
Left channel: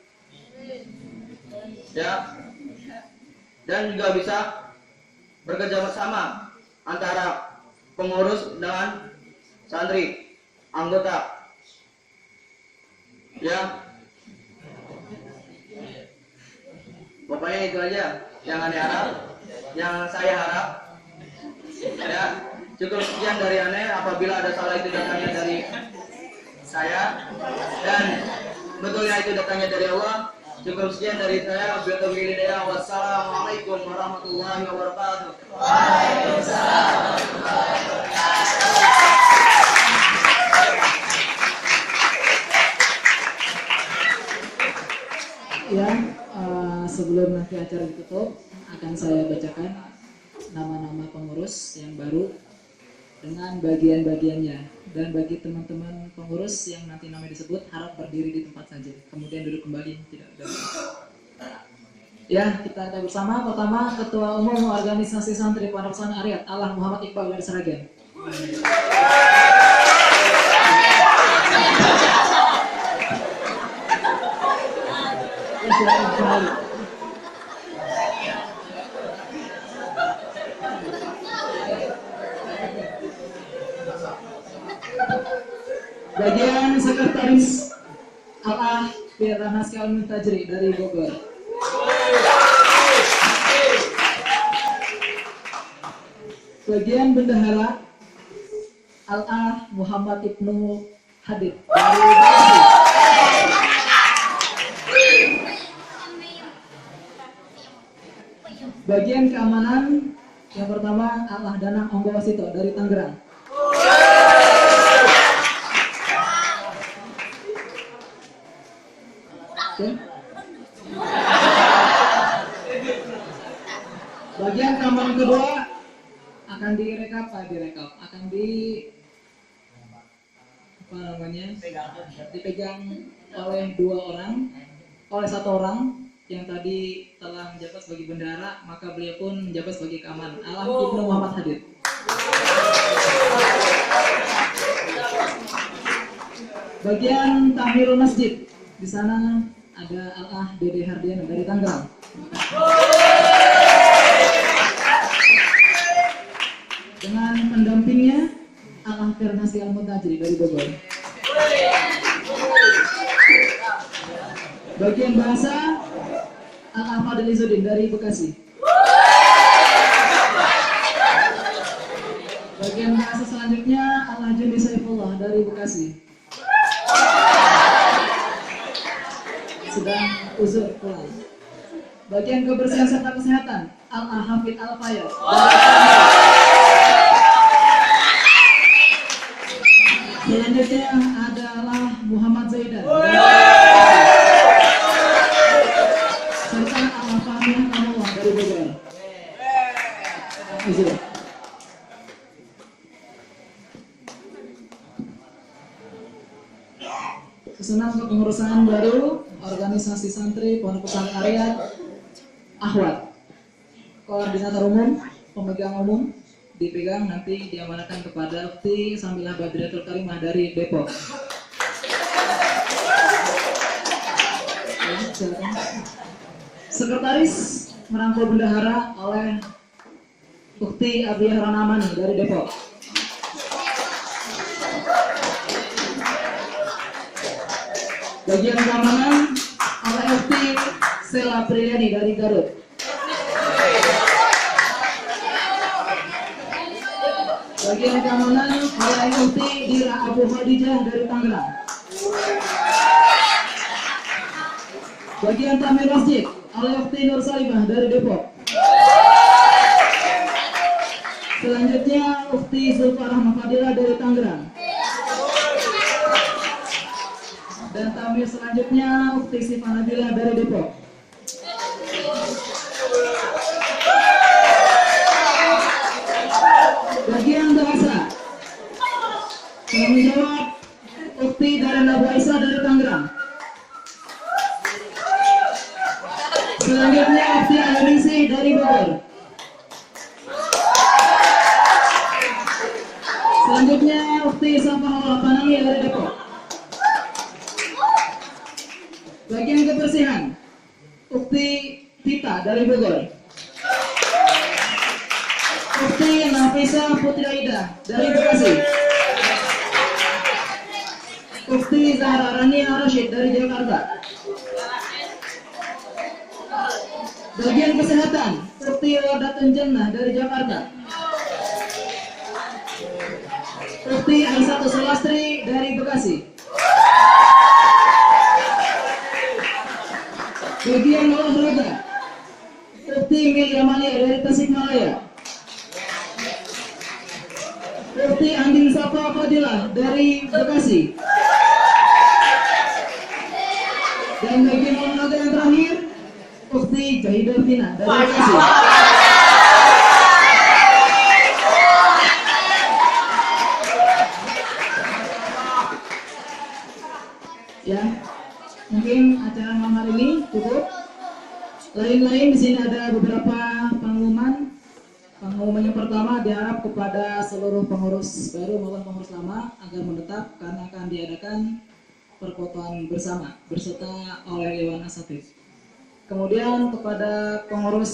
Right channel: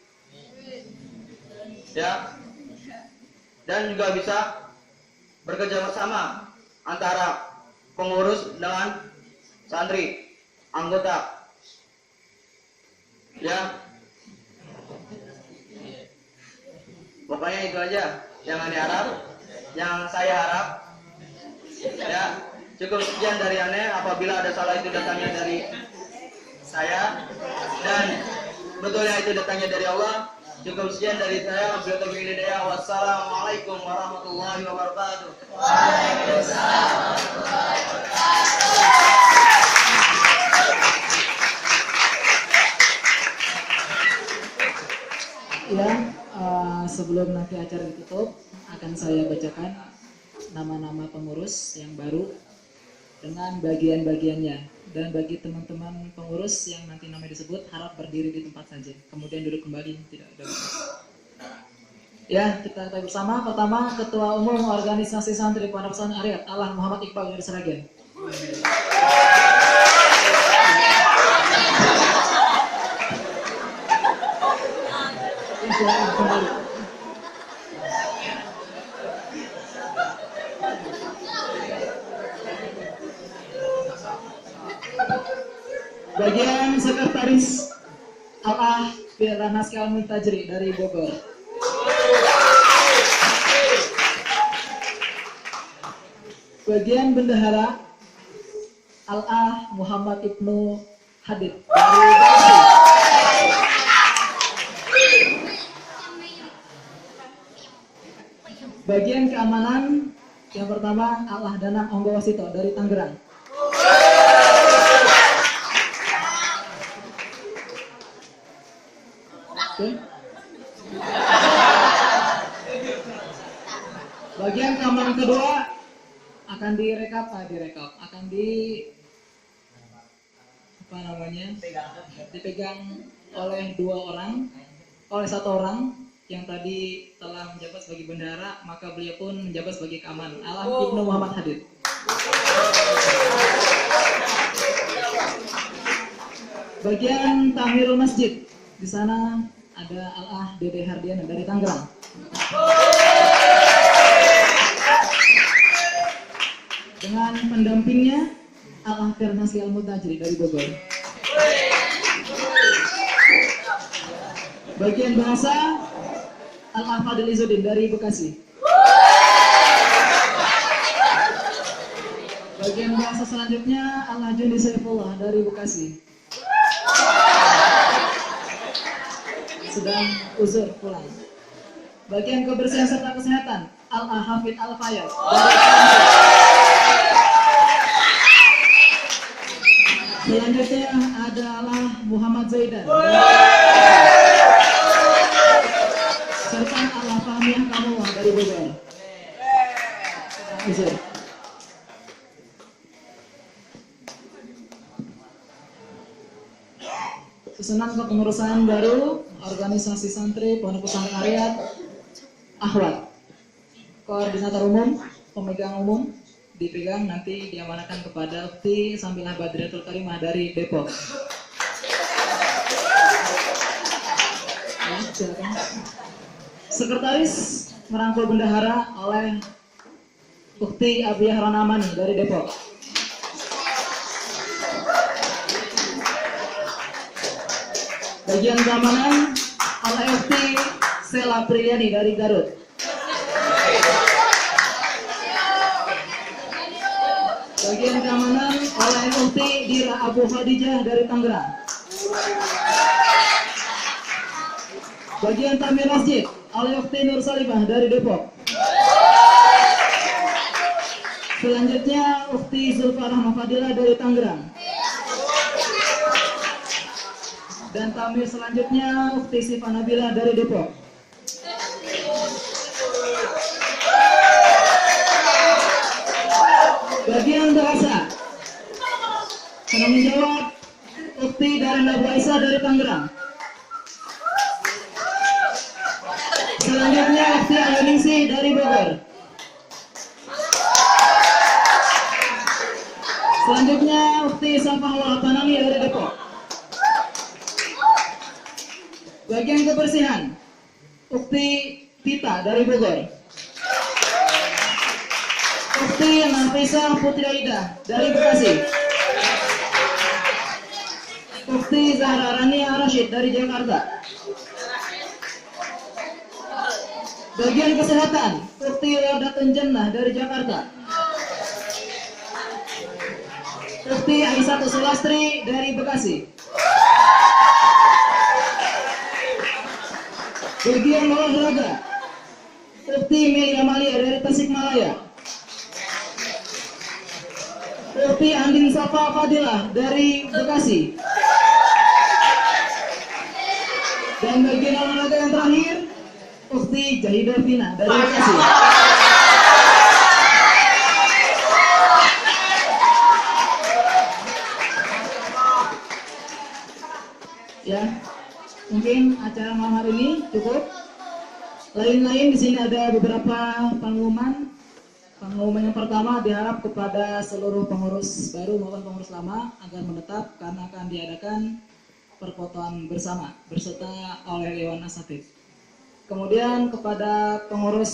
Ya. Dan juga bisa bekerja bersama antara pengurus dengan santri, anggota. Ya. Pokoknya itu aja yang Anda harap, yang saya harap. Ya, cukup sekian dari Anda. Apabila ada salah itu datangnya dari saya, dan betulnya itu datangnya dari Allah. Cukup sekian dari saya. Wassalamualaikum warahmatullahi wabarakatuh. Waalaikumsalam warahmatullahi wabarakatuh. Ya, sebelum nanti acara ditutup, akan saya bacakan nama-nama pengurus yang baru dengan bagian-bagiannya. Dan bagi teman-teman pengurus yang nanti namanya disebut, harap berdiri di tempat saja. Kemudian duduk kembali, tidak ada. Ya, kita tahu bersama. Pertama, Ketua Umum Organisasi Santri Pondok Pesantren Ariyat, Allah Muhammad Iqbal dari Sragen. Bagian Sekretaris Allah Firdaus Kalmi Tajri dari Bogor. Bagian Bendahara Allah Muhammad Ibnu Hadid dari Bekasi. Bagian keamanan yang pertama Allah Danang Onggowasito dari Tangerang. Oke. Bagian keamanan kedua akan dipegang oleh satu orang yang tadi telah menjabat sebagai bendahara, maka beliau pun menjabat sebagai keamanan. Allah Ibnu Muhammad Hadid. Bagian Tamirul Masjid, di sana ada Allah Dede Hardiana dari Tangerang. Dengan pendampingnya Allah Firdaus Al-Mutajri dari Bogor. Bagian bahasa Allah Fadil Izzuddin dari Bekasi. Bagian bahasa selanjutnya Allah Jundi Saifullah dari Bekasi. Sedang uzur pulang. Bagian kebersihan serta kesehatan Allah Hafid Al-Fayyad. Selanjutnya adalah Muhammad Zaidan serta Allah Fahmiyah Kamullah dari Bogor. Uzur. Susunan kepengurusan baru Organisasi Santri Pondok Pesantren Ariyat Ahwat. Koordinator umum, pemegang umum dipegang nanti diamanakan kepada Ukti Samilah Badriatul Karimah dari Depok. Sekretaris merangkul bendahara oleh Ukti Abiyah Ranamani dari Depok. Bagian keamanan oleh Ukti Sela Priyadi dari Garut. Bagian keamanan oleh Ukti Dira Abu Khadijah dari Tangerang. Bagian Tamir Masjid oleh Ukti Nur Salimah dari Depok. Selanjutnya Ukti Zulfarah Mafadila dari Tangerang. Dan tamir selanjutnya Ukti Sifa Nabila dari Depok. Bagian bahasa penanggung jawab Ukti dari Nabu Aisyah dari Tangerang. Selanjutnya Ukti Ayuningsi dari Bogor. Selanjutnya Ukti Safahullah Pananggi dari Depok. Bagian kebersihan Ukti Tita dari Bogor. Ukti Ukti Nafisa Putri Aida dari Bekasi. Ukti Zahra Rania Rashid dari Jakarta. Bagian kesehatan, Ukti Wadatun Jannah dari Jakarta. Ukti Aisyah Sulastri dari Bekasi. Bagian olahraga, Ukti Meli Amalia dari Tasikmalaya. Ukti Andin Safa Fadilah dari Bekasi. Dan bagian olahraga yang terakhir, Ukti Jahidah Vina dari Bekasi. Ya, mungkin acara malam hari ini cukup. Lain-lain di sini ada beberapa pengumuman. Pengumuman yang pertama diharap kepada seluruh pengurus baru maupun pengurus lama agar menetap karena akan diadakan perfotoan bersama berserta oleh Dewan Asatidz. Kemudian kepada pengurus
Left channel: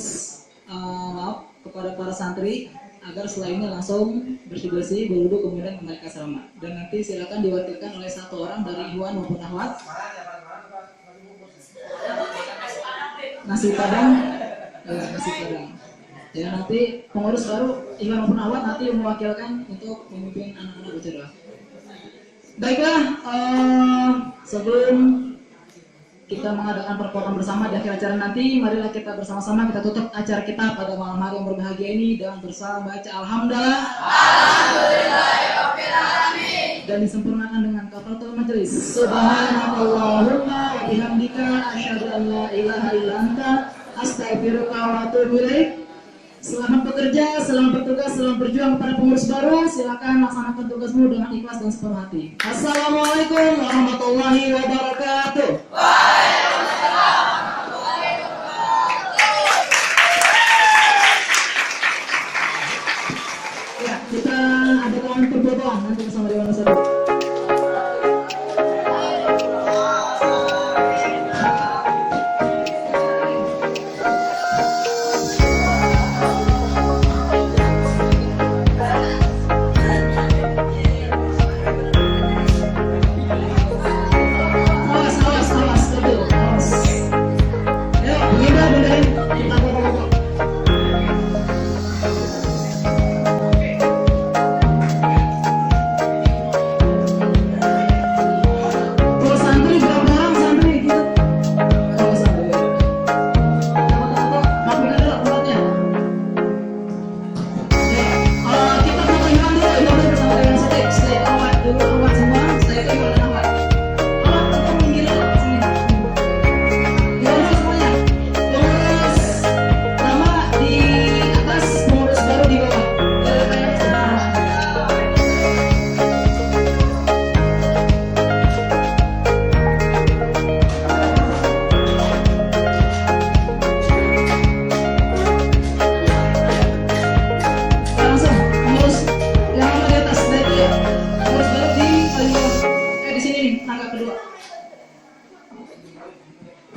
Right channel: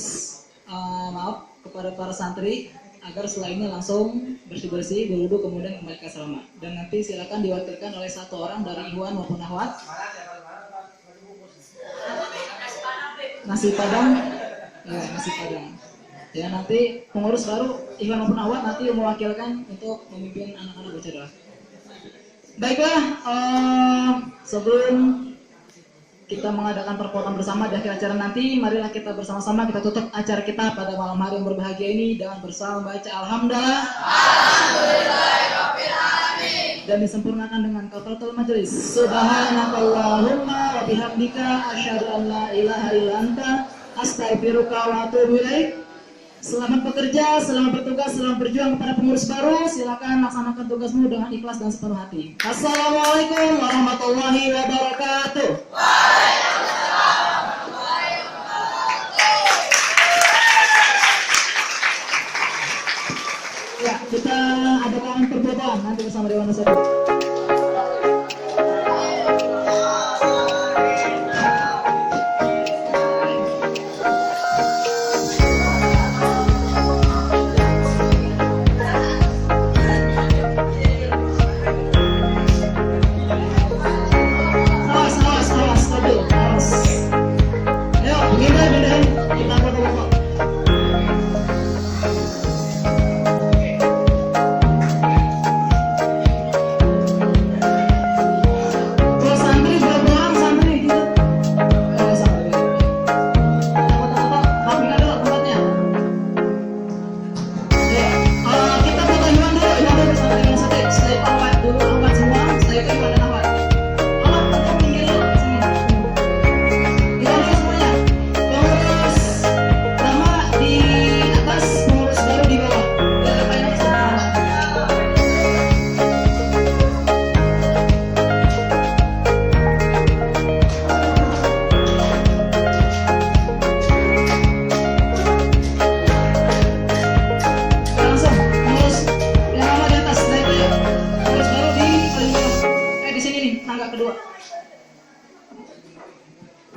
kepada para santri agar setelah ini langsung bersih-bersih, berwudu, kemudian kembali ke asrama. Dan nanti silakan diwakilkan oleh satu orang dari Ikhwan maupun Akhwat. Nasi padang, ya, nasi padang. Ya, nanti pengurus baru Ikhwan maupun Akhwat nanti yang mewakilkan untuk memimpin anak-anak bicara. Baiklah, sebelum kita mengadakan perfotoan bersama di akhir acara nanti, marilah kita bersama-sama kita tutup acara kita pada malam hari yang berbahagia ini dengan bersama baca Alhamdulillah. Dan disempurnakan dengan kafaratul majelis. Subhanakallahumma wa bihamdika asyhadu an la ilaha illa anta astaghfiruka wa atubu ilaik. Selamat bekerja, selamat bertugas, selamat berjuang kepada pengurus baru. Silakan laksanakan tugasmu dengan ikhlas dan sepenuh hati. Assalamualaikum warahmatullahi wabarakatuh. Ya, kita adakan perfotoan nanti bersama Dewan Asatidz.